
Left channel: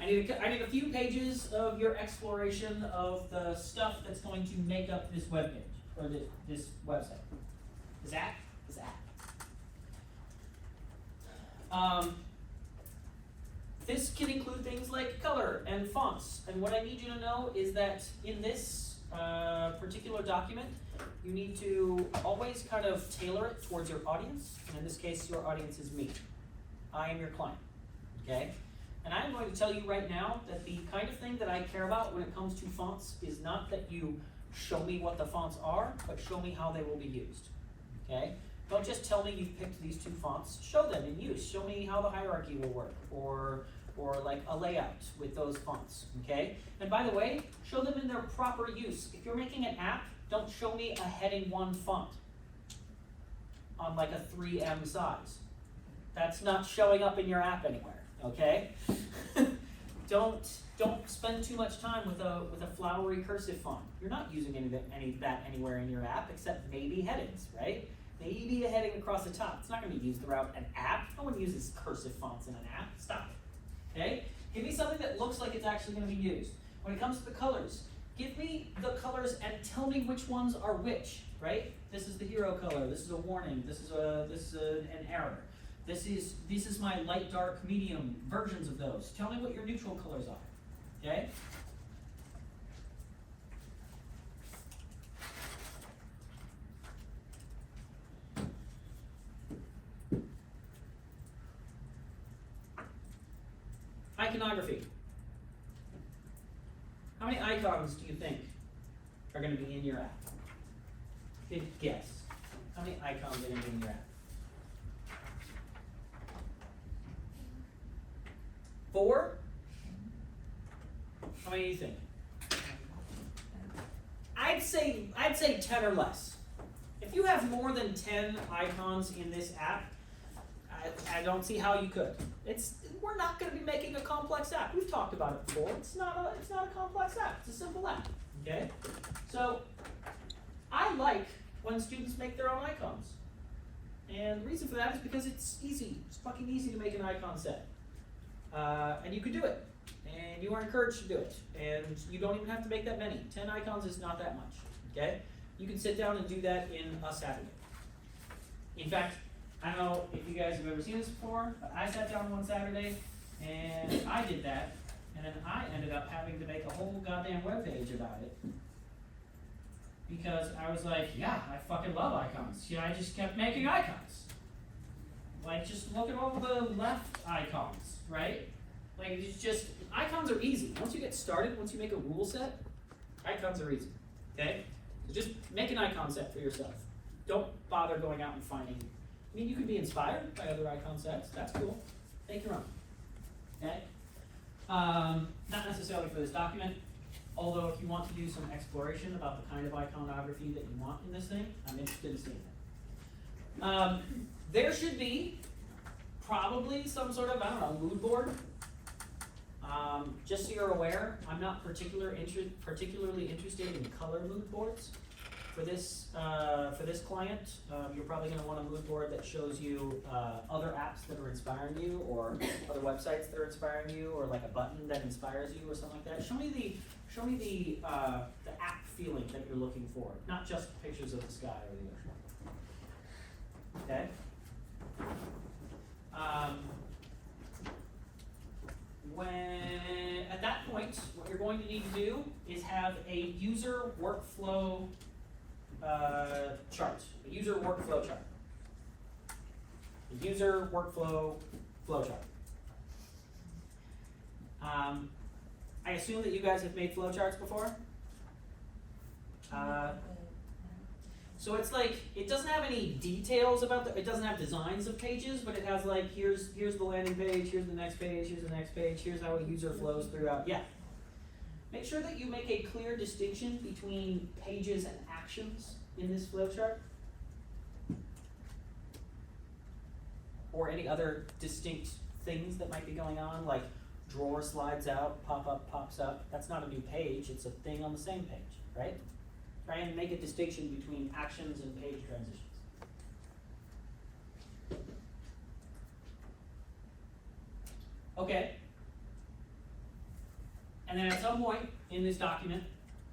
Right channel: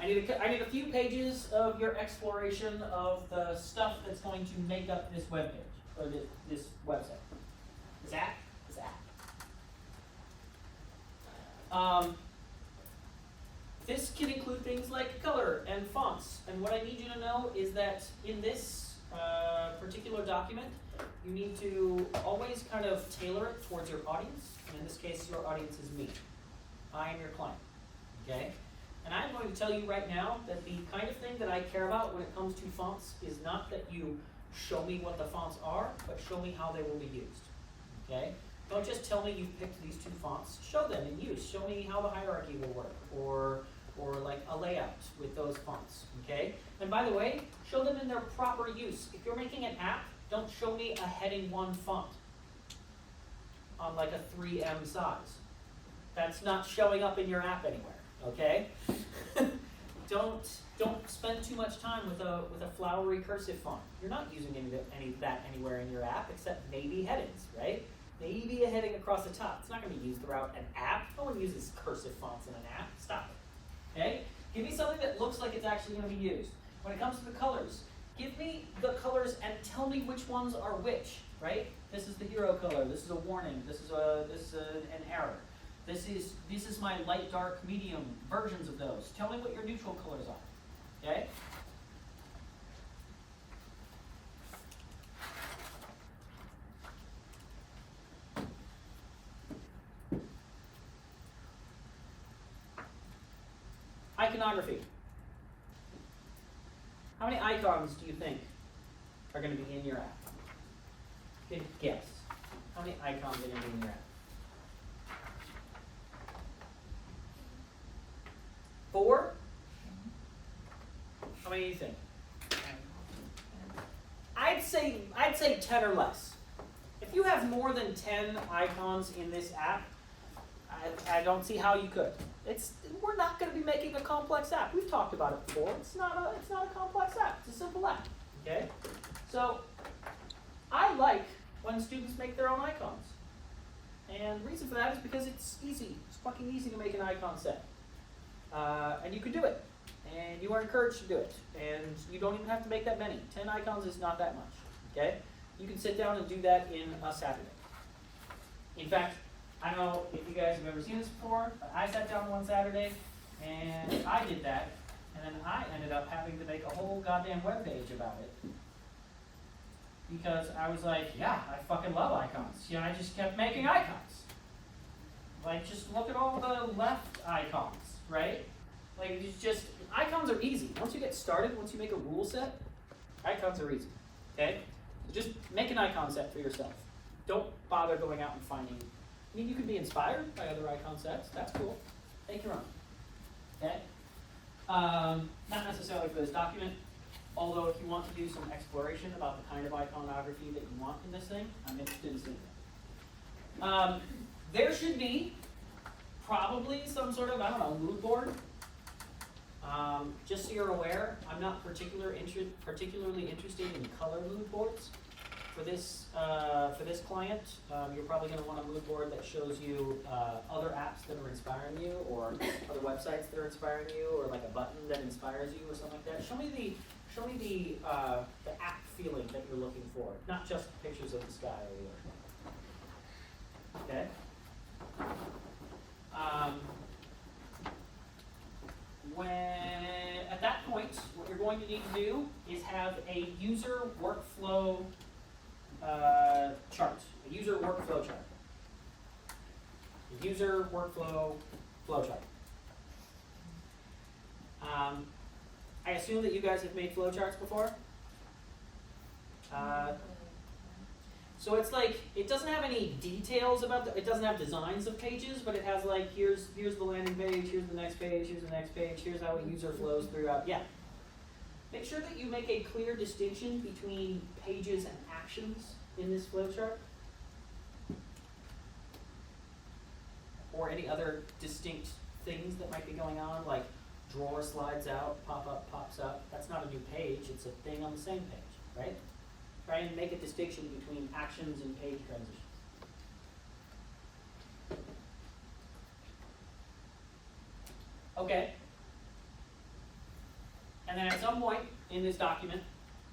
I need a few pages of your exploration of the stuff that's going to make up this web page, or this website. This app? This app. This can include things like color and fonts. And what I need you to know is that in this particular document, you need to always kind of tailor it towards your audience. And in this case, your audience is me. I am your client. Okay? And I'm going to tell you right now that the kind of thing that I care about when it comes to fonts is not that you show me what the fonts are, but show me how they will be used. Okay? Don't just tell me you've picked these 2 fonts. Show them in use. Show me how the hierarchy will work, or like a layout with those fonts. Okay? And by the way, show them in their proper use. If you're making an app, don't show me a heading 1 font on like a 3M size. That's not showing up in your app anywhere. Okay? Don't spend too much time with a flowery cursive font. You're not using any of that anywhere in your app except maybe headings, right? Maybe a heading across the top. It's not going to be used throughout an app. No one uses cursive fonts in an app. Stop it. Okay? Give me something that looks like it's actually going to be used. When it comes to the colors, give me the colors and tell me which ones are which, right? This is the hero color. This is a warning. This is an error. This is my light, dark, medium versions of those. Tell me what your neutral colors are. Okay? Iconography. How many icons do you think are going to be in your app? Good guess. How many icons are going to be in your app? 4? How many do you think? I'd say 10 or less. If you have more than 10 icons in this app, I don't see how you could. We're not going to be making a complex app. We've talked about it before. It's not a complex app. It's a simple app. Okay? So I like when students make their own icons. And the reason for that is because it's easy. It's fucking easy to make an icon set. And you can do it. And you are encouraged to do it. And you don't even have to make that many. 10 icons is not that much. Okay? You can sit down and do that in a Saturday. In fact, I don't know if you guys have ever seen this before, but I sat down one Saturday and I did that, and then I ended up having to make a whole goddamn webpage about it. Because I was like, yeah, I fucking love icons. Yeah, I just kept making icons. Like, just look at all the left icons, right? Like, it's just, icons are easy. Once you get started, once you make a rule set, icons are easy, okay? So just make an icon set for yourself. Don't bother going out and finding. I mean, you can be inspired by other icon sets. That's cool. Make your own. Okay? Not necessarily for this document, although if you want to do some exploration about the kind of iconography that you want in this thing, I'm interested in seeing that. There should be probably some sort of, I don't know, mood board. Just so you're aware, I'm not particularly interested in color mood boards. For this client, you're probably going to want a mood board that shows you other apps that are inspiring you, or other websites that are inspiring you, or like a button that inspires you, or something like that. Show me the app feeling that you're looking for, not just pictures of the sky or the ocean. Okay. At that point, what you're going to need to do is have a user workflow chart, a user workflow chart. A user workflow flowchart. I assume that you guys have made flowcharts before? So it's like, it doesn't have any details about it doesn't have designs of pages, but it has like, here's the landing page, here's the next page, here's the next page, here's how a user flows throughout. Yeah. Make sure that you make a clear distinction between pages and actions in this flowchart. or any other distinct things that might be going on, like drawer slides out, pop-up pops up. That's not a new page, it's a thing on the same page, right? Try and make a distinction between actions and page transitions. Okay. And then at some point in this document,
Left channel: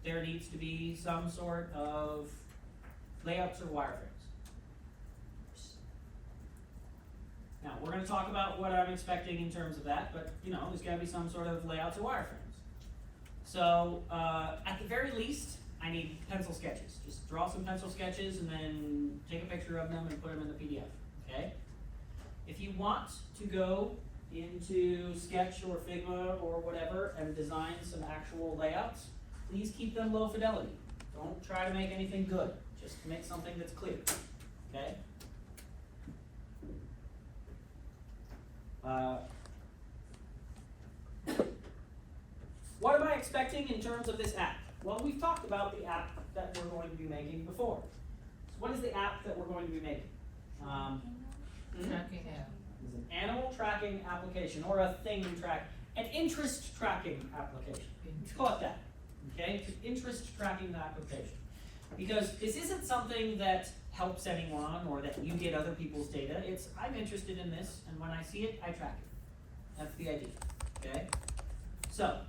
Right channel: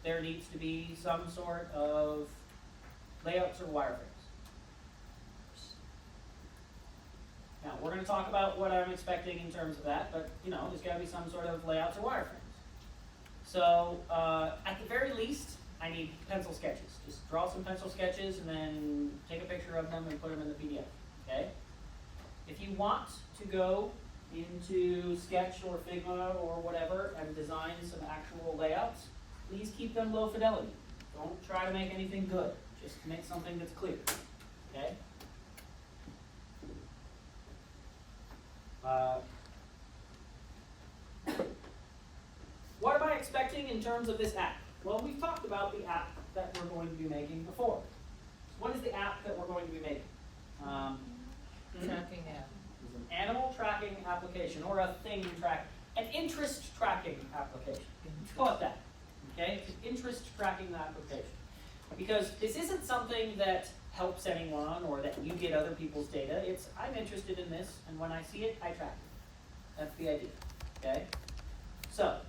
there needs to be some sort of layouts or wireframes. Now, we're going to talk about what I'm expecting in terms of that, but there's got to be some sort of layouts or wireframes. So, at the very least, I need pencil sketches. Just draw some pencil sketches and then take a picture of them and put them in the PDF, okay? If you want to go into Sketch or Figma or whatever and design some actual layouts, please keep them low fidelity. Don't try to make anything good. Just make something that's clear, okay? What am I expecting in terms of this app? Well, we've talked about the app that we're going to be making before. So what is the app that we're going to be making? Tracking app. It's an animal tracking application, or a thing track, an interest tracking application. Call it that. Okay? It's an interest tracking application. Because this isn't something that helps anyone or that you get other people's data. It's, I'm interested in this, and when I see it, I track it. That's the idea. Okay? So,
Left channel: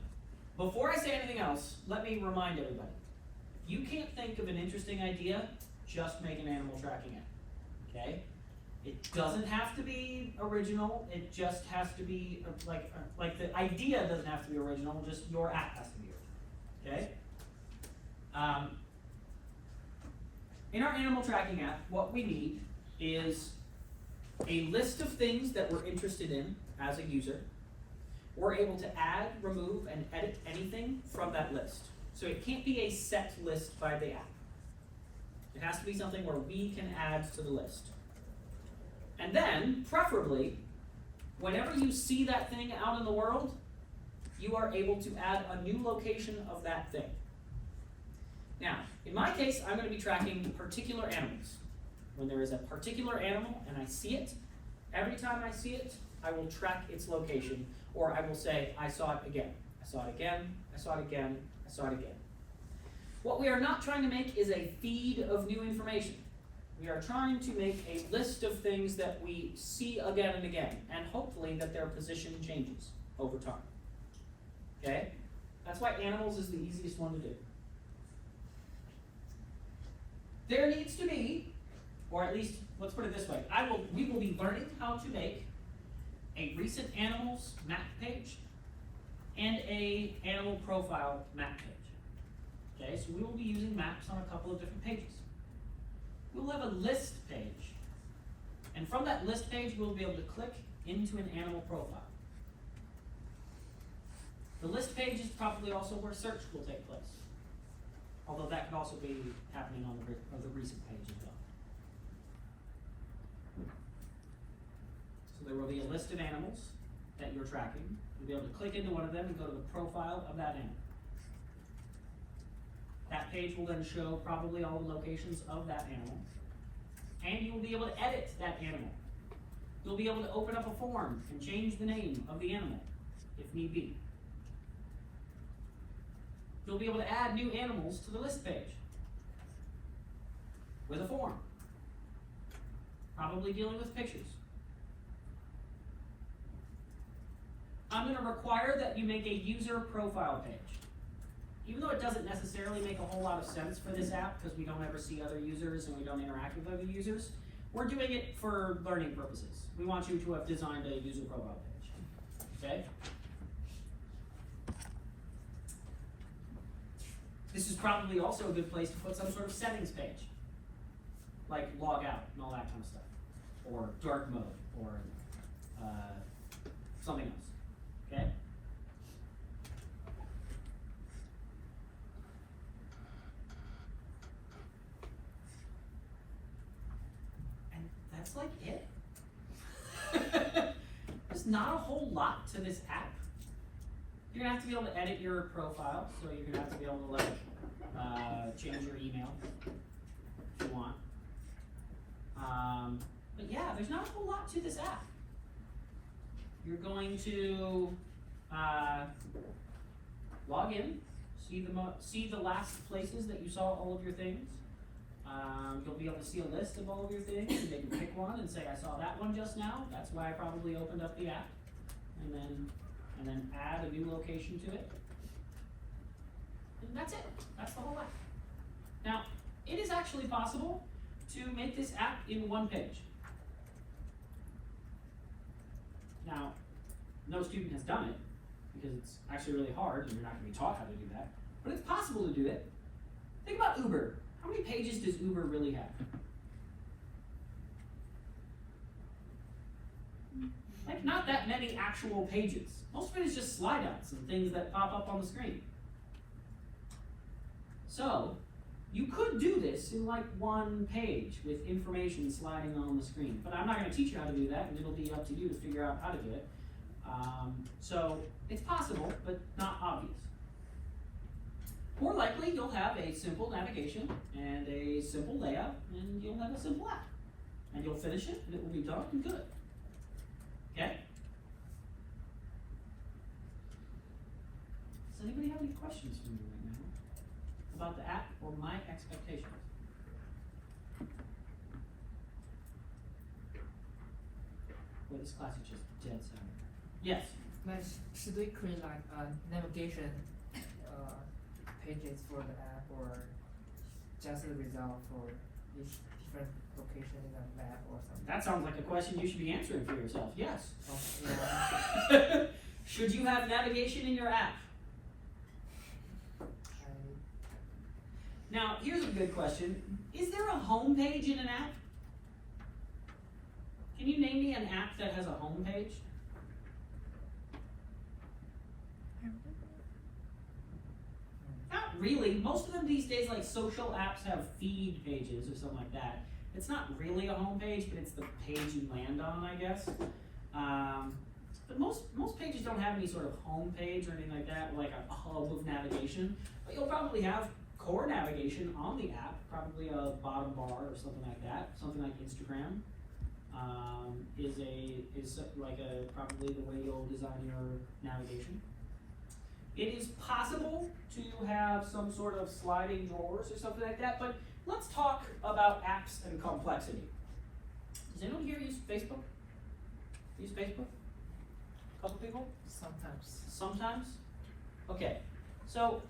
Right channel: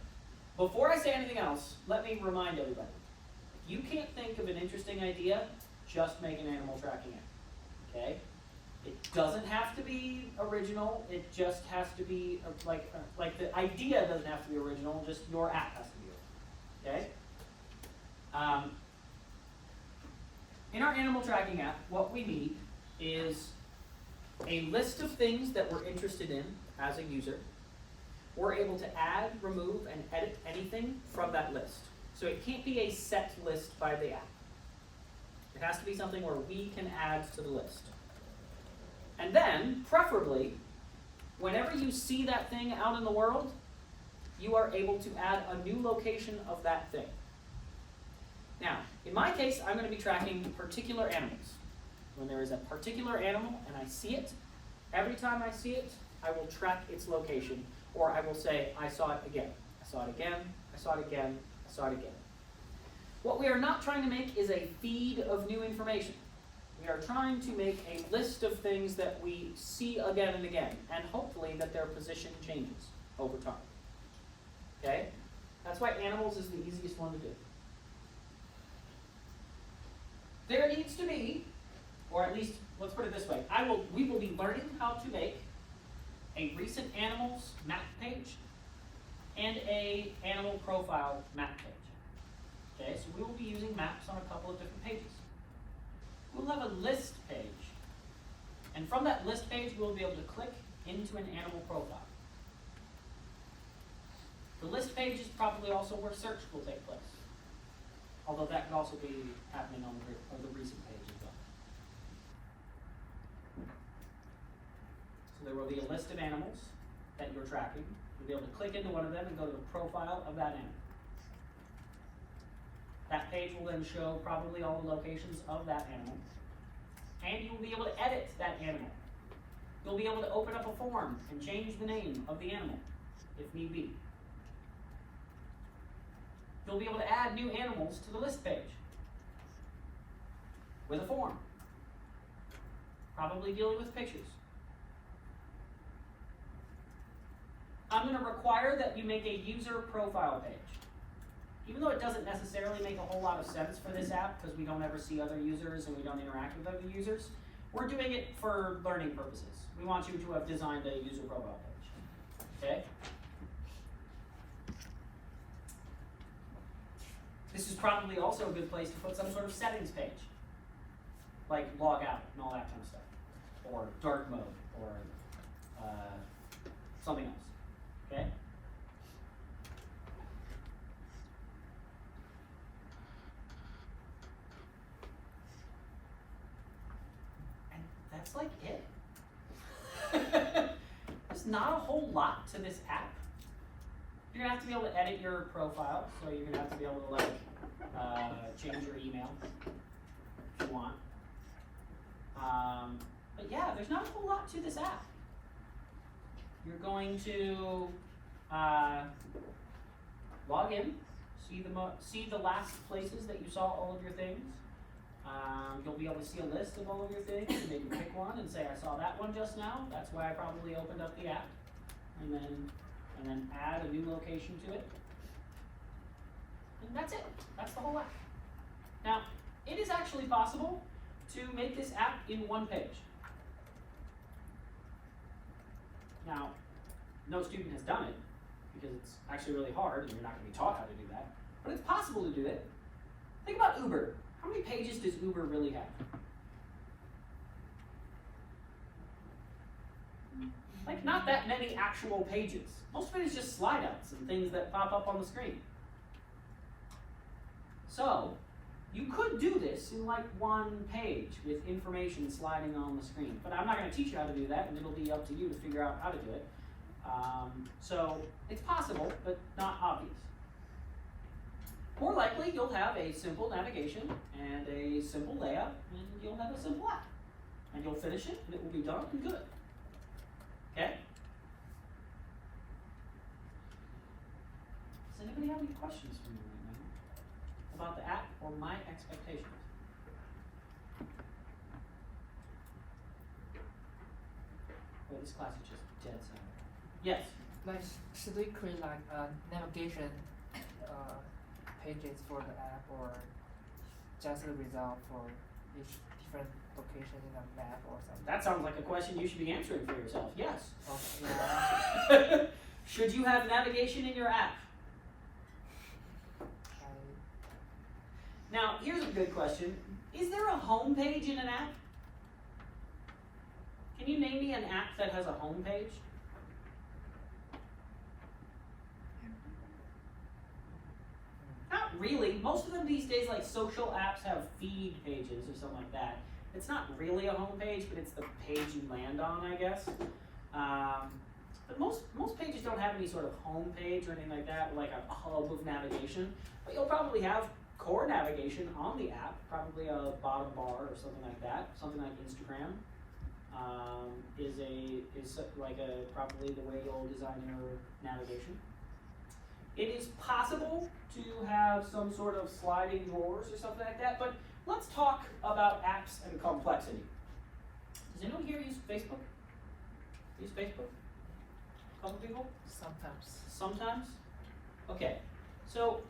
before I say anything else, let me remind everybody. If you can't think of an interesting idea, just make an animal tracking app. Okay? It doesn't have to be original. It just has to be like the idea doesn't have to be original. Just your app has to be original. Okay? In our animal tracking app, what we need is a list of things that we're interested in as a user. We're able to add, remove, and edit anything from that list. So it can't be a set list by the app. It has to be something where we can add to the list. And then, preferably, whenever you see that thing out in the world, you are able to add a new location of that thing. Now, in my case, I'm going to be tracking particular animals. When there is a particular animal and I see it, every time I see it, I will track its location, or I will say, I saw it again. I saw it again, I saw it again, I saw it again. What we are not trying to make is a feed of new information. We are trying to make a list of things that we see again and again, and hopefully that their position changes over time. Okay? That's why animals is the easiest one to do. There needs to be, or at least, let's put it this way, we will be learning how to make a recent animals map page and a animal profile map page. Okay, so we will be using maps on a couple of different pages. We'll have a list page, and from that list page, we'll be able to click into an animal profile. The list page is probably also where search will take place, although that could also be happening on the recent page as well. So there will be a list of animals that you're tracking. You'll be able to click into one of them and go to the profile of that animal. That page will then show probably all the locations of that animal. And you will be able to edit that animal. You'll be able to open up a form and change the name of the animal, if need be. You'll be able to add new animals to the list page with a form, probably dealing with pictures. I'm going to require that you make a user profile page. Even though it doesn't necessarily make a whole lot of sense for this app because we don't ever see other users and we don't interact with other users, we're doing it for learning purposes. We want you to have designed a user profile page. Okay? This is probably also a good place to put some sort of settings page, like log out and all that kind of stuff, or dark mode, or something else. Okay? And that's like it. There's not a whole lot to this app. You're gonna have to be able to edit your profile, so you're gonna have to be able to like change your email if you want. But yeah, there's not a whole lot out to this app. You're going to log in, see the last places that you saw all of your things. You'll be able to see a list of all of your things, and they can pick one and say, I saw that one just now. That's why I probably opened up the app, and then add a new location to it. And that's it. That's the whole app. Now, it is actually possible to make this app in one page. Now, no student has done it because it's actually really hard and you're not going to be taught how to do that. But it's possible to do it. Think about Uber. How many pages does Uber really have? Like, not that many actual pages. Most of it is just slide outs and things that pop up on the screen. So, you could do this in like one page with information sliding on the screen. But I'm not going to teach you how to do that, and it'll be up to you to figure out how to do it. So, it's possible, but not obvious. More likely, you'll have a simple navigation and a simple layout, and you'll have a simple app. And you'll finish it, and it will be done and good. Okay? Does anybody have any questions for me right now about the app or my expectations? Well, this class is just dead center. Yes? Like, should we create like navigation pages for the app, or just a result for each different location in the map or something? That sounds like a question you should be answering for yourself. Yes. Okay. Yeah. Should you have navigation in your app? Now, here's a good question. Is there a home page in an app? Can you name me an app that has a home page? Not really. Most of them these days, like social apps, have feed pages or something like that. It's not really a home page, but it's the page you land on, I guess. But most pages don't have any sort of home page or anything like that, like a hub of navigation. But you'll probably have core navigation on the app, probably a bottom bar or something like that. Something like Instagram is like probably the way you'll design your navigation. It is possible to have some sort of sliding drawers or something like that, but let's talk about apps and complexity. Does anyone here use Facebook? Use Facebook? A couple people? Sometimes. Sometimes? Okay. So,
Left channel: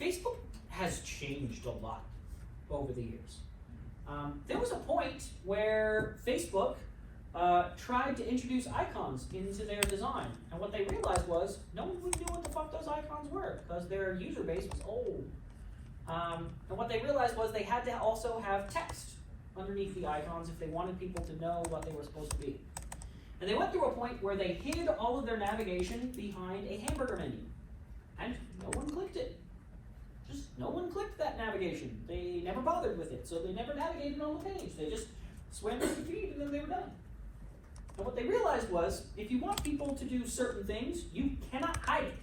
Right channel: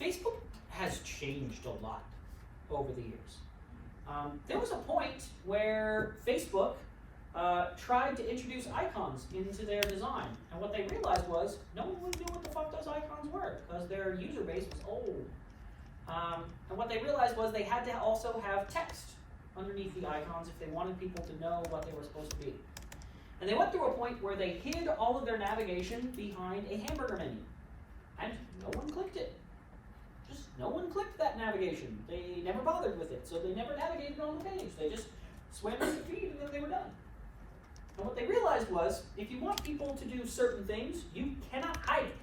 Facebook has changed a lot over the years. There was a point where Facebook tried to introduce icons into their design. And what they realized was no one would know what the fuck those icons were because their user base was old. And what they realized was they had to also have text underneath the icons if they wanted people to know what they were supposed to be. And they went through a point where they hid all of their navigation behind a hamburger menu. And no one clicked it. Just no one clicked that navigation. They never bothered with it, so they never navigated on the page. They just swam to the feed and then they were done. And what they realized was, if you want people to do certain things, you cannot hide it.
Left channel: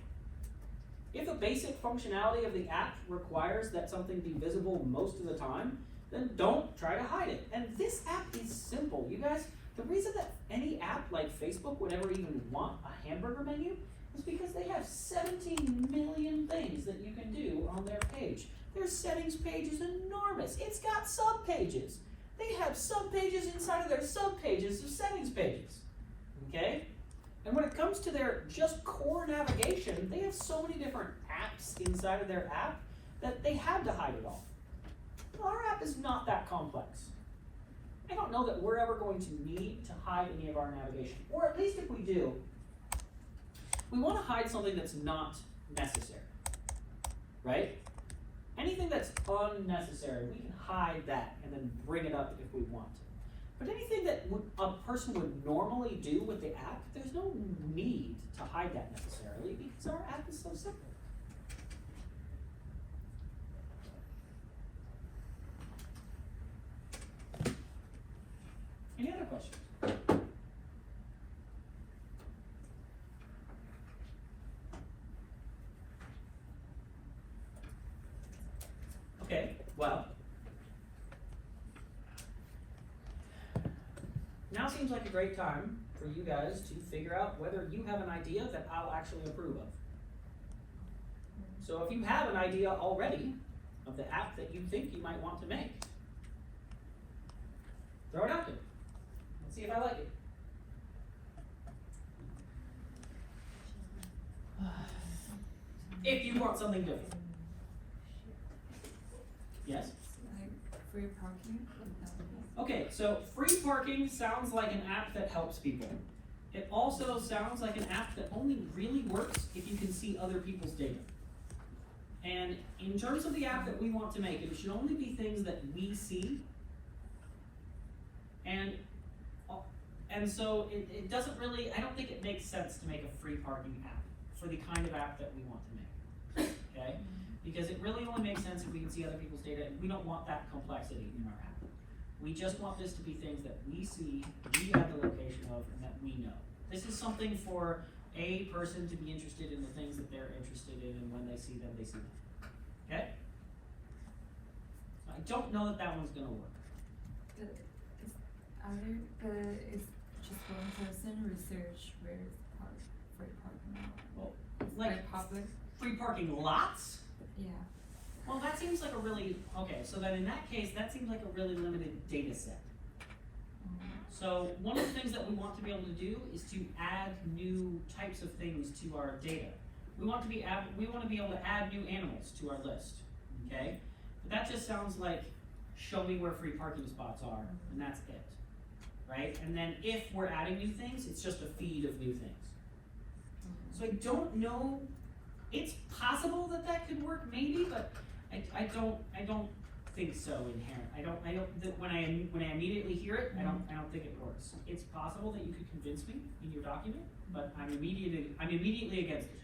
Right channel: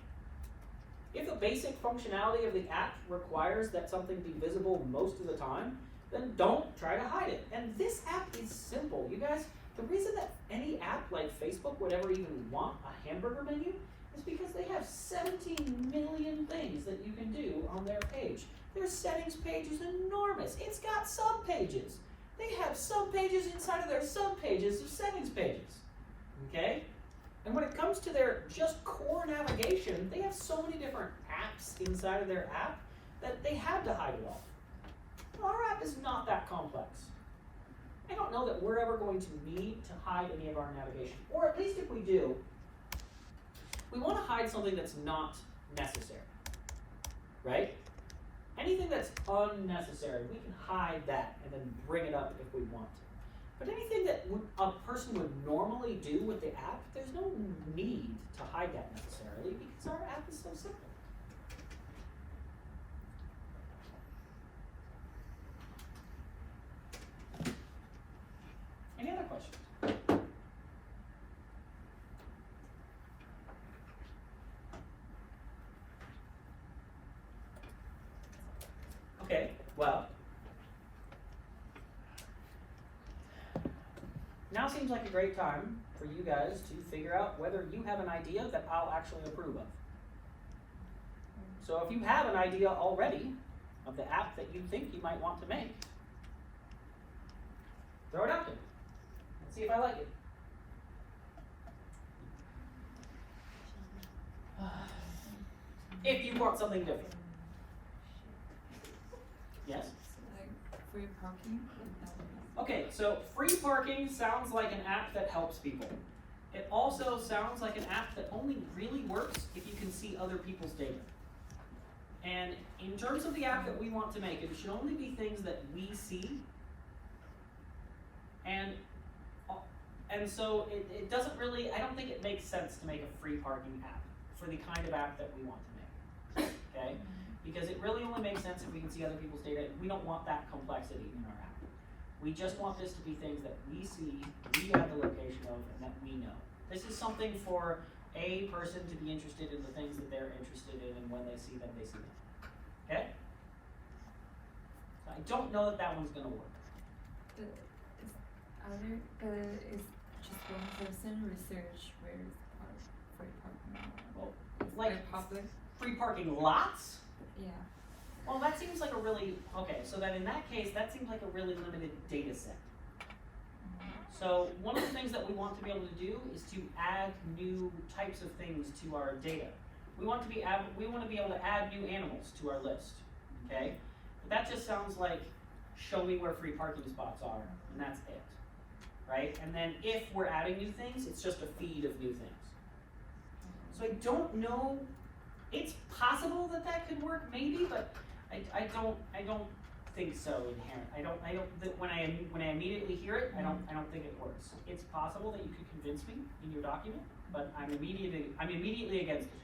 If the basic functionality of the app requires that something be visible most of the time, then don't try to hide it. And this app is simple. You guys, the reason that any app like Facebook would ever even want a hamburger menu is because they have 17 million things that you can do on their page. Their settings page is enormous. It's got sub-pages. They have sub-pages inside of their sub-pages of settings pages. Okay? And when it comes to their just core navigation, they have so many different apps inside of their app that they had to hide it all. Well, our app is not that complex. I don't know that we're ever going to need to hide any of our navigation. Or at least if we do, we want to hide something that's not necessary. Right? Anything that's unnecessary, we can hide that and then bring it up if we want to. But anything that a person would normally do with the app, there's no need to hide that necessarily because our app is so simple. Any other questions? Okay, well, now seems like a great time for you guys to figure out whether you have an idea that I'll actually approve of. So if you have an idea already of the app that you think you might want to make, throw it out there. Let's see if I like it. If you want something different. Yes? Like free parking? Okay, so free parking sounds like an app that helps people. It also sounds like an app that only really works if you can see other people's data. And in terms of the app that we want to make, it should only be things that we see. And so it doesn't really, I don't think it makes sense to make a free parking app for the kind of app that we want to make, okay? Because it really only makes sense if we can see other people's data. We don't want that complexity in our app. We just want this to be things that we see, we have the location of, and that we know. This is something for a person to be interested in the things that they're interested in, and when they see them, they see them. Okay? So I don't know that that one's gonna work. It's just one person research where is free parking. Well, It's like public. free parking lots? Yeah. Well, that seems like a really, okay, so then in that case, that seems like a really limited data set. So one of the things that we want to be able to do is to add new types of things to our data. We want to be able to add new animals to our list, okay? But that just sounds like show me where free parking spots are, and that's it, right? And then if we're adding new things, it's just a feed of new things. So I don't know. It's possible that that could work, maybe, but I don't think so inherent. When I immediately hear it, I don't think it works. It's possible that you could convince me in your document, but I'm immediately against it.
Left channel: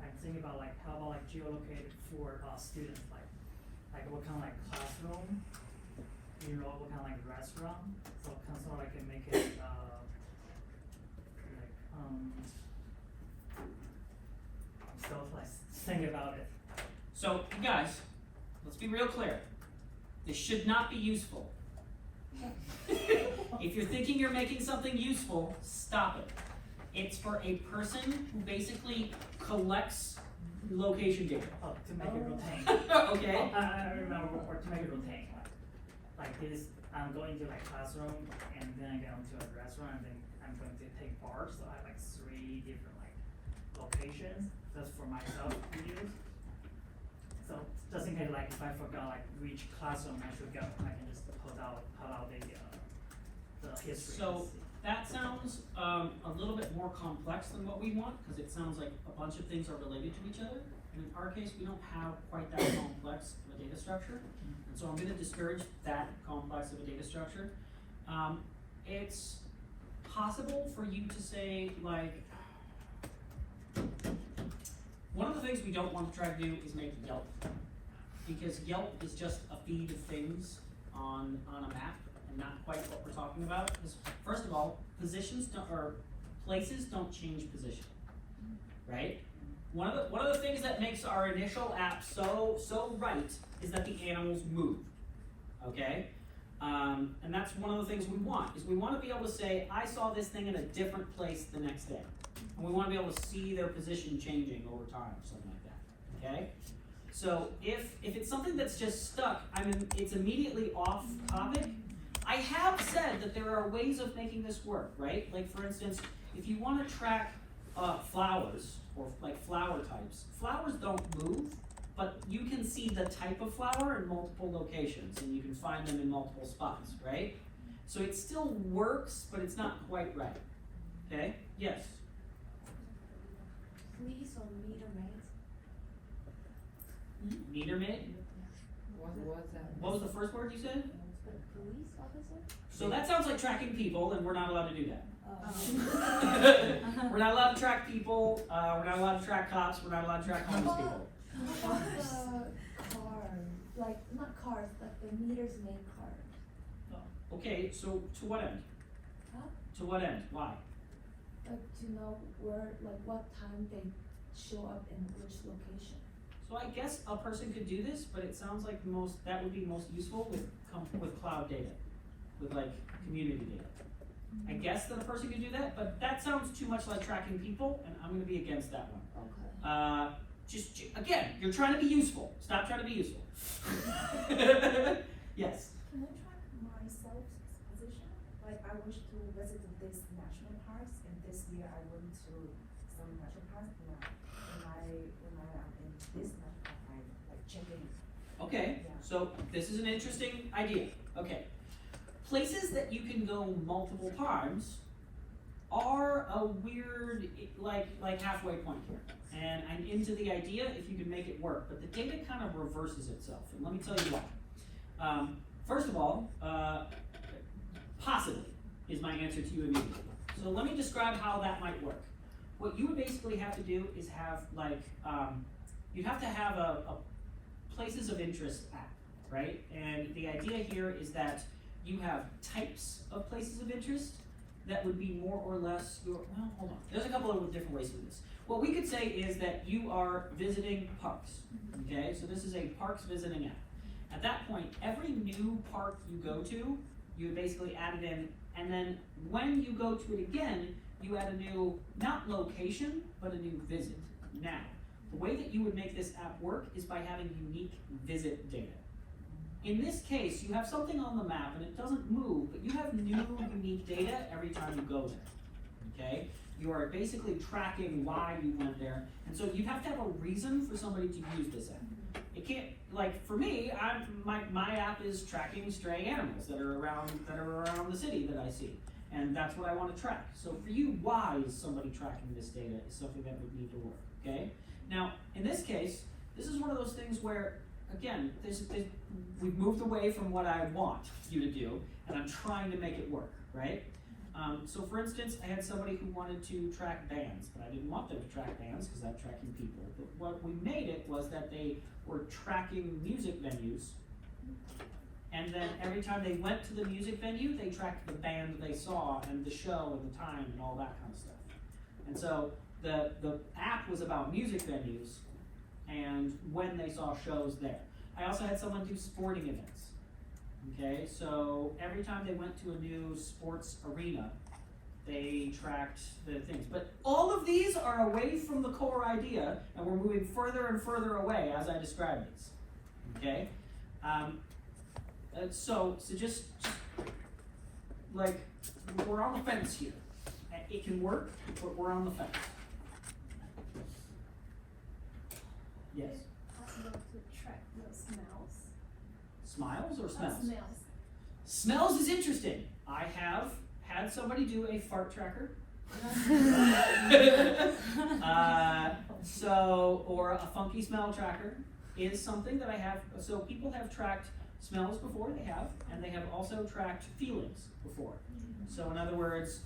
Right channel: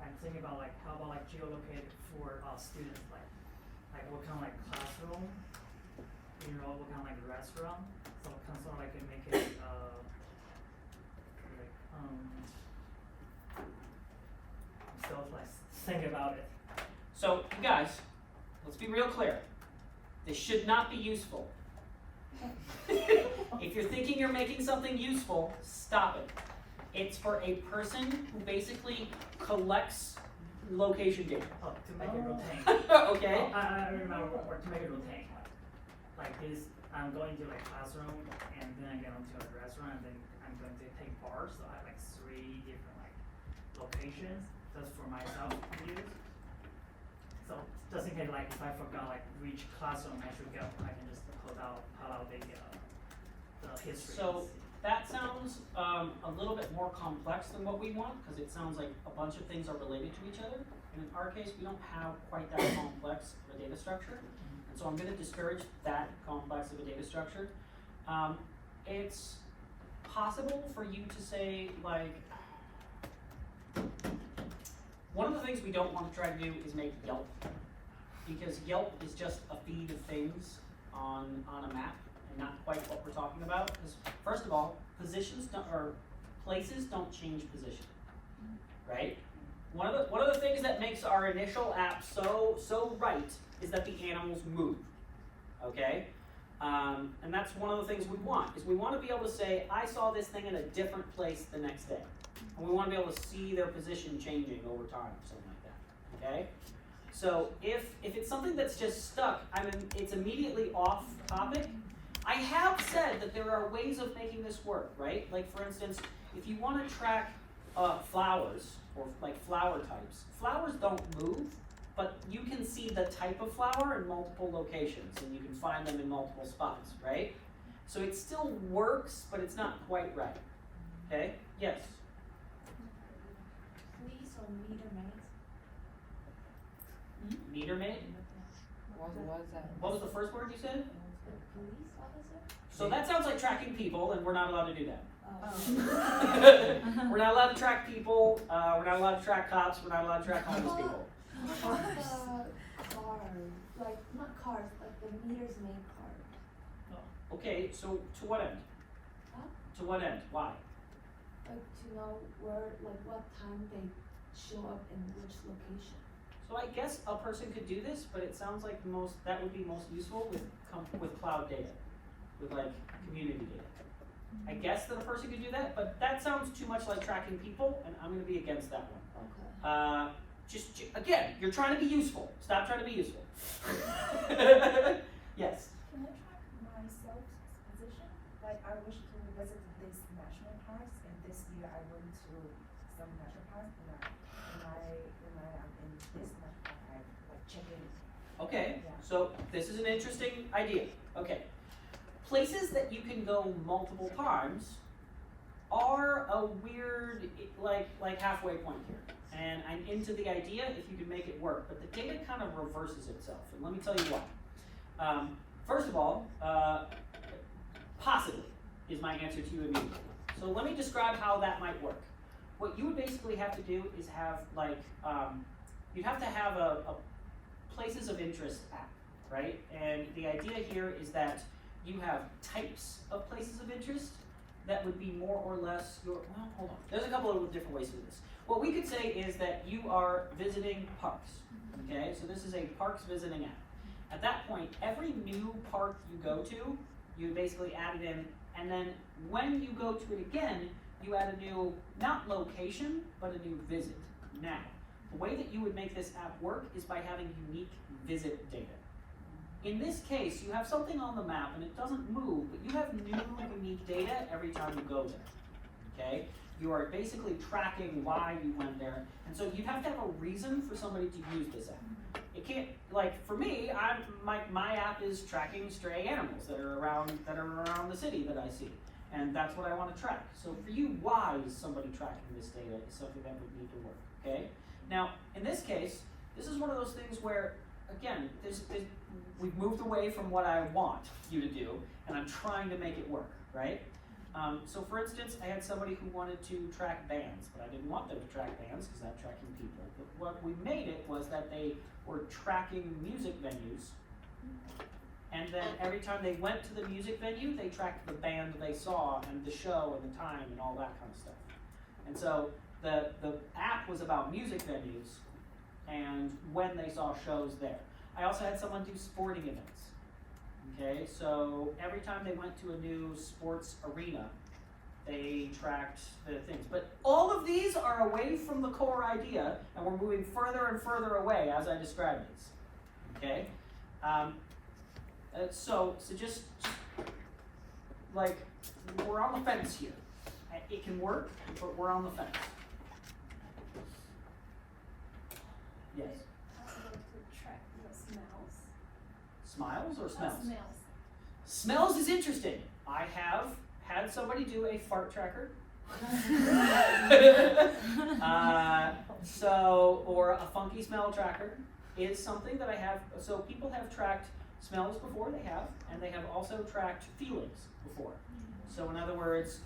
I'm thinking about like how about like geolocated for students, like what kind of like classroom, what kind of like restaurant, so kind of like can make it still like think about it. So you guys, let's be real clear. This should not be useful. If you're thinking you're making something useful, stop it. It's for a person who basically collects location data. Oh, to make it routine. Okay. Oh, I remember, or to make it routine. Like this, I'm going to like classroom, and then I get onto a restaurant, and then I'm going to take bars. So I have like 3 different like locations just for myself to use. So just in case like if I forgot like which classroom I should go, I can just pull out the history. So that sounds a little bit more complex than what we want, because it sounds like a bunch of things are related to each other. And in our case, we don't have quite that complex of a data structure. And so I'm going to discourage that complex of a data structure. It's possible for you to say, like, one of the things we don't want to try to do is make Yelp, because Yelp is just a feed of things on a map, and not quite what we're talking about. Because first of all, places don't change position, right? One of the things that makes our initial app so right is that the animals move, okay? And that's one of the things we want, is we want to be able to say, I saw this thing in a different place the next day. And we want to be able to see their position changing over time or something like that, okay? So if it's something that's just stuck, it's immediately off topic. I have said that there are ways of making this work, right? Like for instance, if you want to track flowers, or like flower types, flowers don't move, but you can see the type of flower in multiple locations, and you can find them in multiple spots, right? So it still works, but it's not quite right, okay? Yes? Police or meter maid? Meter maid? What was that? What was the first word you said? Police officer? So that sounds like tracking people, and we're not allowed to do that. Oh. We're not allowed to track people, we're not allowed to track cops, we're not allowed to track homeless people. What about car, like not cars, but the meters made car? Okay, so to what end? Huh? To what end? Why? Like to know where, like what time they show up in which location. So I guess a person could do this, but it sounds like that would be most useful with cloud data, with like community data. I guess that a person could do that, but that sounds too much like tracking people, and I'm going to be against that one. Okay. Just again, you're trying to be useful. Stop trying to be useful. Yes. Can I track myself position? Like I wish to visit this national parks, and this year I went to some national parks, and I in this national park I like check in. Okay. Yeah. So this is an interesting idea. Okay. Places that you can go multiple times are a weird, like halfway point here. And I'm into the idea if you can make it work, but the data kind of reverses itself, and let me tell you why. First of all, possibly is my answer to you immediately. So let me describe how that might work. What you would basically have to do is have you'd have to have a places of interest app, right? And the idea here is that you have types of places of interest that would be more or less well, hold on. There's a couple of different ways to do this. What we could say is that you are visiting parks, okay? So this is a parks visiting app. At that point, every new park you go to, you basically add it in, and then when you go to it again, you add a new, not location, but a new visit. Now, the way that you would make this app work is by having unique visit data. In this case, you have something on the map and it doesn't move, but you have new unique data every time you go there, okay? You are basically tracking why you went there, and so you'd have to have a reason for somebody to use this app. It can't, like for me, my app is tracking stray animals that are around the city that I see, and that's what I want to track. So for you, why is somebody tracking this data is something that would need to work, okay? Now, in this case, this is one of those things where, again, we've moved away from what I want you to do, and I'm trying to make it work, right? So for instance, I had somebody who wanted to track bands, but I didn't want them to track bands because I'm tracking people. But what we made it was that they were tracking music venues, and then every time they went to the music venue, they tracked the band they saw and the show and the time and all that kind of stuff. And so the app was about music venues and when they saw shows there. I also had someone do sporting events. Okay, so every time they went to a new sports arena, they tracked the things. But all of these are away from the core idea, and we're moving further and further away as I describe these. Okay, so just like we're on the fence here. It can work, but we're on the fence. Yes. Possible to track the smells. Smiles or smells? Smells. Smells is interesting. I have had somebody do a fart tracker. Or a funky smell tracker is something that I have. So people have tracked smells before, and they have also tracked feelings before. So in other words,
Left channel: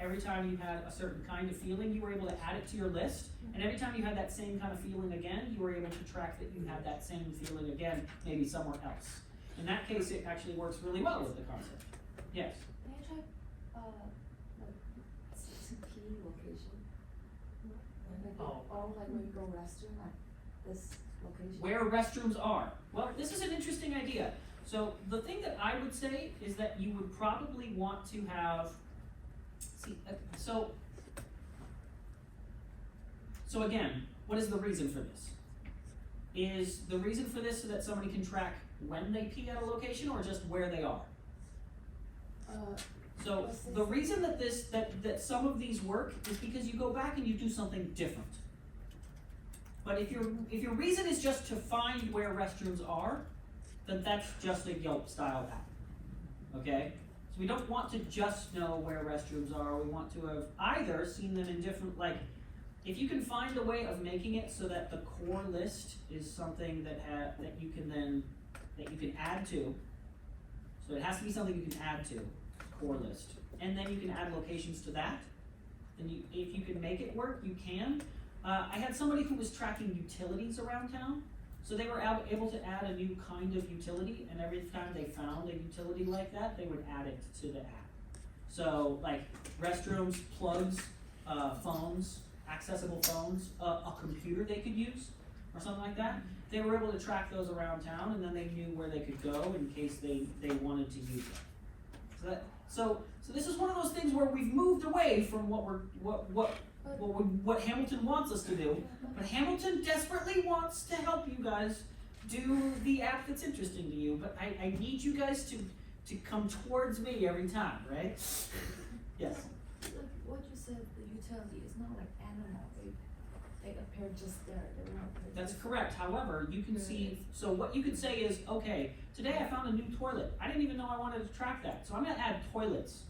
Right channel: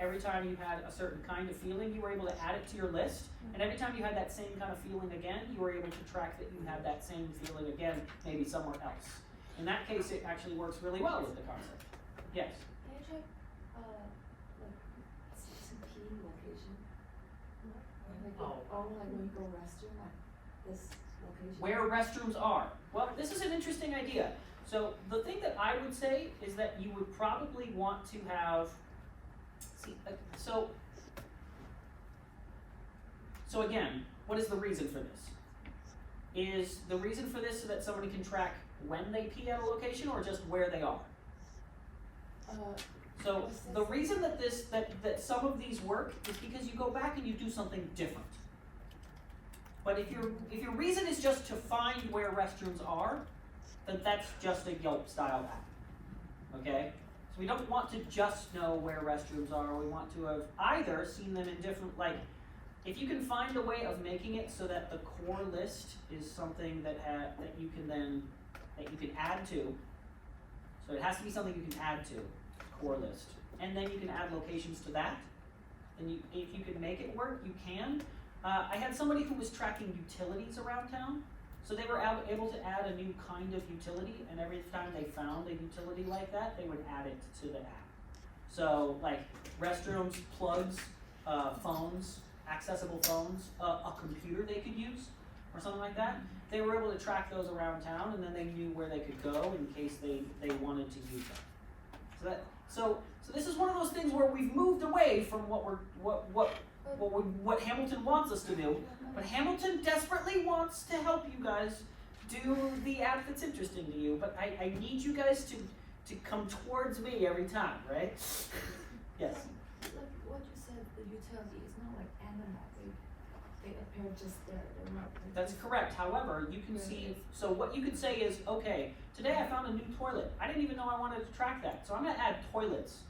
every time you had a certain kind of feeling, you were able to add it to your list. And every time you had that same kind of feeling again, you were able to track that you had that same feeling again, maybe somewhere else. In that case, it actually works really well with the concept. Yes? Can you check, like, CCP location? Like, Oh. like when you go restroom, like, this location? Where restrooms are. Well, this is an interesting idea. So the thing that I would say is that you would probably want to have, so again, what is the reason for this? Is the reason for this so that somebody can track when they pee at a location or just where they are? So the reason that that some of these work is because you go back and you do something different. But if your reason is just to find where restrooms are, then that's just a Yelp style app. Okay? So we don't want to just know where restrooms are, we want to have either seen them in different, like, if you can find a way of making it so that the core list is something that you can add to. So it has to be something you can add to, core list. And then you can add locations to that. And if you can make it work, you can. I had somebody who was tracking utilities around town. So they were able to add a new kind of utility, and every time they found a utility like that, they would add it to the app. So like restrooms, plugs, phones, accessible phones, a computer they could use. or something like that, they were able to track those around town, and then they knew where they could go in case they wanted to use them. So this is one of those things where we've moved away from what Hamilton wants us to do, but Hamilton desperately wants to help you guys do the app that's interesting to you, but I need you guys to come towards me every time, right? Yes? What you said, the utility is not like animal, they appear just there, they're not. That's correct. However, you can see, so what you could say is, okay, today I found a new toilet. I didn't even know I wanted to track that. So I'm gonna add toilets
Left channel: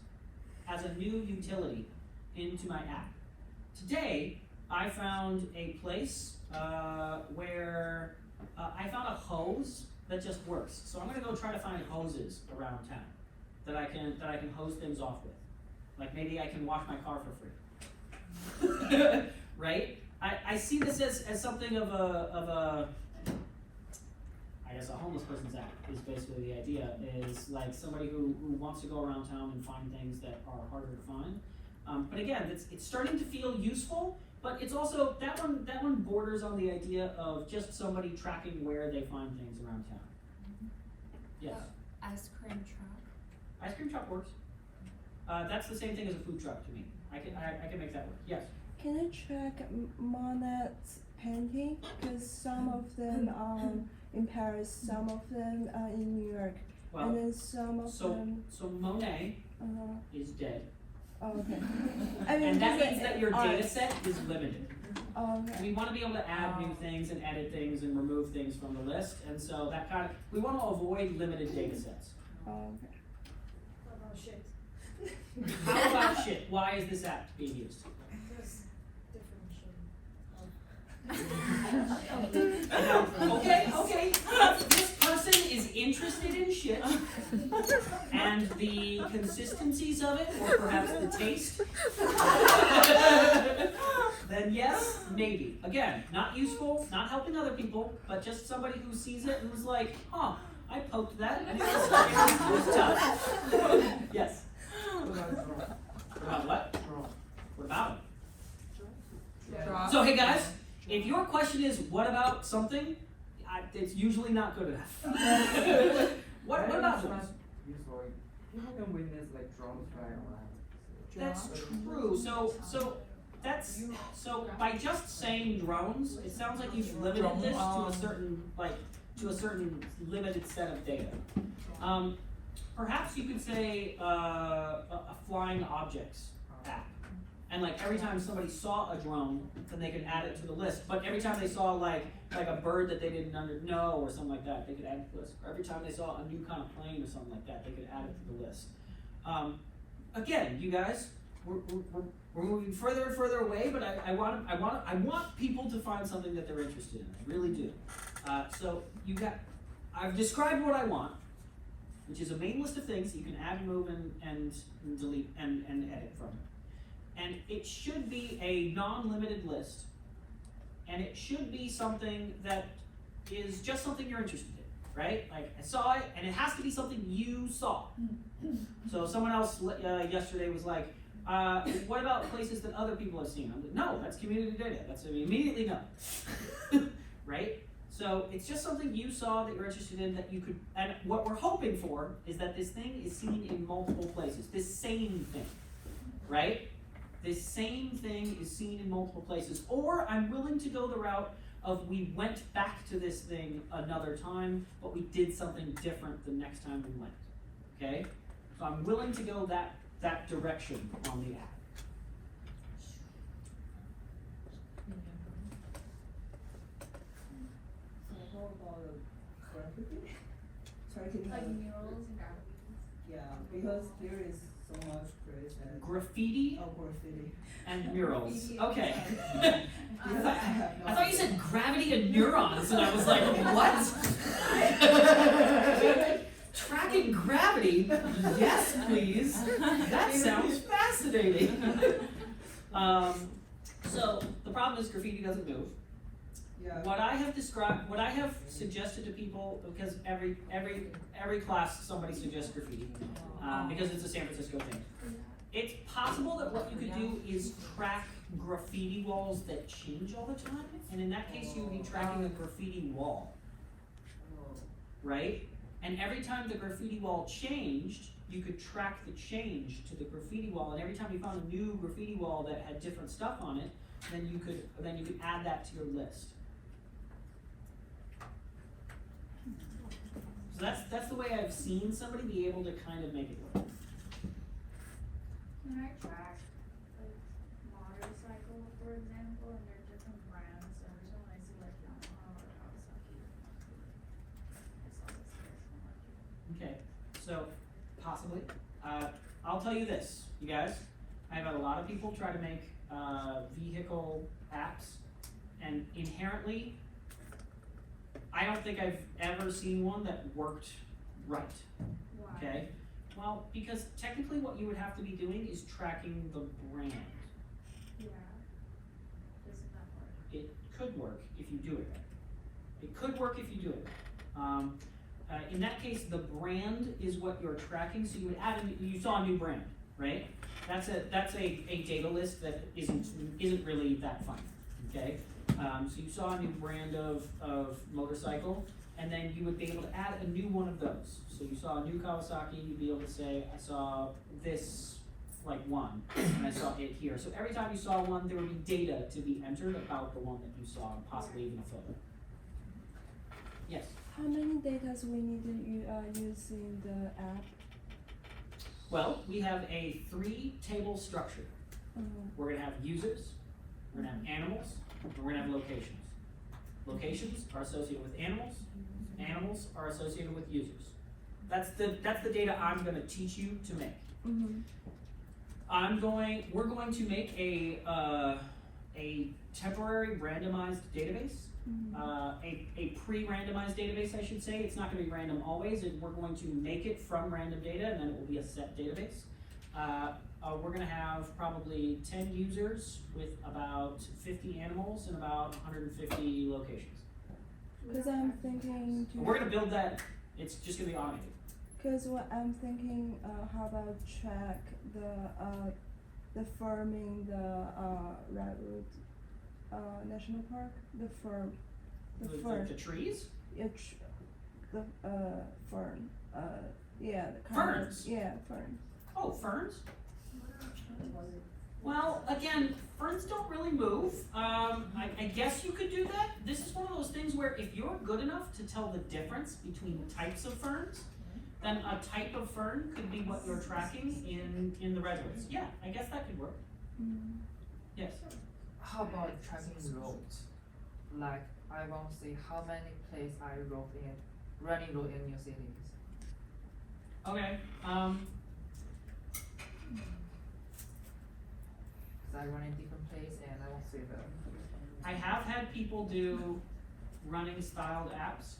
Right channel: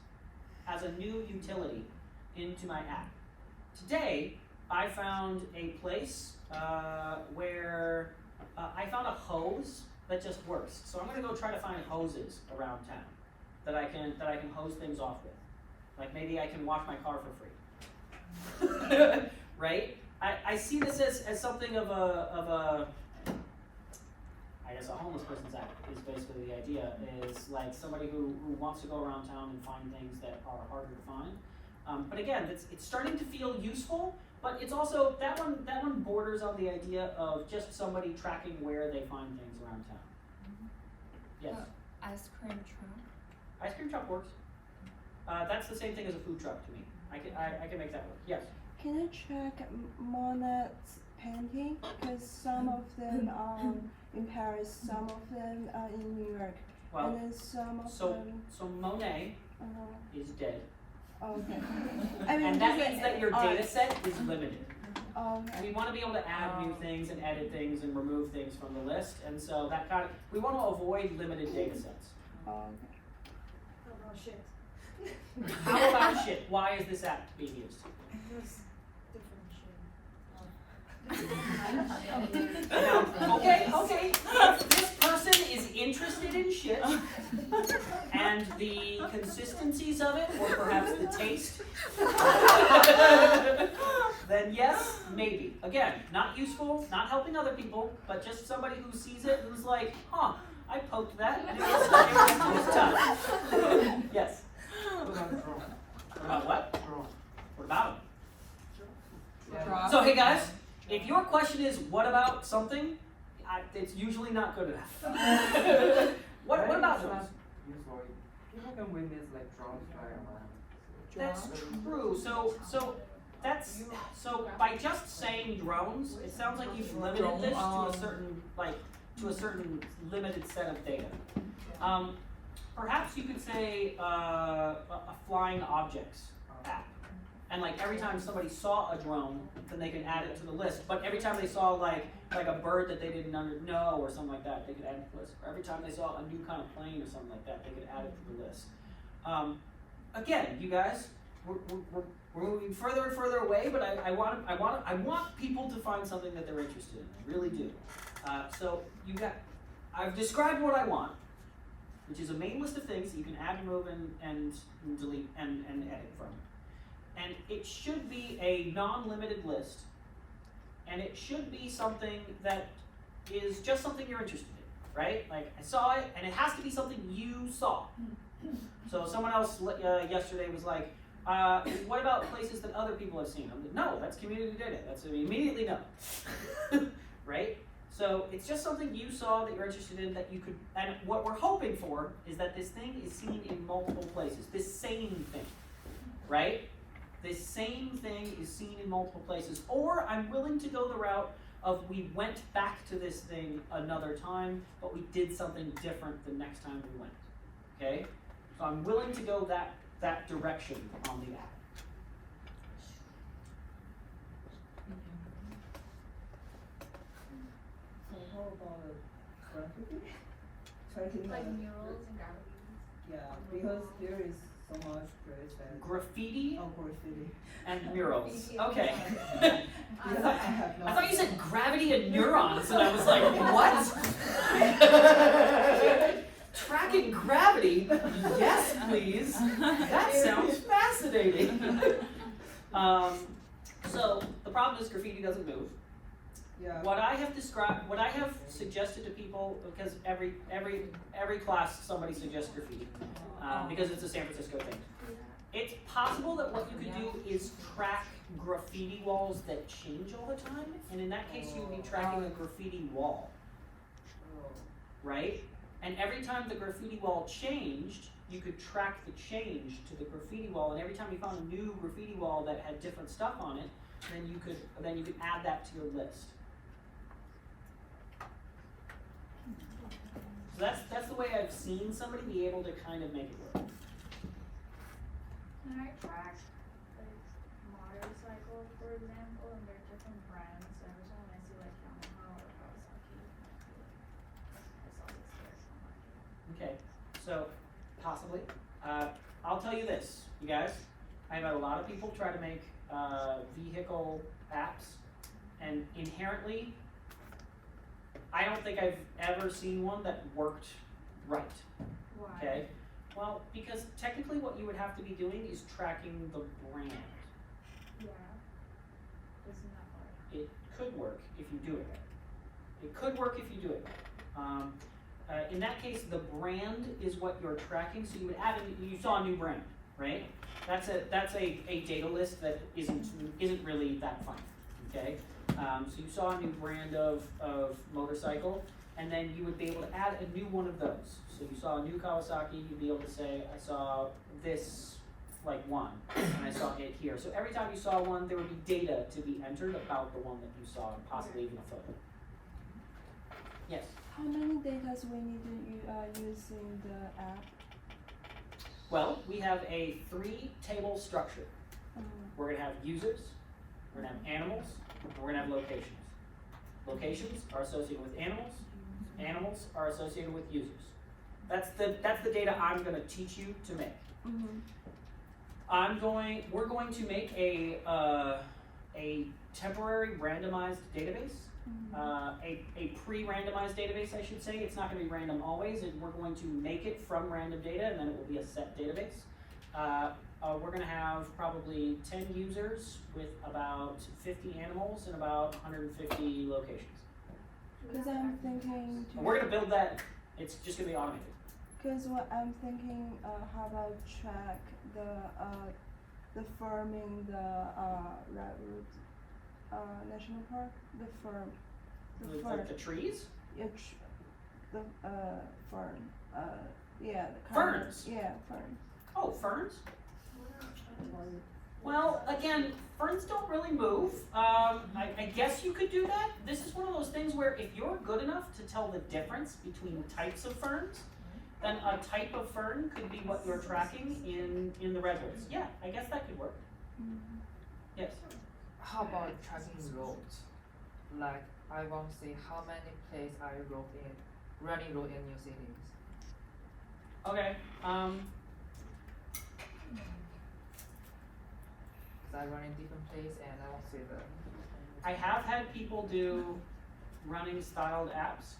as a new utility into my app. Today, I found a place where I found a hose that just works. So I'm gonna go try to find hoses around town that I can hose things off with. Like maybe I can wash my car for free. Right? I see this as something of a I guess a homeless person's app is basically the idea, is like somebody who wants to go around town and find things that are harder to find. But again, it's starting to feel useful, but it's also, that one borders on the idea of just somebody tracking where they find things around town. Yes? Ice cream truck. Ice cream truck works. That's the same thing as a food truck to me. I can make that work. Yes? Can I check Monet's painting? Because some of them are in Paris, some of them are in New York, Well, and then some of them. so Monet is dead. Okay. I mean, And that just means like that your art. data set is limited. Okay. We want to be able to add new things and edit things and remove things from the list, and so that we want to avoid limited data sets. Okay. Oh, shit. How about shit? Why is this app being used? There's different Okay. This person is interested in shit, and the consistencies of it, or perhaps the taste, then yes, maybe. Again, not useful, not helping other people, but just somebody who sees it and who's like, huh, I poked that, and it was tough. Yes? What about what? What about them? So hey guys, if your question is what about something, it's usually not good enough. What about drones? People can witness like drones flying around. That's true. So by just saying drones, it sounds like you've limited this to a certain limited set of data. Perhaps you could say a flying objects app. And like every time somebody saw a drone, then they could add it to the list. But every time they saw like a bird that they didn't know or something like that, they could add it to the list. Or every time they saw a new kind of plane or something like that, they could add it to the list. Again, you guys, we're moving further and further away, but I want people to find something that they're interested in. I really do. I've described what I want, which is a main list of things that you can add, remove, and delete and edit from it. And it should be a non-limited list, and it should be something that is just something you're interested in, right? Like, I saw it, and it has to be something you saw. So someone else yesterday was like, what about places that other people have seen? I'm like, no, that's community data. That's immediately no. Right? So it's just something you saw that you're interested in that you could, and what we're hoping for is that this thing is seen in multiple places. This same thing, right? This same thing is seen in multiple places. Or I'm willing to go the route of we went back to this thing another time, but we did something different the next time we went, okay? So I'm willing to go that direction on the app. So how about graffiti? Tracking Like the- murals and galleries. Yeah, because there is so much place and Graffiti graffiti. and murals. Okay. Because I have no. I thought you said gravity and neurons, and I was like, what? Tracking gravity? Yes, please. That sounds fascinating. So the problem is graffiti doesn't move. Yeah. What I have suggested to people, because every class somebody suggests graffiti, because it's a San Francisco thing. It's possible that what you could do is track graffiti walls that change all the time, and in that case, you would be tracking a graffiti wall, right? And every time the graffiti wall changed, you could track the change to the graffiti wall, and every time you found a new graffiti wall that had different stuff on it, then you could add that to your list. So that's the way I've seen somebody be able to kind of make it work. Can I track like motorcycles, for example, and they're different brands, so every time I see like Yamaha or Kawasaki, I saw this here, so I'm like, Okay, so possibly. I'll tell you this, you guys. I've had a lot of people try to make vehicle apps, and inherently, I don't think I've ever seen one that worked right. why? Okay? Well, because technically what you would have to be doing is tracking the brand. Yeah. Isn't that hard? It could work if you do it right. It could work if you do it right. In that case, the brand is what you're tracking, so you would add you saw a new brand, right? That's a data list that isn't really that fun, okay? So you saw a new brand of motorcycle, and then you would be able to add a new one of those. So you saw a new Kawasaki, you'd be able to say, I saw this one, and I saw it here. So every time you saw one, there would be data to be entered about the one that you saw, and possibly even a photo. Yes? How many data we need to use in the app? Well, we have a 3-table structure. We're gonna have users, we're gonna have animals, and we're gonna have locations. Locations are associated with animals, animals are associated with users. That's the data I'm gonna teach you to make. We're going to make a temporary randomized database, a pre-randomized database, I should say. It's not gonna be random always, we're going to make it from random data, and then it will be a set database. We're gonna have probably 10 users with about 50 animals and about 150 locations. Because I'm thinking. We're gonna build that, it's just gonna be automated. Because what I'm thinking, how about track the firm in the Redwood National Park, the firm. The trees? The fern, yeah, the Ferns? Yeah, fern. Oh, ferns? Well, again, ferns don't really move. I guess you could do that. This is one of those things where if you're good enough to tell the difference between types of ferns, then a type of fern could be what you're tracking in the redwoods. Yeah, I guess that could work. Yes? How about tracking roads? Like, I want to see how many places I running road in your cities. Okay, I run in different places and I want to see the. I have had people do running styled apps.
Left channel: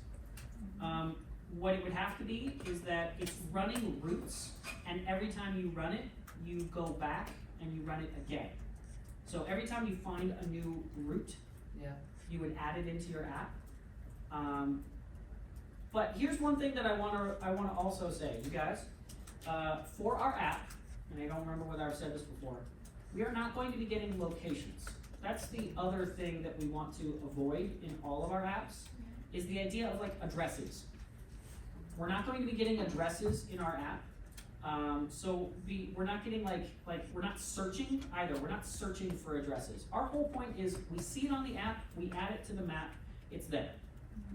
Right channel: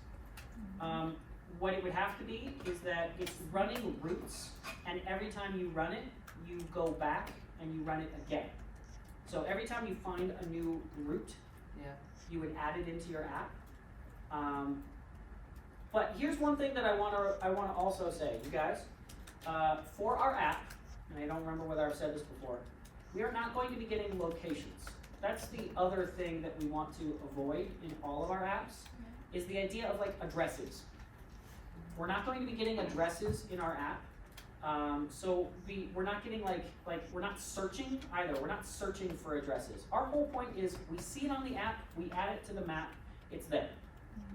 What it would have to be is that it's running routes, and every time you run it, you go back and you run it again. So every time you find a new route, you would add it into your app. But here's one thing that I wanna also say, you guys. For our app, and I don't remember whether I've said this before, we are not going to be getting locations. That's the other thing that we want to avoid in all of our apps, is the idea of addresses. We're not going to be getting addresses in our app. So we're not getting we're not searching either. We're not searching for addresses. Our whole point is we see it on the app, we add it to the map, it's there,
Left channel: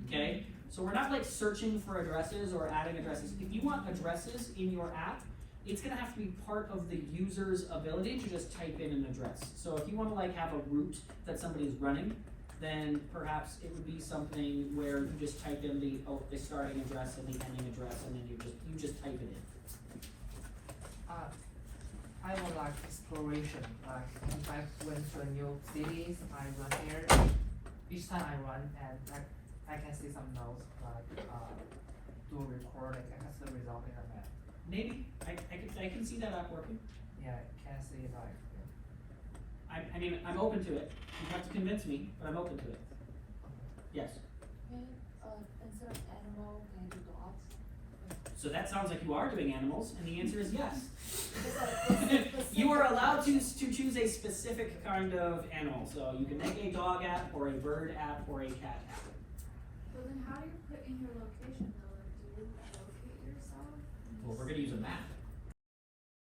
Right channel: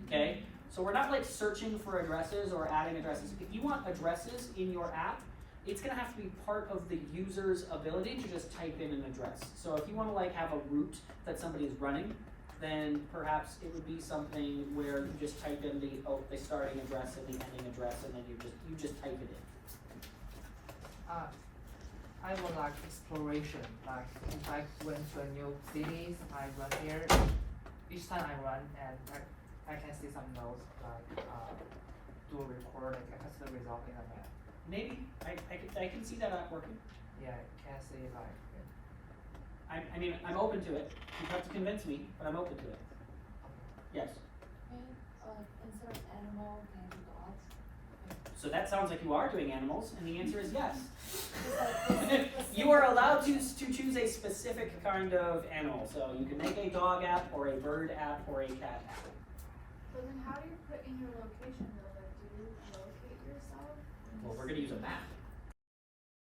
okay? So we're not searching for addresses or adding addresses. If you want addresses in your app, it's gonna have to be part of the user's ability to just type in an address. So if you wanna have a route that somebody's running, then perhaps it would be something where you just type in the starting address and the ending address, and then you just type it in. I would like exploration. Like if I went to a new cities, I run there. Each time I run, and I can see some notes do a recording. I can see the result in a map. Maybe I can see that app working. Yeah, I can see I mean, I'm open to it. You have to convince me, but I'm open to it. Yes. And instead of animal, can I do dogs? So that sounds like you are doing animals, and the answer is yes. Specific. You are allowed to choose a specific kind of animal. So you can make a dog app, or a bird app, or a cat app. But then how do you put in your location though? Like, do you locate yourself? Well, we're going to use a map.